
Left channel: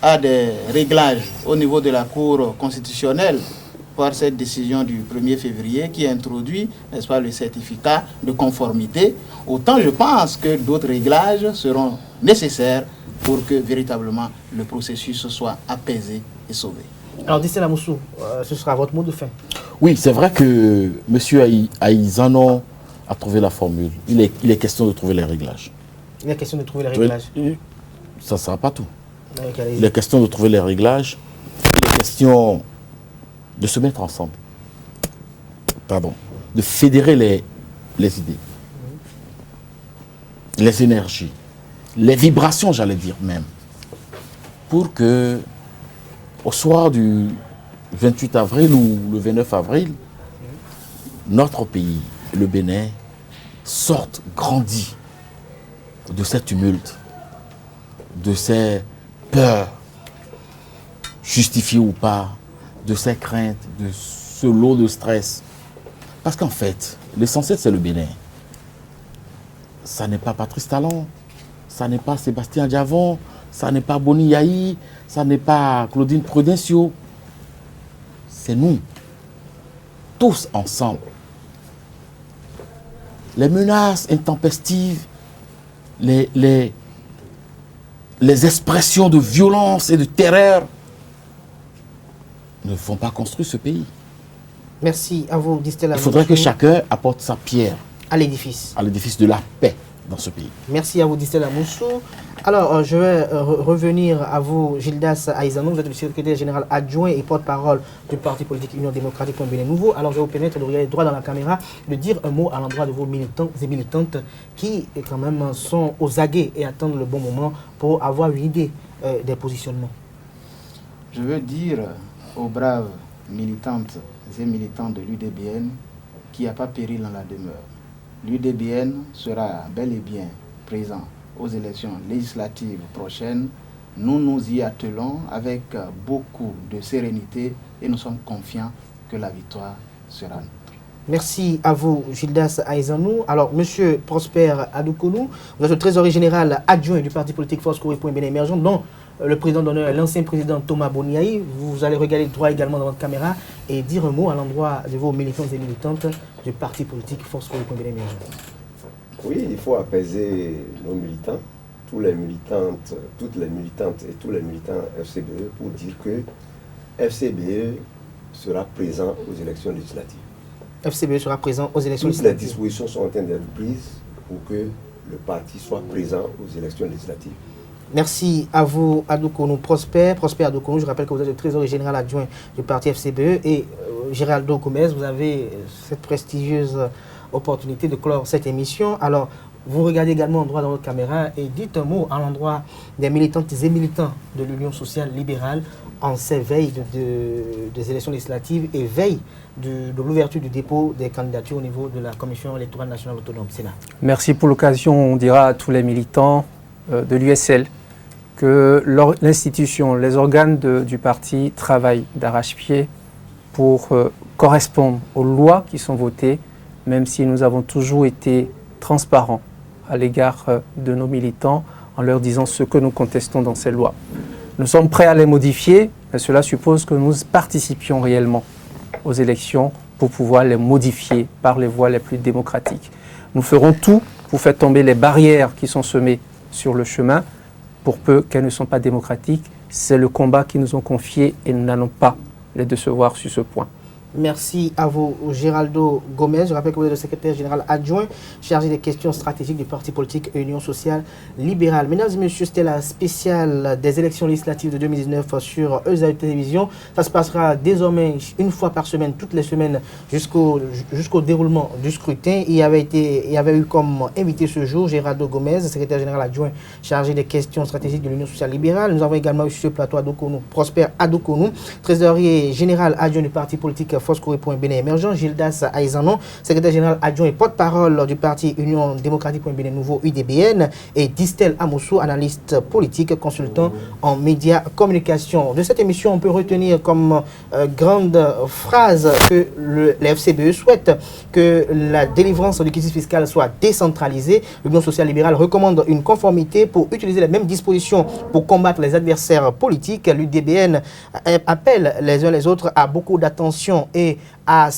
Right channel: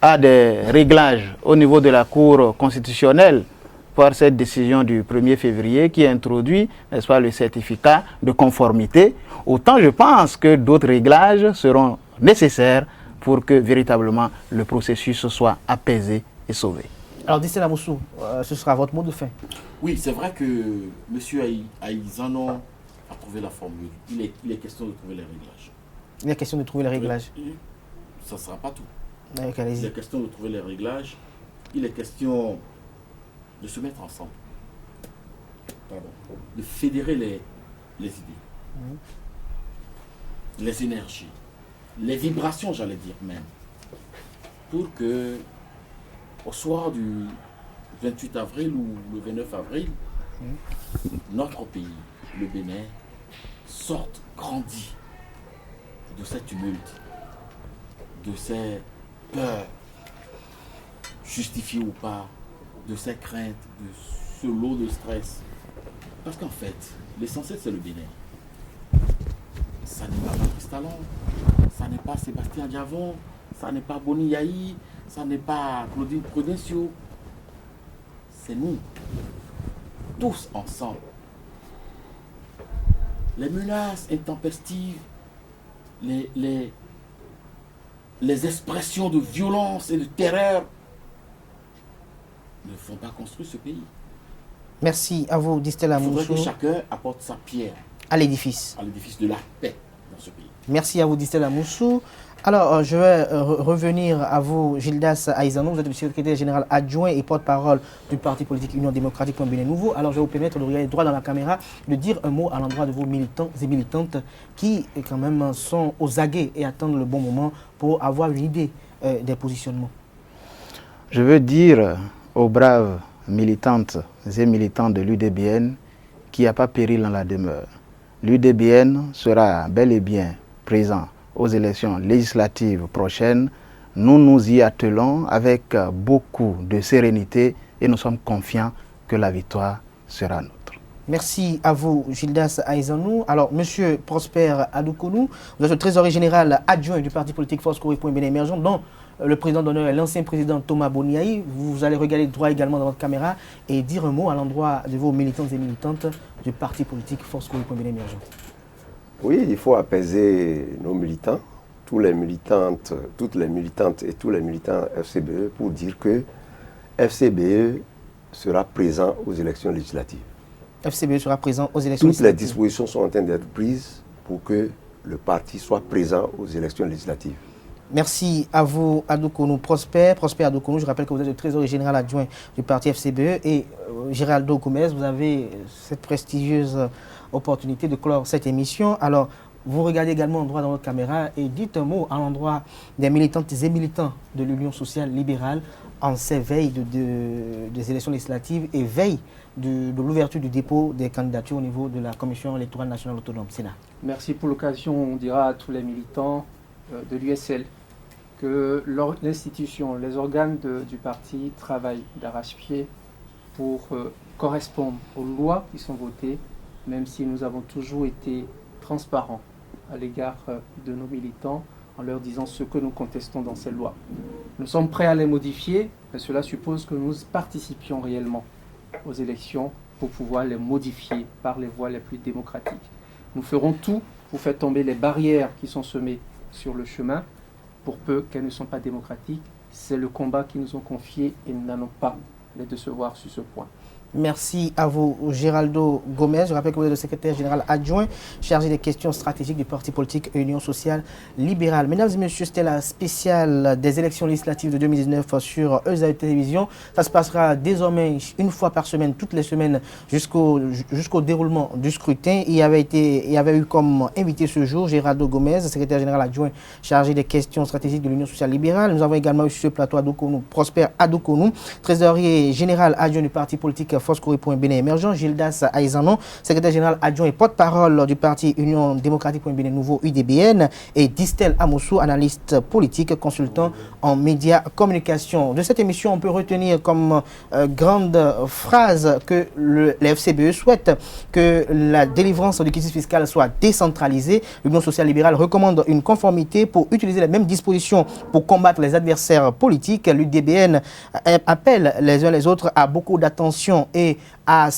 à des réglages au niveau de la Cour constitutionnelle par cette décision du 1er février qui introduit, n'est-ce pas, le certificat de conformité, autant je pense que d'autres réglages seront nécessaires pour que véritablement le processus soit apaisé et sauvé. Alors, Distella Moussou, ce sera votre mot de fin. Oui, c'est vrai que M. Aïzanou a trouvé la formule. Il est question de trouver les réglages. Il est question de trouver les réglages. Ça ne sera pas tout. Donc, Il est question de trouver les réglages. Il est question de se mettre ensemble. Pardon. De fédérer les idées. Les énergies. Les vibrations, j'allais dire même. Pour que, au soir du 28 avril ou le 29 avril, notre pays, le Bénin, sorte grandi de ces tumultes, de ces peurs, justifiées ou pas, de ces craintes, de ce lot de stress. Parce qu'en fait, l'essentiel, c'est le Bénin. Ça n'est pas Patrice Talon, ça n'est pas Sébastien Diavon, ça n'est pas Boni Yahi, ça n'est pas Claudine Prudencio. C'est nous, tous ensemble. Les menaces intempestives, les expressions de violence et de terreur ne vont pas construire ce pays. merci à vous, Distella Moussou. Il faudrait que chacun apporte sa pierre à l'édifice de la paix dans ce pays. Merci à vous, Distella Moussou. Alors, je vais revenir à vous, Gildas Aïzanou. Vous êtes le secrétaire général adjoint et porte-parole du parti politique Union démocratique pour un Bénin nouveau. Alors, je vais vous permettre de regarder droit dans la caméra, de dire un mot à l'endroit de vos militants et militantes qui, quand même, sont aux aguets et attendent le bon moment pour avoir une idée des positionnements. Je veux dire aux braves militantes et militants de l'UDBN qu'il n'y a pas péril dans la demeure. L'UDBN sera bel et bien présent aux élections législatives prochaines. Nous nous y attelons avec beaucoup de sérénité et nous sommes confiants que la victoire sera nôtre. Merci à vous, Gildas Aïzanou. Alors, Monsieur Prosper Adoukono, vous êtes le trésorier général adjoint du parti politique Force Corée pour un Bénin émergent, dont le président d'honneur est l'ancien président Thomas Boni Yahi. Vous allez regarder droit également dans votre caméra et dire un mot à l'endroit de vos militants et militantes du parti politique Force Corée pour un Bénin émergent. Oui, il faut apaiser nos militants, toutes les militantes et tous les militants FCBE pour dire que FCBE sera présent aux élections législatives. FCBE sera présent aux élections Toutes les législatives. dispositions sont en train d'être prises pour que le parti soit présent aux élections législatives. Merci à vous, Adoukono Prosper Adoukono. Je rappelle que vous êtes le trésorier général adjoint du parti FCBE et Géraldo Gomez, vous avez cette prestigieuse opportunité de clore cette émission. Alors, vous regardez également droit dans votre caméra et dites un mot à l'endroit des militantes et militants de l'Union sociale libérale en ces veilles des élections législatives et veille de l'ouverture du dépôt des candidatures au niveau de la Commission électorale nationale autonome, Sénat. Merci pour l'occasion. On dira à tous les militants de l'USL que l'institution, les organes du parti travaillent d'arrache-pied pour correspondre aux lois qui sont votées, même si nous avons toujours été transparents à l'égard de nos militants en leur disant ce que nous contestons dans ces lois. Nous sommes prêts à les modifier, mais cela suppose que nous participions réellement aux élections pour pouvoir les modifier par les voies les plus démocratiques. Nous ferons tout pour faire tomber les barrières qui sont semées sur le chemin, pour peu qu'elles ne sont pas démocratiques. C'est le combat qu'ils nous ont confié et nous n'allons pas les décevoir sur ce point. Merci à vous, Géraldo Gomez. Je rappelle que vous êtes le secrétaire général adjoint chargé des questions stratégiques du parti politique Union sociale libérale. Mesdames et messieurs, c'était la spéciale des élections législatives de 2019 sur ESAE Télévision. Ça se passera désormais une fois par semaine, toutes les semaines, jusqu'au déroulement du scrutin. Il y avait eu comme invité ce jour Géraldo Gomez, secrétaire général adjoint chargé des questions stratégiques de l'Union sociale libérale. Nous avons également eu sur ce plateau Prosper Adoukonou, trésorier général adjoint du parti politique Foscori pour un Bénin émergent, Gildas Aïzanon, secrétaire général adjoint et porte-parole du parti Union démocratique pour un Bénin nouveau UDBN, et Distel Amoussou, analyste politique, consultant en médias communication. De cette émission, on peut retenir comme grande phrase que les FCBE souhaite que la délivrance du quitus fiscal soit décentralisée. L'Union sociale libérale recommande une conformité pour utiliser les mêmes dispositions pour combattre les adversaires politiques. L'UDBN appelle les uns les autres à beaucoup d'attention et à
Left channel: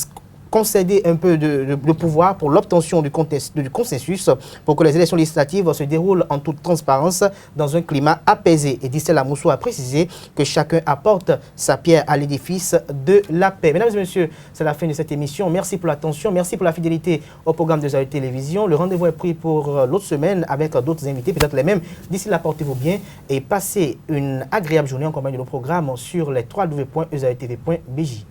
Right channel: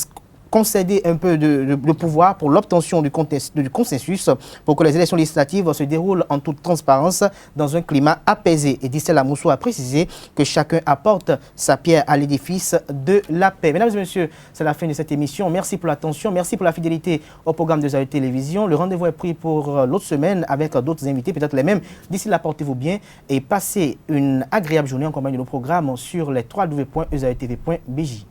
concéder un peu de pouvoir pour l'obtention du consensus pour que les élections législatives se déroulent en toute transparence dans un climat apaisé. Et Distel Amoussou a précisé que chacun apporte sa pierre à l'édifice de la paix. Mesdames et messieurs, c'est la fin de cette émission. Merci pour l'attention, merci pour la fidélité au programme de ESAE Télévision. Le rendez-vous est pris pour l'autre semaine avec d'autres invités, peut-être les mêmes. D'ici là, portez-vous bien et passez une agréable journée en compagnie de nos programmes sur les www.esaetv.bj.